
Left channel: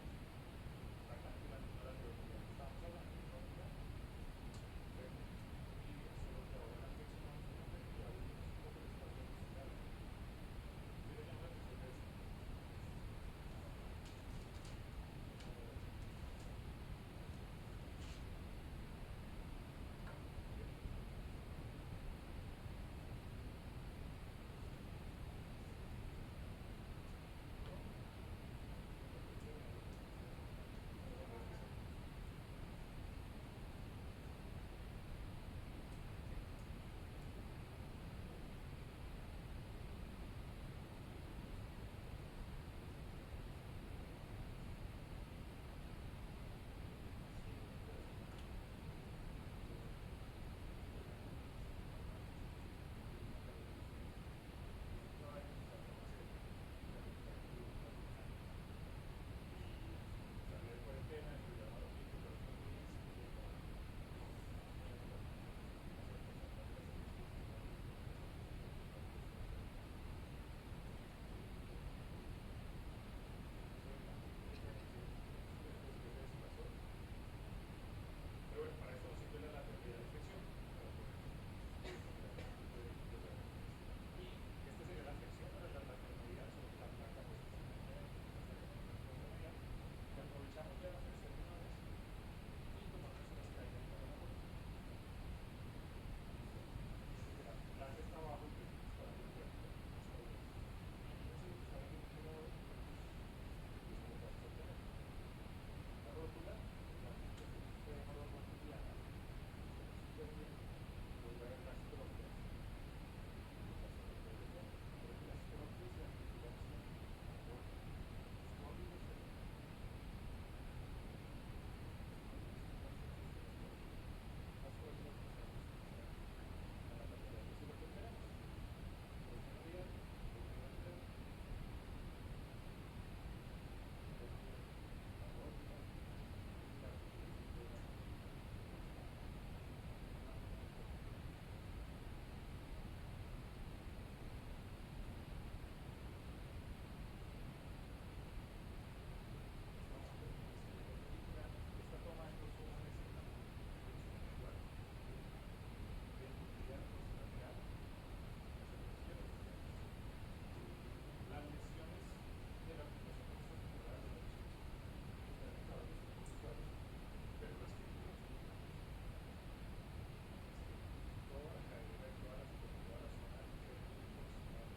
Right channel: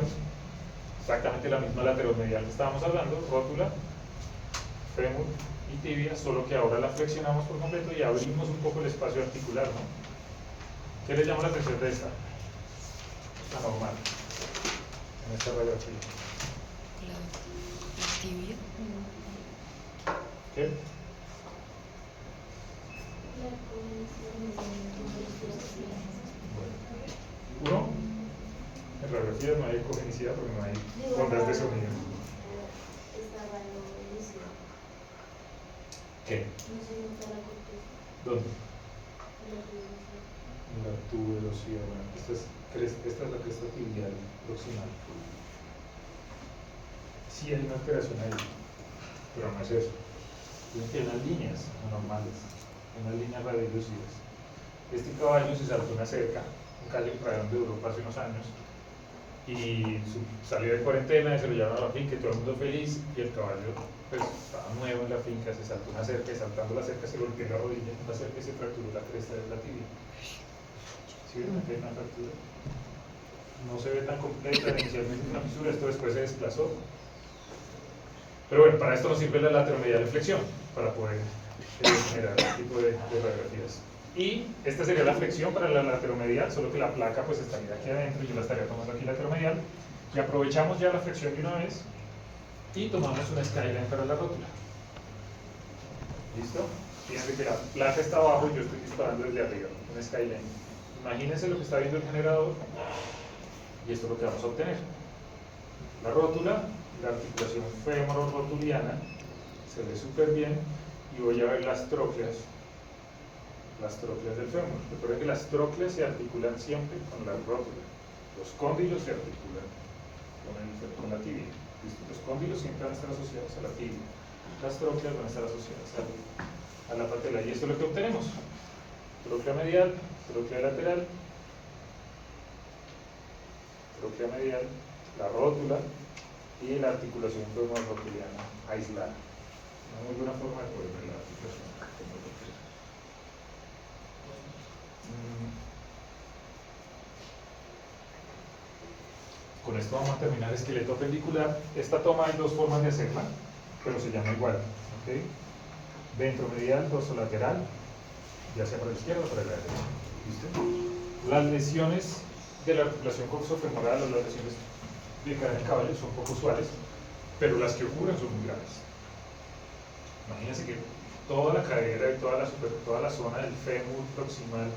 exactamente la misma lateromedial que estábamos hablando, rótula, fémur y tibia, solo que ahora la flexionamos por completo y abrimos un poco el espacio articular, ¿no? ¿Qué les llama la atención de esta? Esta normal, en esta radiografía. La tibia. ¿Qué? Uno, en radiografía no hay cogenicidad porque no hay ondas de sonido. ¿Qué? ¿Dónde? La tuberosidad. Bueno, esta es la cresta tibial proximal. Sí hay una alteración ahí, pero no es eso. Tienen unas líneas anormales, unas líneas radiolucidas. Este caballo se saltó una cerca, un calle donde Europa hace unos años, y salió de cuarentena y se lo llevaron a la finca y todo el mundo feliz, y el caballo pues estaba nuevo en la finca, se saltó una cerca y saltando la cerca se golpeó la rodilla en la cerca y se fracturó la cresta de la tibia. ¿Sí ven? Aquí hay una fractura. No se ve tan completa, inicialmente una fisura, esto después se desplazó. Pero bueno, para esto nos sirve la lateromedial de flexión, para poder generar este tipo de radiografías. Y esta sería la flexión para la lateromedial, solo que la placa pues estaría aquí adentro, yo la estaría tomando aquí lateromedial, y aprovechamos ya la flexión de una vez y tomamos una skyline para la rótula. ¿Listo? Fíjense que la placa está abajo y yo estoy disparando desde arriba, una skyline. Imagínense lo que está viendo el generador y esto es lo que vamos a obtener. La rótula, la articulación femororotuliana, se ve súper bien y voy a ver las trócleas del fémur. Recuerden que las trócleas se articulan siempre con la rótula. Los cóndilos se articulan con la tibia. ¿Listo? Los cóndilos siempre van a estar asociados a la tibia. Las trócleas van a estar asociadas a la patela. Y esto es lo que obtenemos. Tróclea medial, tróclea lateral, tróclea medial, la rótula y la articulación femororotuliana aislada. Una muy buena forma de poder ver la articulación femororotuliana. Con esto vamos a terminar esqueleto apendicular. Esta toma hay dos formas de hacerla, pero se llama igual. ¿Okay? Ventromedial, dorsolateral, ya sea para la izquierda o para la derecha. ¿Listo? Las lesiones de la articulación coxofemoral o las lesiones de cadera del caballo son poco usuales, pero las que ocurren son muy graves. Imagínense que toda la cadera y toda la zona del fémur proximal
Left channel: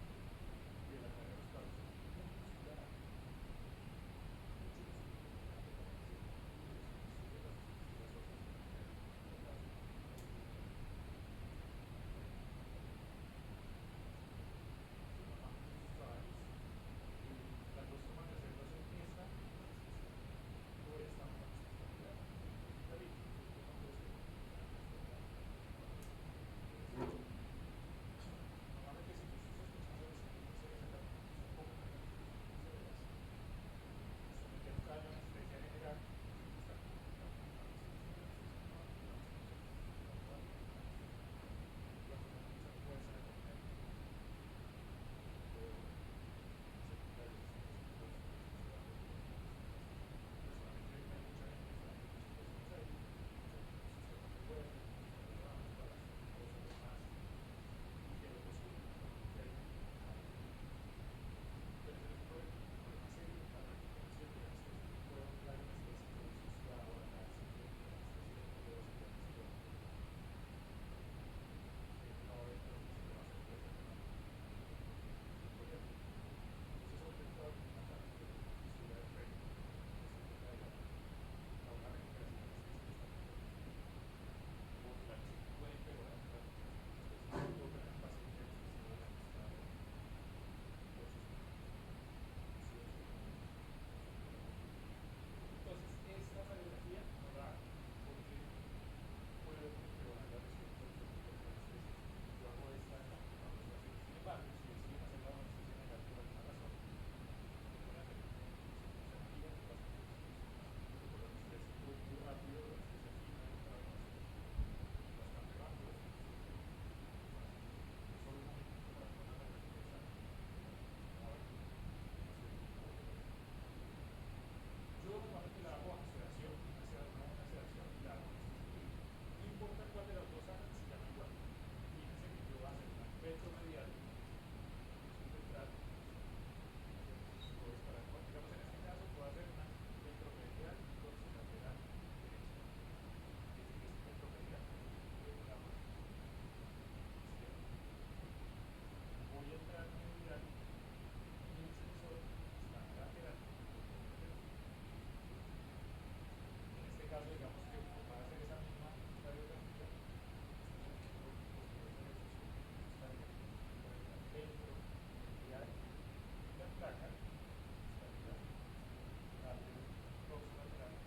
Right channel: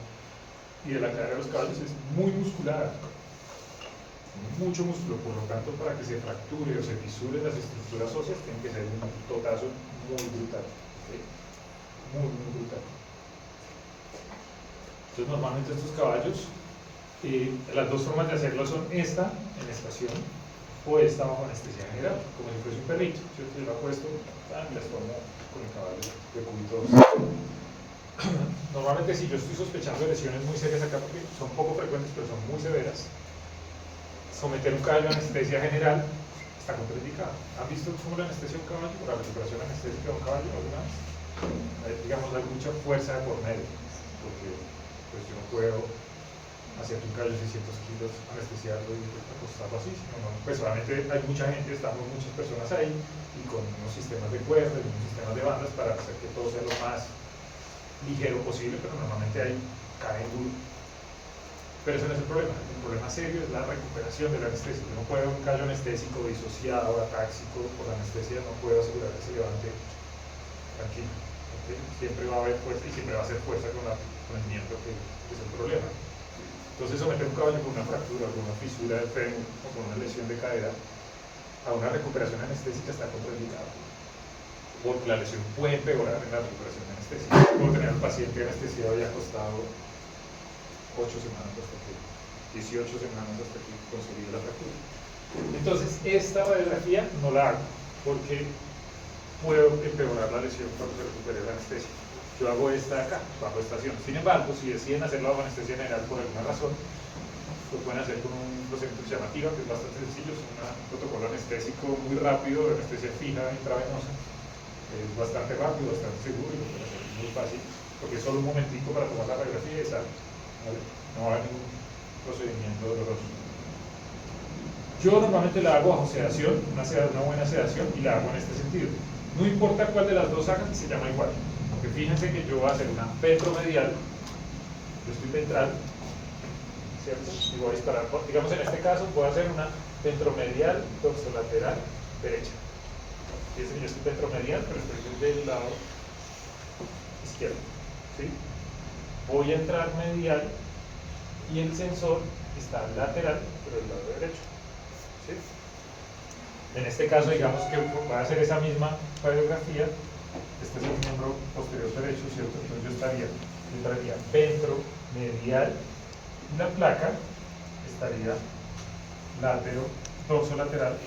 y de la cadera de los caballos es muy musculada, mucho músculo, por lo tanto para que se fracture o se fisuren las estructuras óseas tiene que ser un totazo muy brutal, ¿sí? Muy brutal. Entonces normalmente estos caballos, las dos formas de hacerlo son esta en estación o esta bajo anestesia general, como si fuese un perrito. Yo lo apuesto y las tomo con el caballo de cúbito 2. Normalmente si yo estoy sospechando de lesiones muy serias acá, porque son poco frecuentes pero son muy severas, someter un caballo a anestesia general está contraindicado. ¿Han visto cómo la anestesia de un caballo o la recuperación anestésica de un caballo alguna vez? Digamos, hay mucha fuerza de por medio, porque pues, yo no puedo hacer un caballo de 600 kilos, anestesiarlo y acostarlo así, sino, no, pues solamente hay mucha gente, estamos muchas personas ahí, y con unos sistemas de cuerda y unos sistemas de bandas para hacer que todo sea lo más ligero posible, pero normalmente ahí cae duro. Pero ese no es el problema serio es la recuperación de la anestesia. Yo no puedo un caballo anestésico disociado, atáxico, por la anestesia no puedo asegurar que se levante tranquilo. ¿Okay? Siempre va a haber fuerza y siempre va a ser fuerza con el miembro que es el problema. Entonces someter un caballo con una fractura, con una fisura del fémur o con una lesión de cadera a una recuperación anestésica está contraindicado. Porque la lesión puede empeorar en la recuperación anestésica. Puedo tener al paciente anestesiado y acostado 8 semanas hasta que 18 semanas hasta que consolide la fractura. Entonces, esta radiografía no la hago porque puedo empeorar la lesión cuando se recupere la anestesia. Yo hago esta acá, bajo estación. Sin embargo, si deciden hacerlo bajo anestesia general por alguna razón, lo pueden hacer con un procedimiento que se llama TIVA, que es bastante sencillo, es un protocolo anestésico muy rápido, de anestesia fija intravenosa. Es bastante rápido, bastante seguro y lo pueden hacer muy fácil, porque es solo un momentico para tomar la radiografía y sale. ¿Vale? No va a haber ningún procedimiento doloroso. Yo normalmente la hago bajo sedación, una buena sedación, y la hago en este sentido. No importa cuál de las dos hagan, se llama igual. Porque fíjense que yo voy a hacer una ventromedial, yo estoy ventral, ¿cierto? Y voy a disparar, digamos en este caso, voy a hacer una ventromedial dorsolateral derecha. Fíjense que yo estoy ventromedial, pero estoy del lado izquierdo. ¿Sí? Voy a entrar medial y el sensor está lateral, pero del lado derecho. ¿Sí? En este caso, digamos que voy a hacer esa misma radiografía. Este es el miembro posterior derecho, ¿cierto? Entonces yo entraría ventro, medial, y la placa estaría látero, dorso lateral,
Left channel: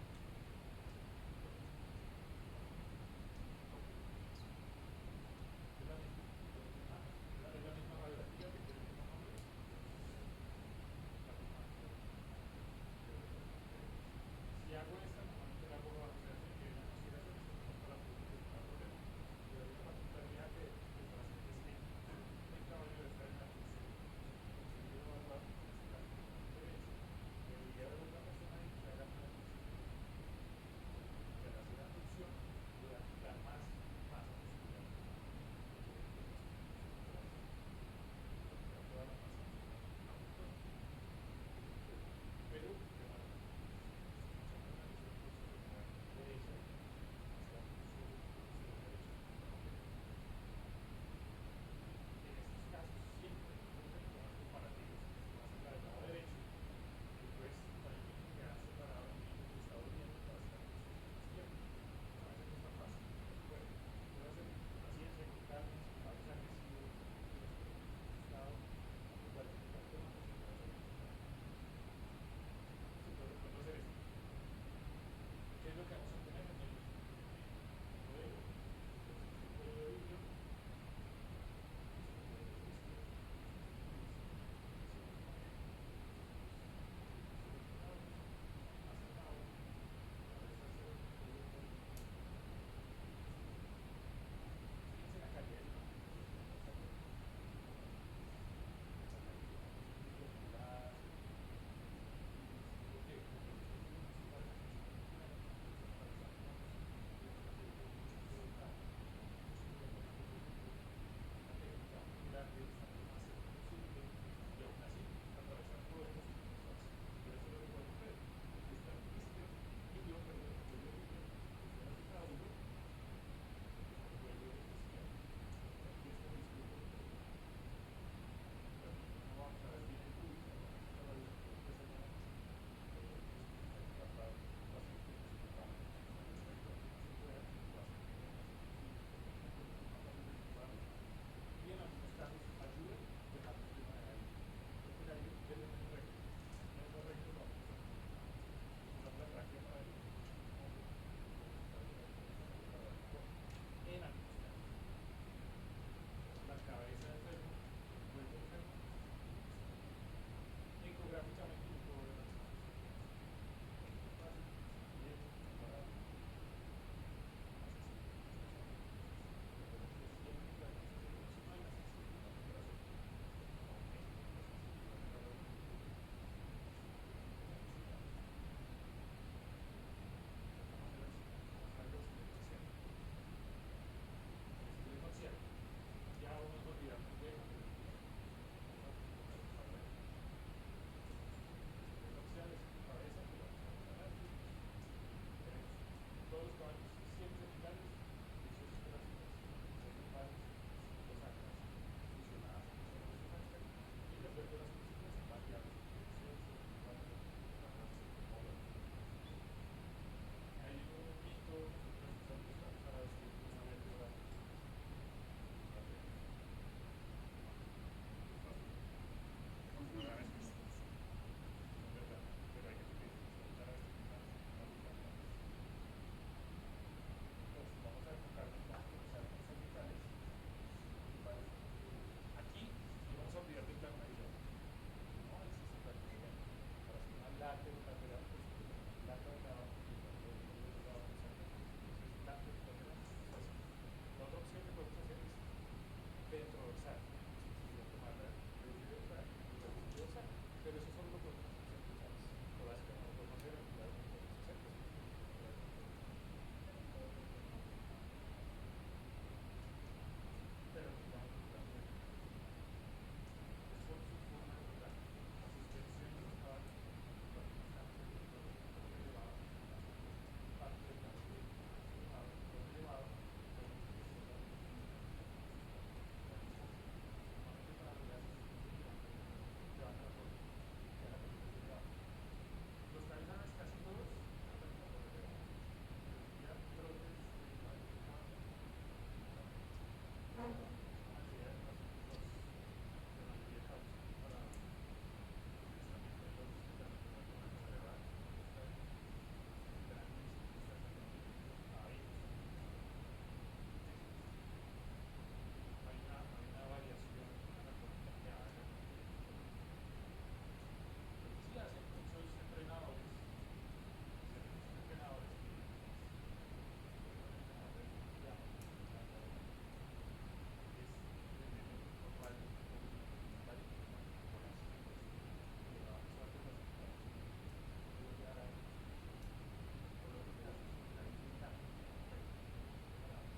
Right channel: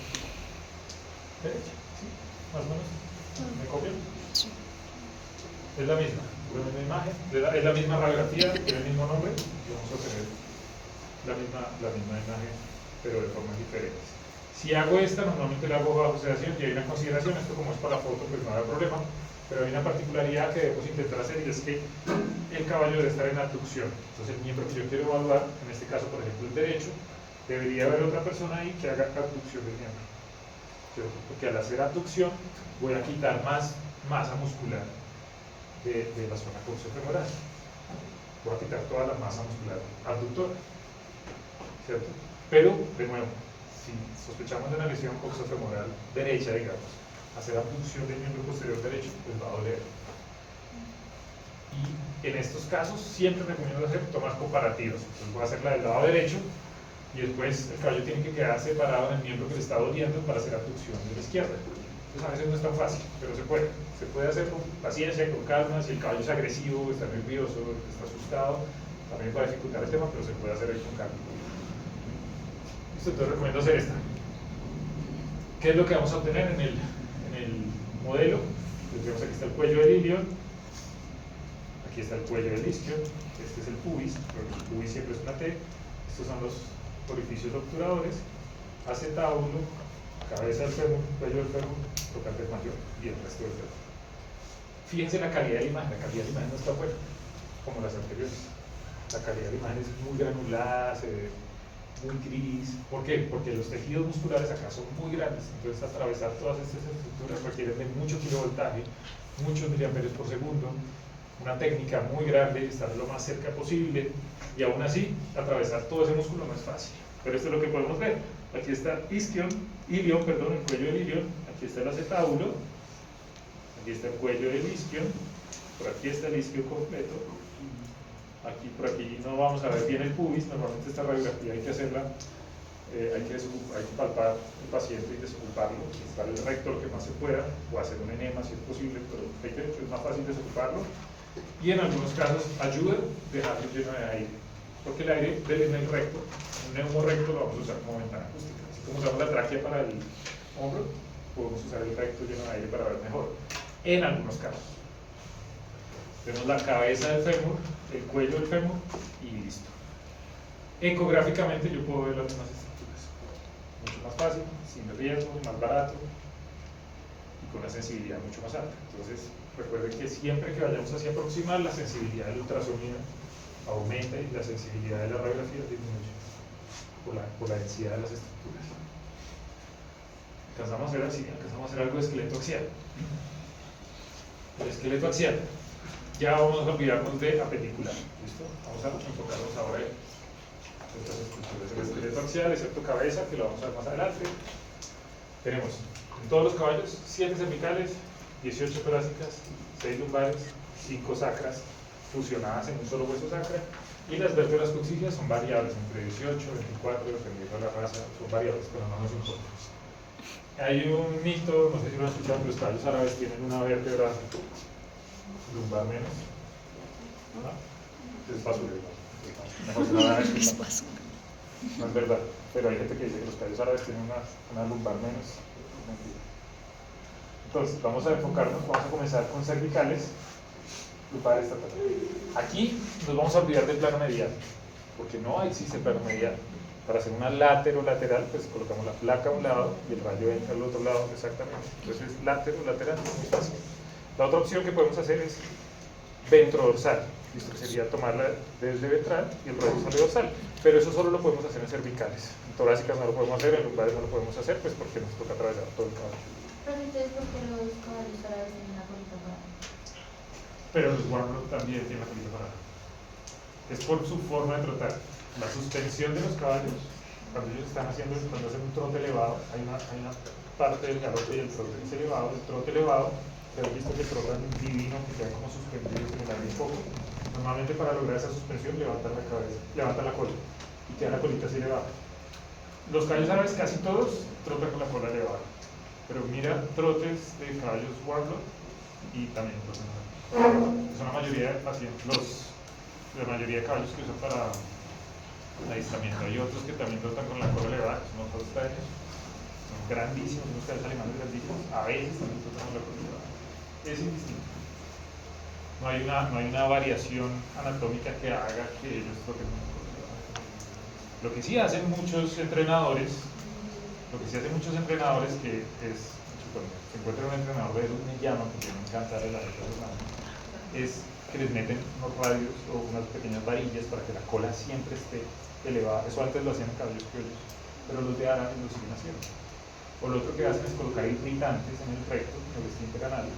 derecha. ¿Sí? Más o menos. ¿Me copian? Sí. Es la misma imagen, es la misma radiografía, tiene el mismo nombre, y vamos a tener la misma imagen, pero de formas diferentes. Si hago esta, normalmente la hago bajo sedación y hay una consideración, esto como es para la foto, pues no hay problema, pero hay una particularidad que debemos intentar hacer y es que el caballo debe estar en abducción. Entonces el miembro que yo quiero evaluar, en este caso por ejemplo el derecho, debería haber otra persona ahí que haga abducción del miembro. ¿Cierto? Porque al hacer abducción voy a quitar más masa muscular de la zona coxofemoral. Voy a quitar toda la masa muscular abductora. ¿Cierto? Pero, de nuevo, si sospechamos de una lesión coxofemoral derecha, digamos, hacer abducción del miembro posterior derecho, pues va a doler. Y en estos casos siempre recomiendo hacer tomas comparativas. Entonces voy a hacer la del lado derecho y después el caballo tiene que quedar separado en el miembro que le está doliendo para hacer abducción de la izquierda. Entonces a veces no es tan fácil, pero se puede. Se puede hacer con paciencia, con calma. Si el caballo es agresivo, está nervioso, está asustado, también va a dificultar el tema, pero se puede hacer ahí con calma. Entonces recomiendo hacer esta. ¿Qué es lo que vamos a obtener en el modelo? Pues vemos aquí está el cuello del ilion, aquí está el cuello del isquion, este es el pubis, pero el pubis siempre es una T, estos son los orificios obturadores, acetábulo, cabeza del fémur, cuello del fémur, tocante mayor y el resto del fémur. Fíjense la calidad de la imagen no está buena, como las anteriores. La calidad de la imagen es muy granulada, se ve muy gris. ¿Por qué? Porque los tejidos musculares acá son muy grandes, entonces atravesar todas estas estructuras requiere de mucho kilovoltaje, muchos miliamperios por segundo, una técnica muy grande, estar lo más cerca posible, y aún así, atravesar todo ese músculo no es fácil. Pero esto es lo que podemos ver. Aquí está ilion, el cuello del ilion, aquí está el acetábulo, aquí está el cuello del isquion, por aquí está el isquion completo. Aquí, por aquí no vamos a ver bien el pubis, normalmente esta radiografía hay que hacerla, hay que palpar el paciente y desocuparlo, quitar el rector que más se pueda, o hacer un enema si es posible, pero es más fácil desocuparlo y en algunos casos ayuda a dejarlo lleno de aire, porque el aire en el recto, un neumo recto lo vamos a usar como ventana acústica, así como usamos la tráquea para el hombro, podemos usar el recto lleno de aire para ver mejor, en algunos casos. Vemos la cabeza del fémur, el cuello del fémur y listo. Ecográficamente yo puedo ver las mismas estructuras, mucho más fácil, sin riesgo, más barato y con una sensibilidad mucho más alta. Entonces recuerden que siempre que vayamos hacia aproximar, la sensibilidad del ultrasonido aumenta y la sensibilidad de la radiografía disminuye por la densidad de las estructuras. Alcanzamos a ver así, alcanzamos a hacer algo de esqueleto axial. El esqueleto axial, ya vamos a olvidarnos de apendicular, ¿listo? Vamos a enfocarnos ahora en estas estructuras. El esqueleto axial, excepto cabeza, que lo vamos a ver más adelante. Tenemos en todos los caballos 7 cervicales, 18 torácicas, 6 lumbares, 5 sacras fusionadas en un solo hueso sacra, y las vértebras coxígeas son variables, entre 18 y 24, dependiendo de la raza, son variables, pero no nos importa. Hay un mito, no sé si lo han escuchado, pero los caballos árabes tienen una vértebra lumbar menos, ¿no? Es basura, mejor se la van a explicar. No es verdad, pero hay gente que dice que los caballos árabes tienen una lumbar menos. Entonces, vamos a enfocarnos, vamos a comenzar con cervicales, lumbares, aquí nos vamos a olvidar del plano medial, porque no existe plano medial. Para hacer una lateral, pues colocamos la placa a un lado y el rayo entra al otro lado, exactamente. Entonces, lateral, es muy fácil. La otra opción que podemos hacer es ventrodorsal, ¿listo? Que sería tomarla desde ventral y el rayo sale dorsal, pero eso solo lo podemos hacer en cervicales. En torácicas no lo podemos hacer, en lumbares no lo podemos hacer, pues porque nos toca atravesar todo el caballo. Pero entonces, ¿por qué los caballos árabes tienen la colita parada? Pero los warblocks también tienen la colita parada. Es por su forma de trotar. La suspensión de los caballos, cuando ellos están haciendo, cuando hacen un trote elevado, hay una parte del galope y el trote es elevado. El trote elevado, se han visto que trotan divino, que quedan como suspendidos en el aire un poco. Normalmente para lograr esa suspensión levantan la cabeza, levantan la cola y queda la colita así elevada. Los caballos árabes casi todos trotan con la cola elevada, pero mira trotes de caballos warbler y también trotan. Son la mayoría de pacientes, la mayoría de caballos que usan para adiestramiento. Hay otros que también trotan con la cola elevada, que son los holsteins, son grandísimos, unos caballos alemanes grandísimos, a veces también trotan con la cola elevada. Es indistinto. No hay una variación anatómica que haga que ellos troten con la cola elevada. Lo que sí hacen muchos entrenadores, que es, cuando se encuentra un entrenador de esos me llaman, porque me encanta la letra de los manos, es que les meten unos radios o unas pequeñas varillas para que la cola siempre esté elevada. Eso antes lo hacían en caballos criollos, pero los de árabes lo siguen haciendo. O lo otro que hacen es colocar irritantes en el recto, en el esfínter anal,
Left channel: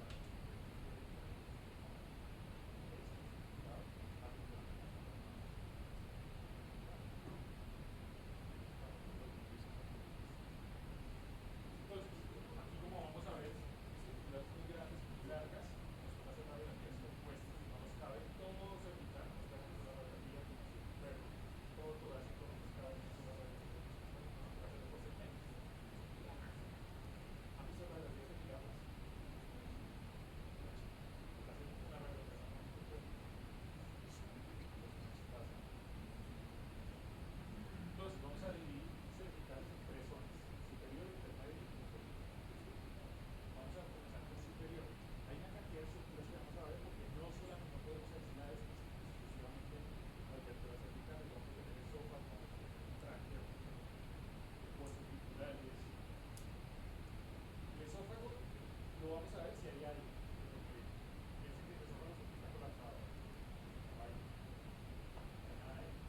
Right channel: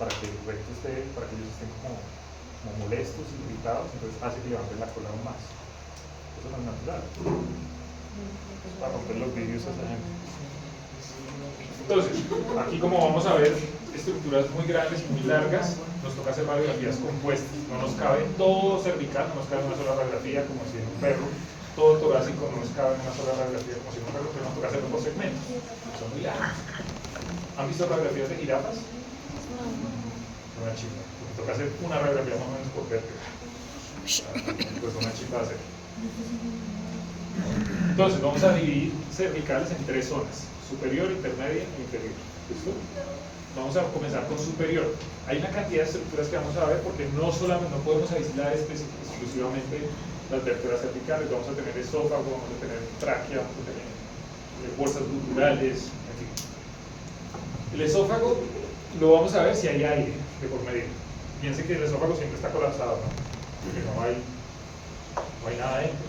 para que el recto esté, para que ellos estén como molestos, irritados, entonces hace que levanten la cola aún más. Eso no es natural. Es para romper los vidrios a esa gente. Entonces, aquí como vamos a ver estructuras muy grandes y muy largas, nos toca hacer radiografías compuestas. No nos cabe todo cervical, no nos cabe en una sola radiografía como si en un perro, todo torácico no nos cabe en una sola radiografía como si en un perro, pero nos toca hacerlo por segmentos. Son muy largos. ¿Han visto radiografías de jirafas? Una chimba. Porque toca hacer una radiografía más o menos por vértebra. Pues una chimba de hacer. Entonces, vamos a dividir cervicales en 3 zonas: superior, intermedia e inferior. ¿Listo? Vamos a comenzar con superior. Hay una cantidad de estructuras que vamos a ver porque no podemos aislar exclusivamente las vértebras cervicales. Vamos a tener esófago, vamos a tener tráquea, vamos a tener bolsas guturales, en fin. El esófago lo vamos a ver si hay aire de por medio. Piensen que el esófago siempre está colapsado, ¿no? Porque no hay nada dentro.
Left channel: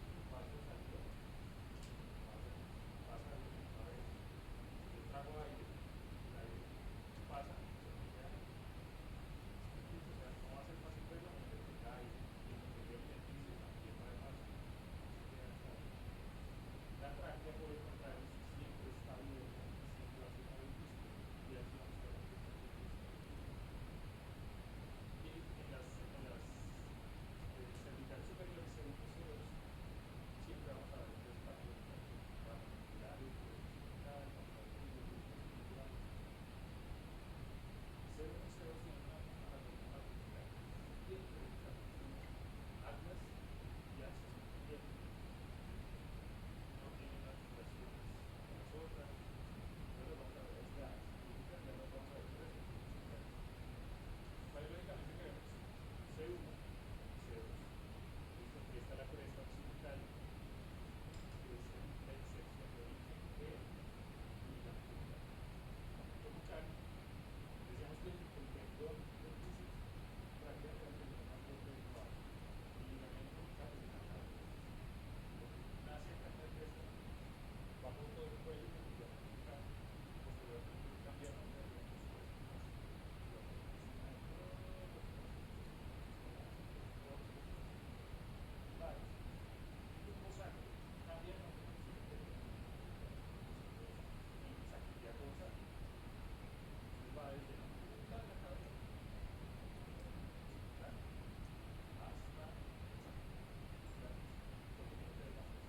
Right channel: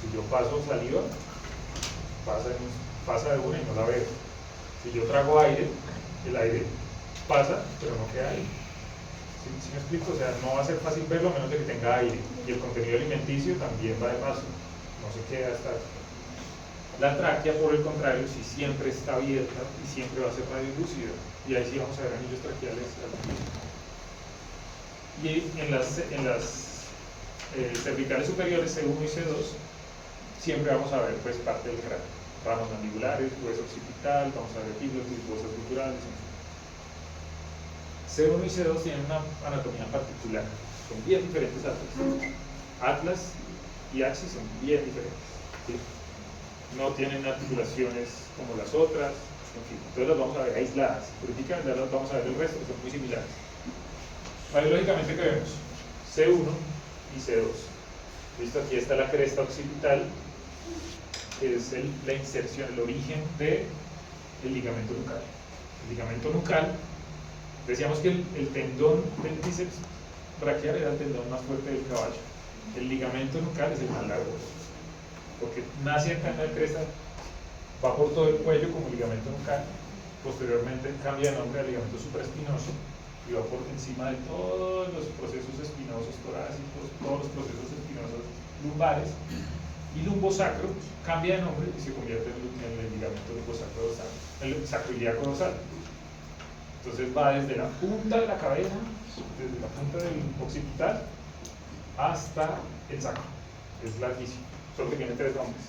Si yo paso saliva, pasa de una y no la veo. Si yo trago aire, el aire pasa, pero no queda aire. ¿Sí me explico? O sea, no va a ser fácil verlo a menos de que tenga aire. Y el contenido alimenticio también va de paso. No se queda hasta... La tráquea, por el contrario, sí siempre está abierta y siempre va a ser radiolúcida. Y ahí sí vamos a ver anillos traqueales al principio. Y en las cervicales superiores, C1 y C2, siempre vamos a ver pues parte del cráneo. Ramas mandibulares, hueso occipital, vamos a ver epiglotis, huesos guturales, C1 y C2 tienen una anatomía particular, son bien diferentes atlas. Atlas y axis son bien diferentes, ¿sí? No tienen articulaciones como las otras, en fin, entonces las vamos a ver aisladas, políticamente las vamos a ver el resto, que son muy similares. Biológicamente, ¿qué vemos? C1 y C2. ¿Listo? Aquí está la cresta occipital, que es la inserción, el origen del ligamento nucal. El ligamento nucal, decíamos que el tendón del bíceps braquial era el tendón más fuerte del caballo. El ligamento nucal es el más largo, porque nace acá en la cresta, va por todo el cuello como ligamento nucal, posteriormente cambia de nombre al ligamento supraespinoso y va por encima de todos los procesos espinosos torácicos, todos los procesos espinosos lumbares, y lumbosacro cambia de nombre y se convierte en el ligamento lumbosacro dorsal, el sacroiliaco dorsal. Entonces va desde la punta de la cabeza, desde la punta del occipital hasta el sacro. Es larguísimo, solo que tiene 3 nombres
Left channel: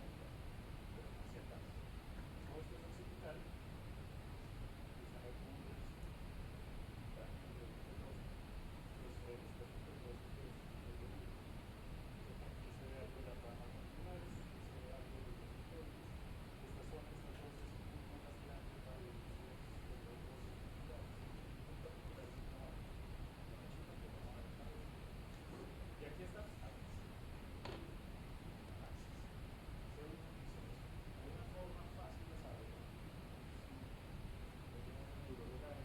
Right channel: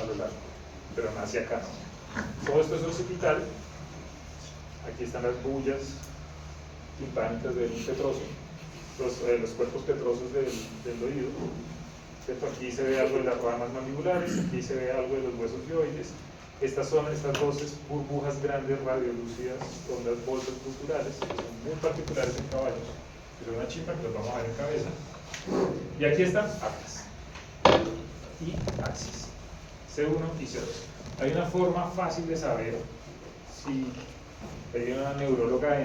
a lo largo, pero nace acá. Todo esto es occipital. Aquí están las bullas timpánicas del petroso, los cuerpos petrosos del oído. Aquí se ve algo de las ramas mandibulares, aquí se ve algo de los huesos dioides. Estas son estas voces burbujas grandes radiolúcidas con las bolsas culturales, que son muy particulares en caballos, que son una chimpa que los vamos a ver en cabeza. Y aquí están atlas y axis, C1 y C2. Hay una forma fácil de saber si hay una neuróloga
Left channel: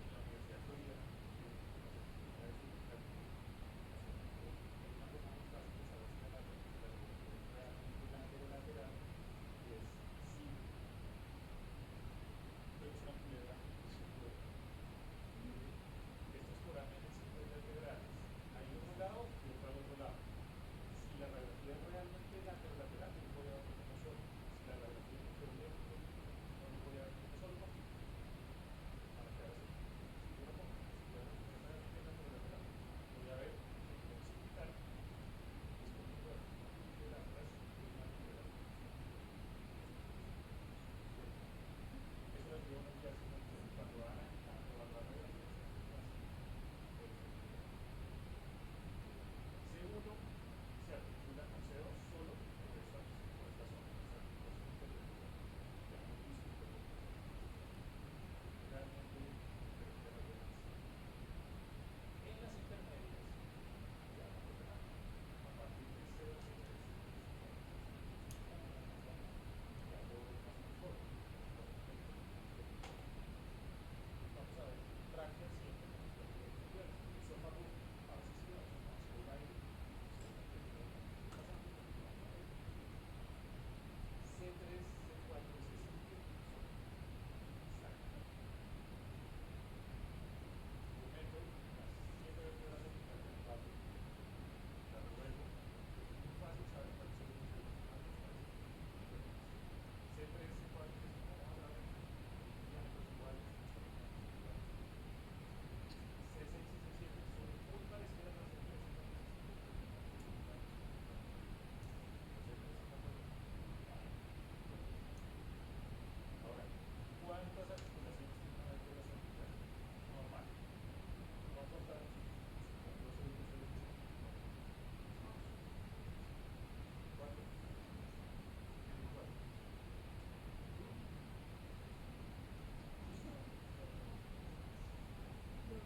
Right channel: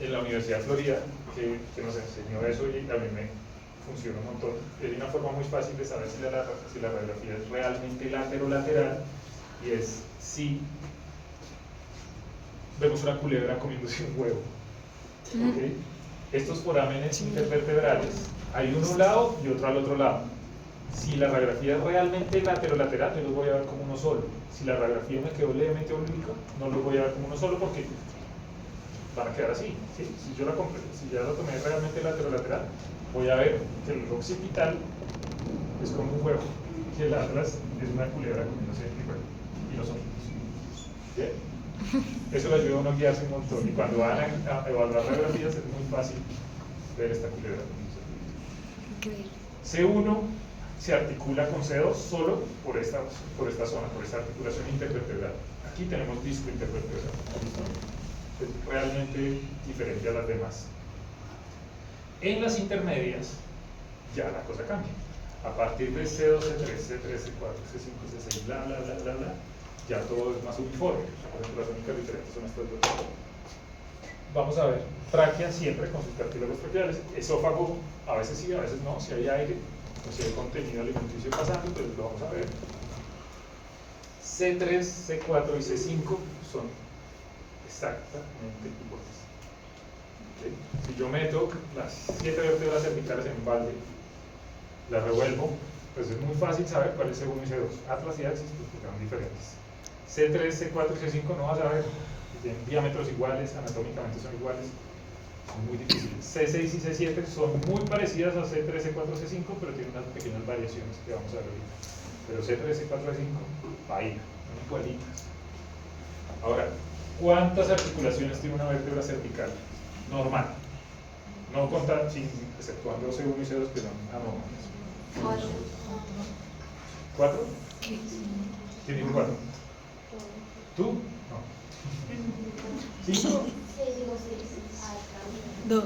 en la Universidad de Florida que nos enseñó eso y a mí me funciona un montón. Hay una forma muy fácil de saber si la radiografía es realmente lateral y es si vemos una culebra comiéndose un huevo. ¿Okay? Estos forámenes intervertebrales, hay uno a un lado y otro al otro lado. Si la radiografía es realmente lateral, yo los voy a ver como uno solo. Si la radiografía me quedó levemente obliqua, no los voy a ver como uno solo porque van a quedar así. ¿Sí? Si ya lo tomé realmente lateral, voy a ver que el occipital es como un huevo, que el atlas es una culebra comiéndose el huevo y los ojos. ¿Bien? Eso le ayuda a uno a guiarse un montón y cuando van a evaluar radiografías es muy fácil ver esta culebra comiéndose el huevo. C1 se articula con C2 solo por esta zona, por esta articulación intervertebral. Aquí tenemos disco intervertebral. Es realmente diferente a las demás. En las intermedias ya la cosa cambia. A partir de C2, C3, C3, C4, C5, C6, bla, bla, bla, bla, bla, ya todo es más uniforme. Por ejemplo, las únicas diferentes son estas dos. Vamos a ver, tráquea siempre con sus cartílagos traqueales, esófago a veces sí, a veces no, si hay aire, o si hay contenido alimenticio pasando, entonces lo vamos a ver. C3, C4 y C5 son exactamente iguales. ¿Okay? Si yo meto las 7 vértebras cervicales en un balde, las revuelvo, pues es muy fácil saber cuál es C1 y C2. Atlas y axis pues son diferentes. C3, C4 y C5 no vas a ver, tienen diámetros iguales, anatómicamente son iguales, son muy difíciles. C6 y C7 son muy parecidas a C3, C4, C5, pero tienen unas pequeñas variaciones que vamos a ver ahorita. Pero C3, C4, C5, vaina, son igualitas. Ahora, ¿cuántas articulaciones tiene una vértebra cervical? Normal. No contar, exceptuando C1 y C2 que son anormales. 4. ¿Quién dijo 4? ¿Tú? No. 5. 2.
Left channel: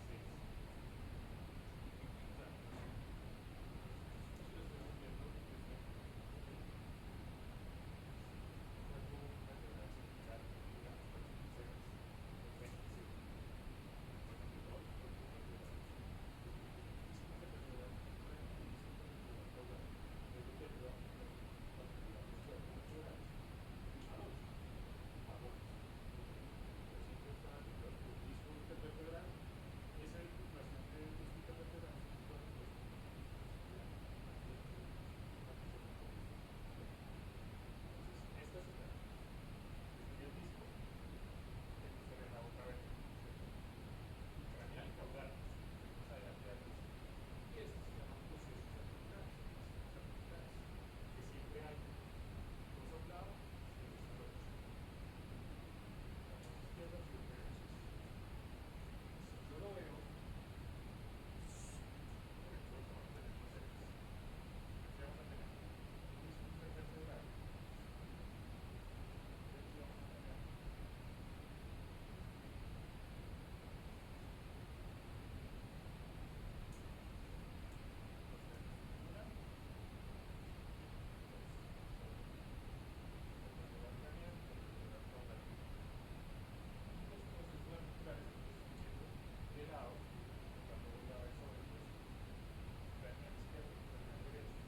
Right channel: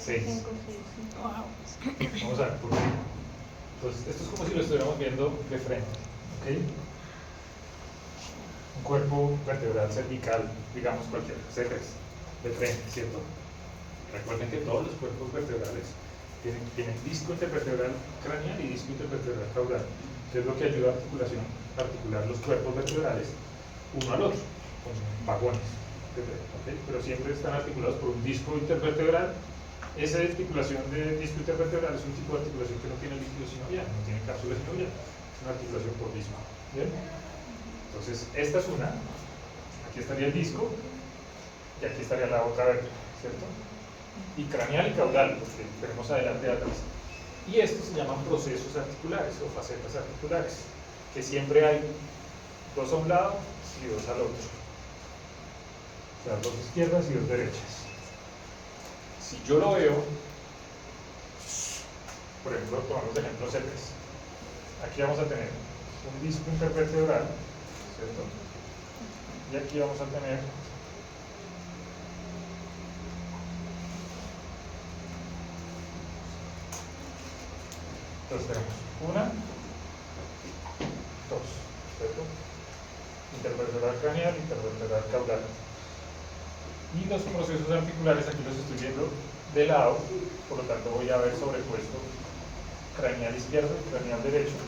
6. Vamos a ver por qué. Entonces, esto es como si lo estuviéramos viendo de frente. ¿Okay? Un cuerpo vertebral cervical, digamos cualquier C3, de frente, ¿cierto? Recuerden que todos los cuerpos vertebrales tienen disco intervertebral craneal y disco intervertebral caudal, que es lo que ayuda a articular los cuerpos vertebrales uno al otro, con vagones, ¿okay? Pero siempre están articulados por un disco intervertebral. Esa articulación de disco intervertebral es un tipo de articulación que no tiene líquido sinovial, no tiene cápsula sinovial, es una articulación por disco. ¿Bien? Entonces, esta es una, aquí estaría el disco y aquí estaría la otra vértebra, ¿cierto? Y craneal y caudal, porque tenemos adelante y atrás. Y estos se llaman procesos articulares o facetas articulares, que siempre hay dos a un lado y dos al otro. O sea, dos izquierdas y dos derechas. Si yo lo veo, por ejemplo, tomamos de ejemplo C3. Aquí vamos a tener un disco intervertebral, ¿cierto? Y aquí vamos a tener entonces tenemos una, dos, ¿cierto? Intervertebral craneal, intervertebral caudal. Y los procesos articulares aquí los estoy viendo de lado, por lo tanto voy a ver sobrepuesto craneal izquierdo y craneal derecho,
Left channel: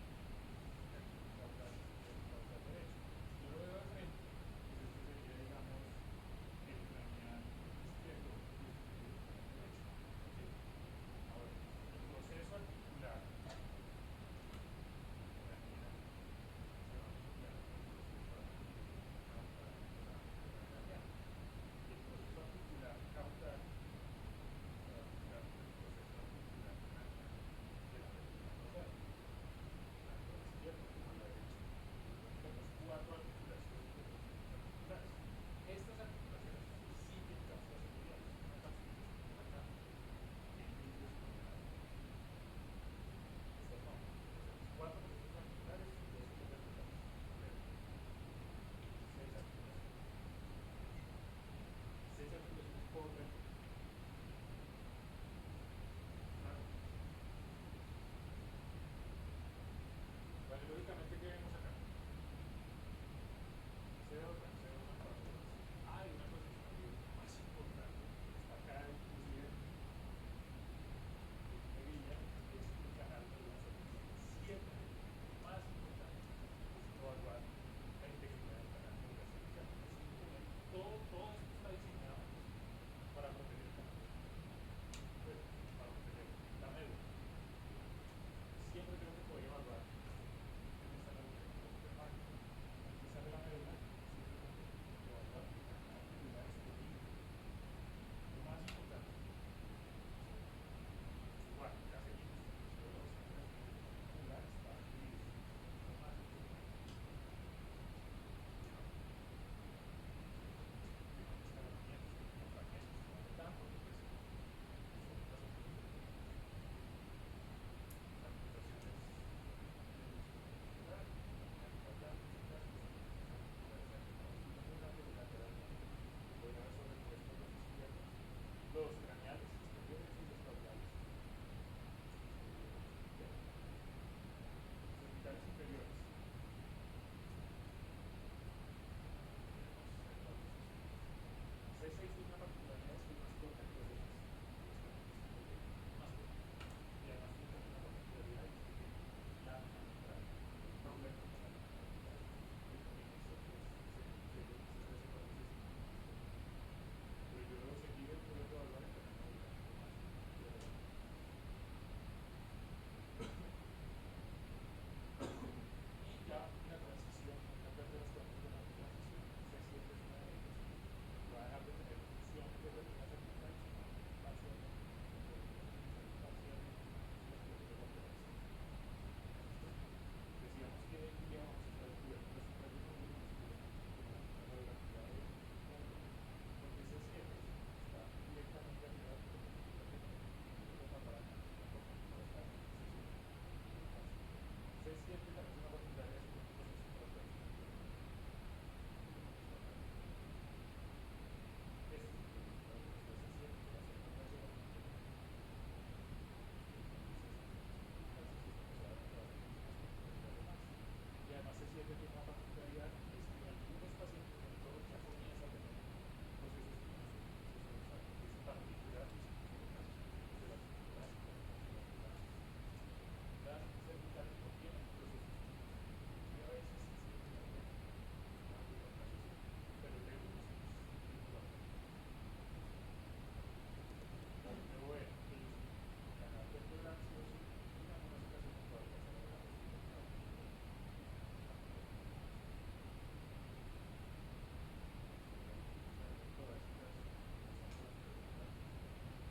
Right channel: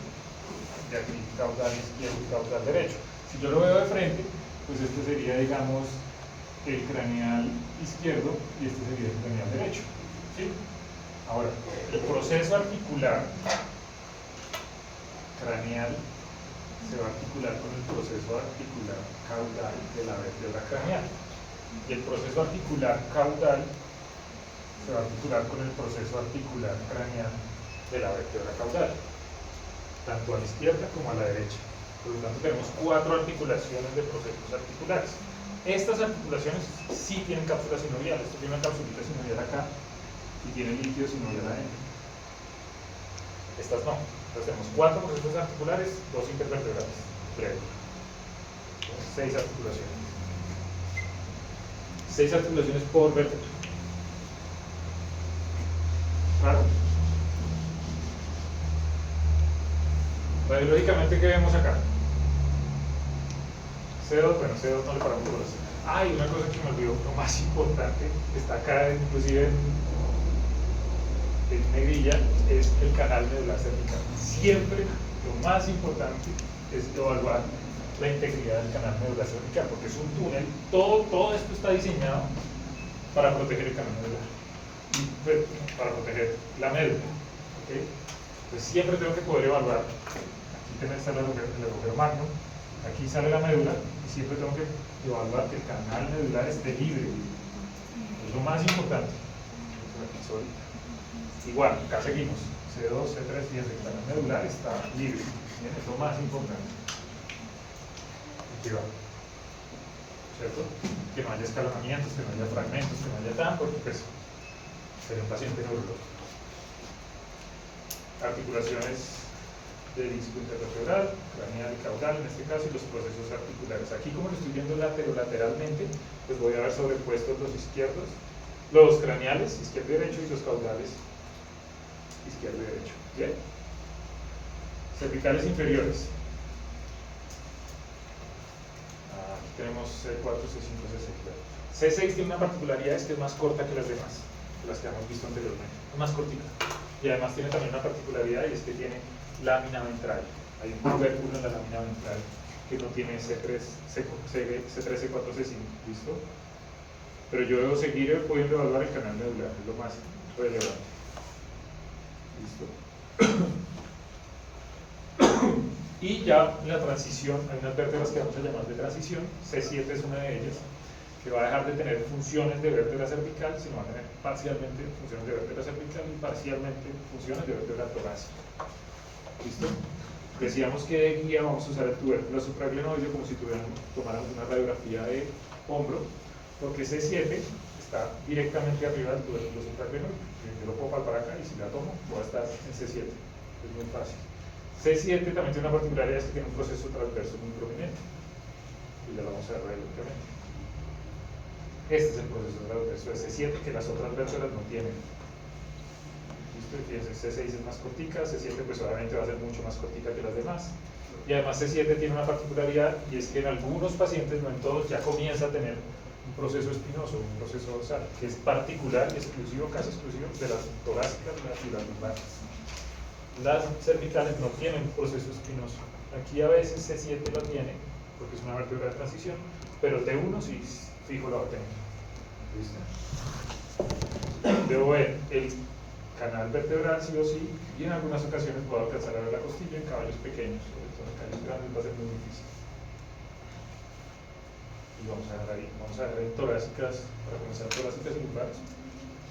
y aquí caudal izquierdo y caudal derecho. Si yo lo veo de frente, pues este sería, digamos, el craneal izquierdo y este sería el craneal derecho, ¿sí? Ahora, el proceso articular craneal se va a articular con el proceso articular caudal de la vértebra craneal. Y el proceso articular caudal se va a articular con el proceso articular craneal de la vértebra caudal, tanto a la izquierda como a la derecha. Por lo tanto, tenemos 4 articulaciones de procesos articulares. Estas articulaciones sí tienen cápsula sinovial. Esto tiene una capsulita sinovial acá y tiene líquido sinovial adentro. Estas no. Entonces tenemos 4 procesos articulares, 2 intervertebrales. Breve. 6 articulaciones. 6 articulaciones por vértebra. Claro. Radiológicamente, ¿qué vemos acá? C2, bueno, C2 no le paramos bolas. Ah, y una cosa que me olvidó, lo más importante, que está acá, inclusive en negrilla, es el canal medular cervical. Siempre lo más importante es evaluar la integridad del canal medular cervical, porque es un túnel, todo esto está diseñado para proteger el canal medular, para proteger la médula. ¿Okay? Pues siempre tengo que poder evaluar. Aquí sale el agujero magno, aquí sale la médula, y siempre tengo que evaluar que el canal medular esté libre. Es lo más importante. Igual, acá seguimos. C2, C3, y el canal medular está libre. Bien, es lo más importante. Aquí va. ¿Cierto? Que no haya escalonamientos, que no haya fragmentos, que no haya tan, porque pues sería un paciente neurológico. Articulaciones de disco intervertebral, craneal y caudal en este caso, y los procesos articulares. Aquí, como lo estoy viendo lateralmente, pues voy a ver sobrepuestos los izquierdos, los craneales, izquierdo y derecho, y los caudales, izquierdo y derecho. ¿Bien? Cervicales inferiores. Aquí tenemos C4, C5, C6. C6 tiene una particularidad, es que es más corta que las demás, las que hemos visto anteriormente. Es más cortita. Y además tiene también una particularidad, y es que tiene lámina ventral. Hay un tubérculo en la lámina ventral que no tiene C3, C4, C5. ¿Listo? Pero yo debo seguir pudiendo evaluar el canal medular, es lo más relevante. ¿Listo? Y ya en la transición, hay unas vértebras que vamos a llamar de transición. C7 es una de ellas, que va a dejar de tener funciones de vértebra cervical, sino va a tener parcialmente funciones de vértebra cervical y parcialmente funciones de vértebra torácica. ¿Listo? Decíamos que de guía vamos a usar el tubérculo supraglenoideo como si tomáramos una radiografía de hombro, porque C7 está directamente arriba del tubérculo supraglenoideo. Yo lo puedo palpar acá y si la tomo, voy a estar en C7. Es muy fácil. C7 también tiene una particularidad, es que tiene un proceso transverso muy prominente. Y ya lo vamos a ver radiológicamente. Este es el proceso transverso de C7 que las otras vértebras no tienen. Fíjense, C6 es más cortica, C7 pues obviamente va a ser mucho más cortica que las demás. Y además C7 tiene una particularidad, y es que en algunos pacientes, no en todos, ya comienza a tener un proceso espinoso, un proceso dorsal, que es particular y exclusivo, casi exclusivo, de las torácicas y las lumbares. Las cervicales no tienen un proceso espinoso. Aquí a veces C7 lo tiene, porque es una vértebra de transición, pero T1 sí fijo la va a tener. ¿Listo? Debo ver el canal vertebral sí o sí, y en algunas ocasiones puedo alcanzar a ver la costilla en caballos pequeños, sobre todo en caballos grandes va a ser muy difícil. Y vamos a ver ahí torácicas, para comenzar torácicas y lumbares.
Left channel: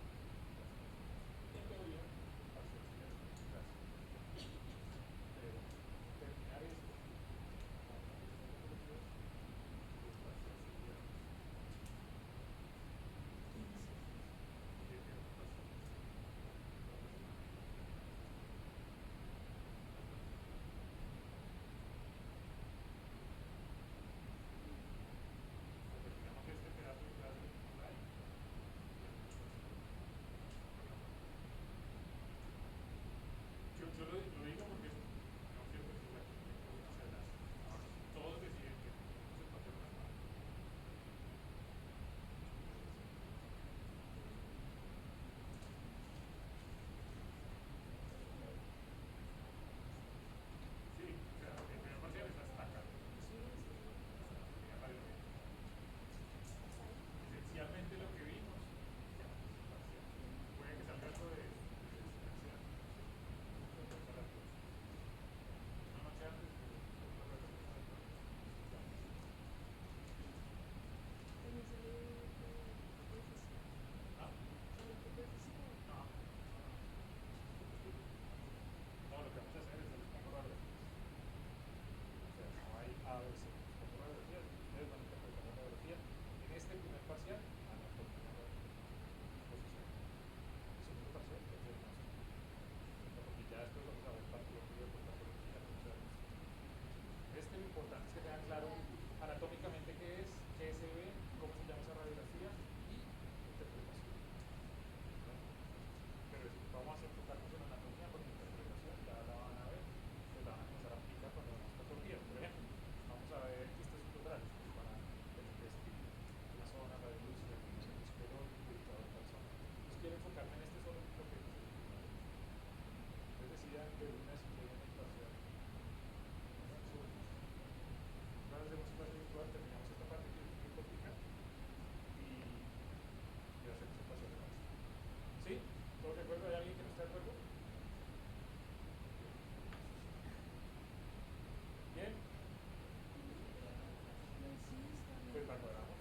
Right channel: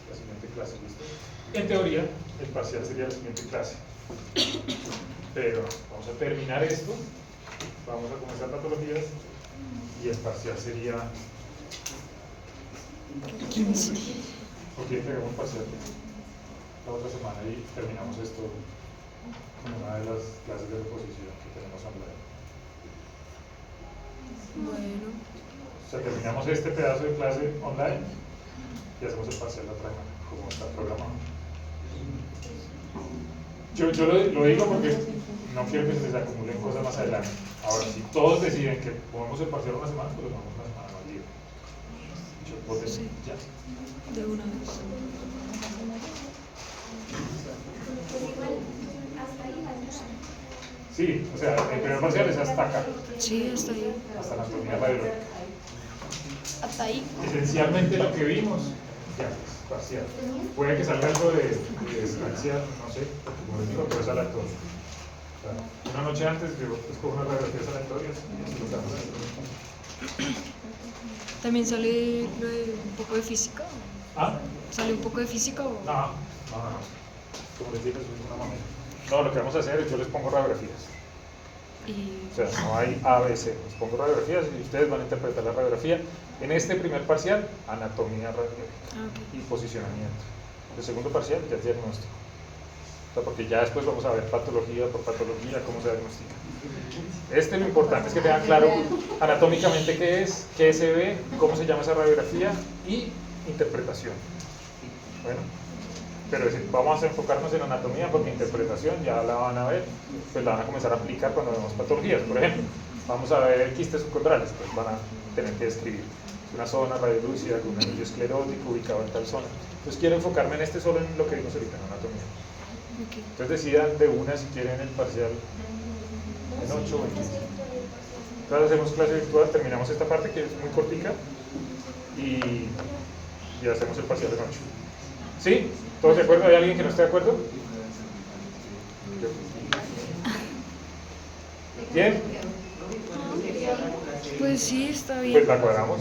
la siguiente clase, ¿listo? En teoría, el parcial sería la siguiente clase. Pero vamos a terminar esto, vamos a comenzar patologías y el parcial sería... 15. ¿Por qué entregamos parcial la otra semana y terminamos esto como una de las clases de reposición que tenemos online? Bueno, O sea, terminamos este pedazo de clase online y hacemos el parcial la otra semana, como está programado. Yo lo digo porque no quiero que se les acumulen cosas más adelante. Ahora, si todos deciden que ponemos el parcial una semana, pues lo ponemos una semana más libre. Voten Sí. ya. de una vez. Pues igual, hasta ahí va a entrar. Sí, o sea, el primer parcial es hasta acá, Sí, hasta ahí. hasta anatomía radiológica. Hasta ahí. Esencialmente lo que vimos, ya, es parcial. Puede que salga algo de parcial, no sé, porque como les digo, pero es aleatorio. O sea, una noche antes yo escojo unas radiografías aleatorias y así lo damos. También sale lo de un poco de física. ¿Ah? ¿Sale un poco de física o...? No. Como les dije, eso es una mamera. No, lo que vamos a hacer es yo les pongo radiografías. Y... O sea, no hay A, B, C. Les pongo radiografías y ustedes van a interpretar la radiografía. En este primer parcial, anatomía radiológica ok. y posicionamiento. El segundo parcial ya es diagnóstico. O sea, porque ya después vamos a ver patología por patología, cómo se diagnostica. Lo importante es que tengan claro anatómicamente qué es, qué se ve, cómo se llama esa radiografía y interpretación. Bueno, pero vamos a enfocarnos en anatomía porque interpretación ya la van a ver, pues la van a comenzar a aplicar cuando vemos patologías. Por ejemplo, vamos a ver quistes subcondrales, pues van a tener que describir una zona radiolúcida con un anillo esclerótico ubicado en tal zona. Entonces quiero enfocarme en solo en lo que vimos ahorita, en anatomía. Ok. Entonces decidan de una si quieren el parcial en 8 o en 15. Entonces hacemos clase virtual, terminamos esta parte que es muy cortica y hacemos el parcial en 8. ¿Sí? ¿Todos de acuerdo? ¿Hay alguien que no esté de acuerdo? ¿Bien? Pues sí, está bien. Pues la cuadramos.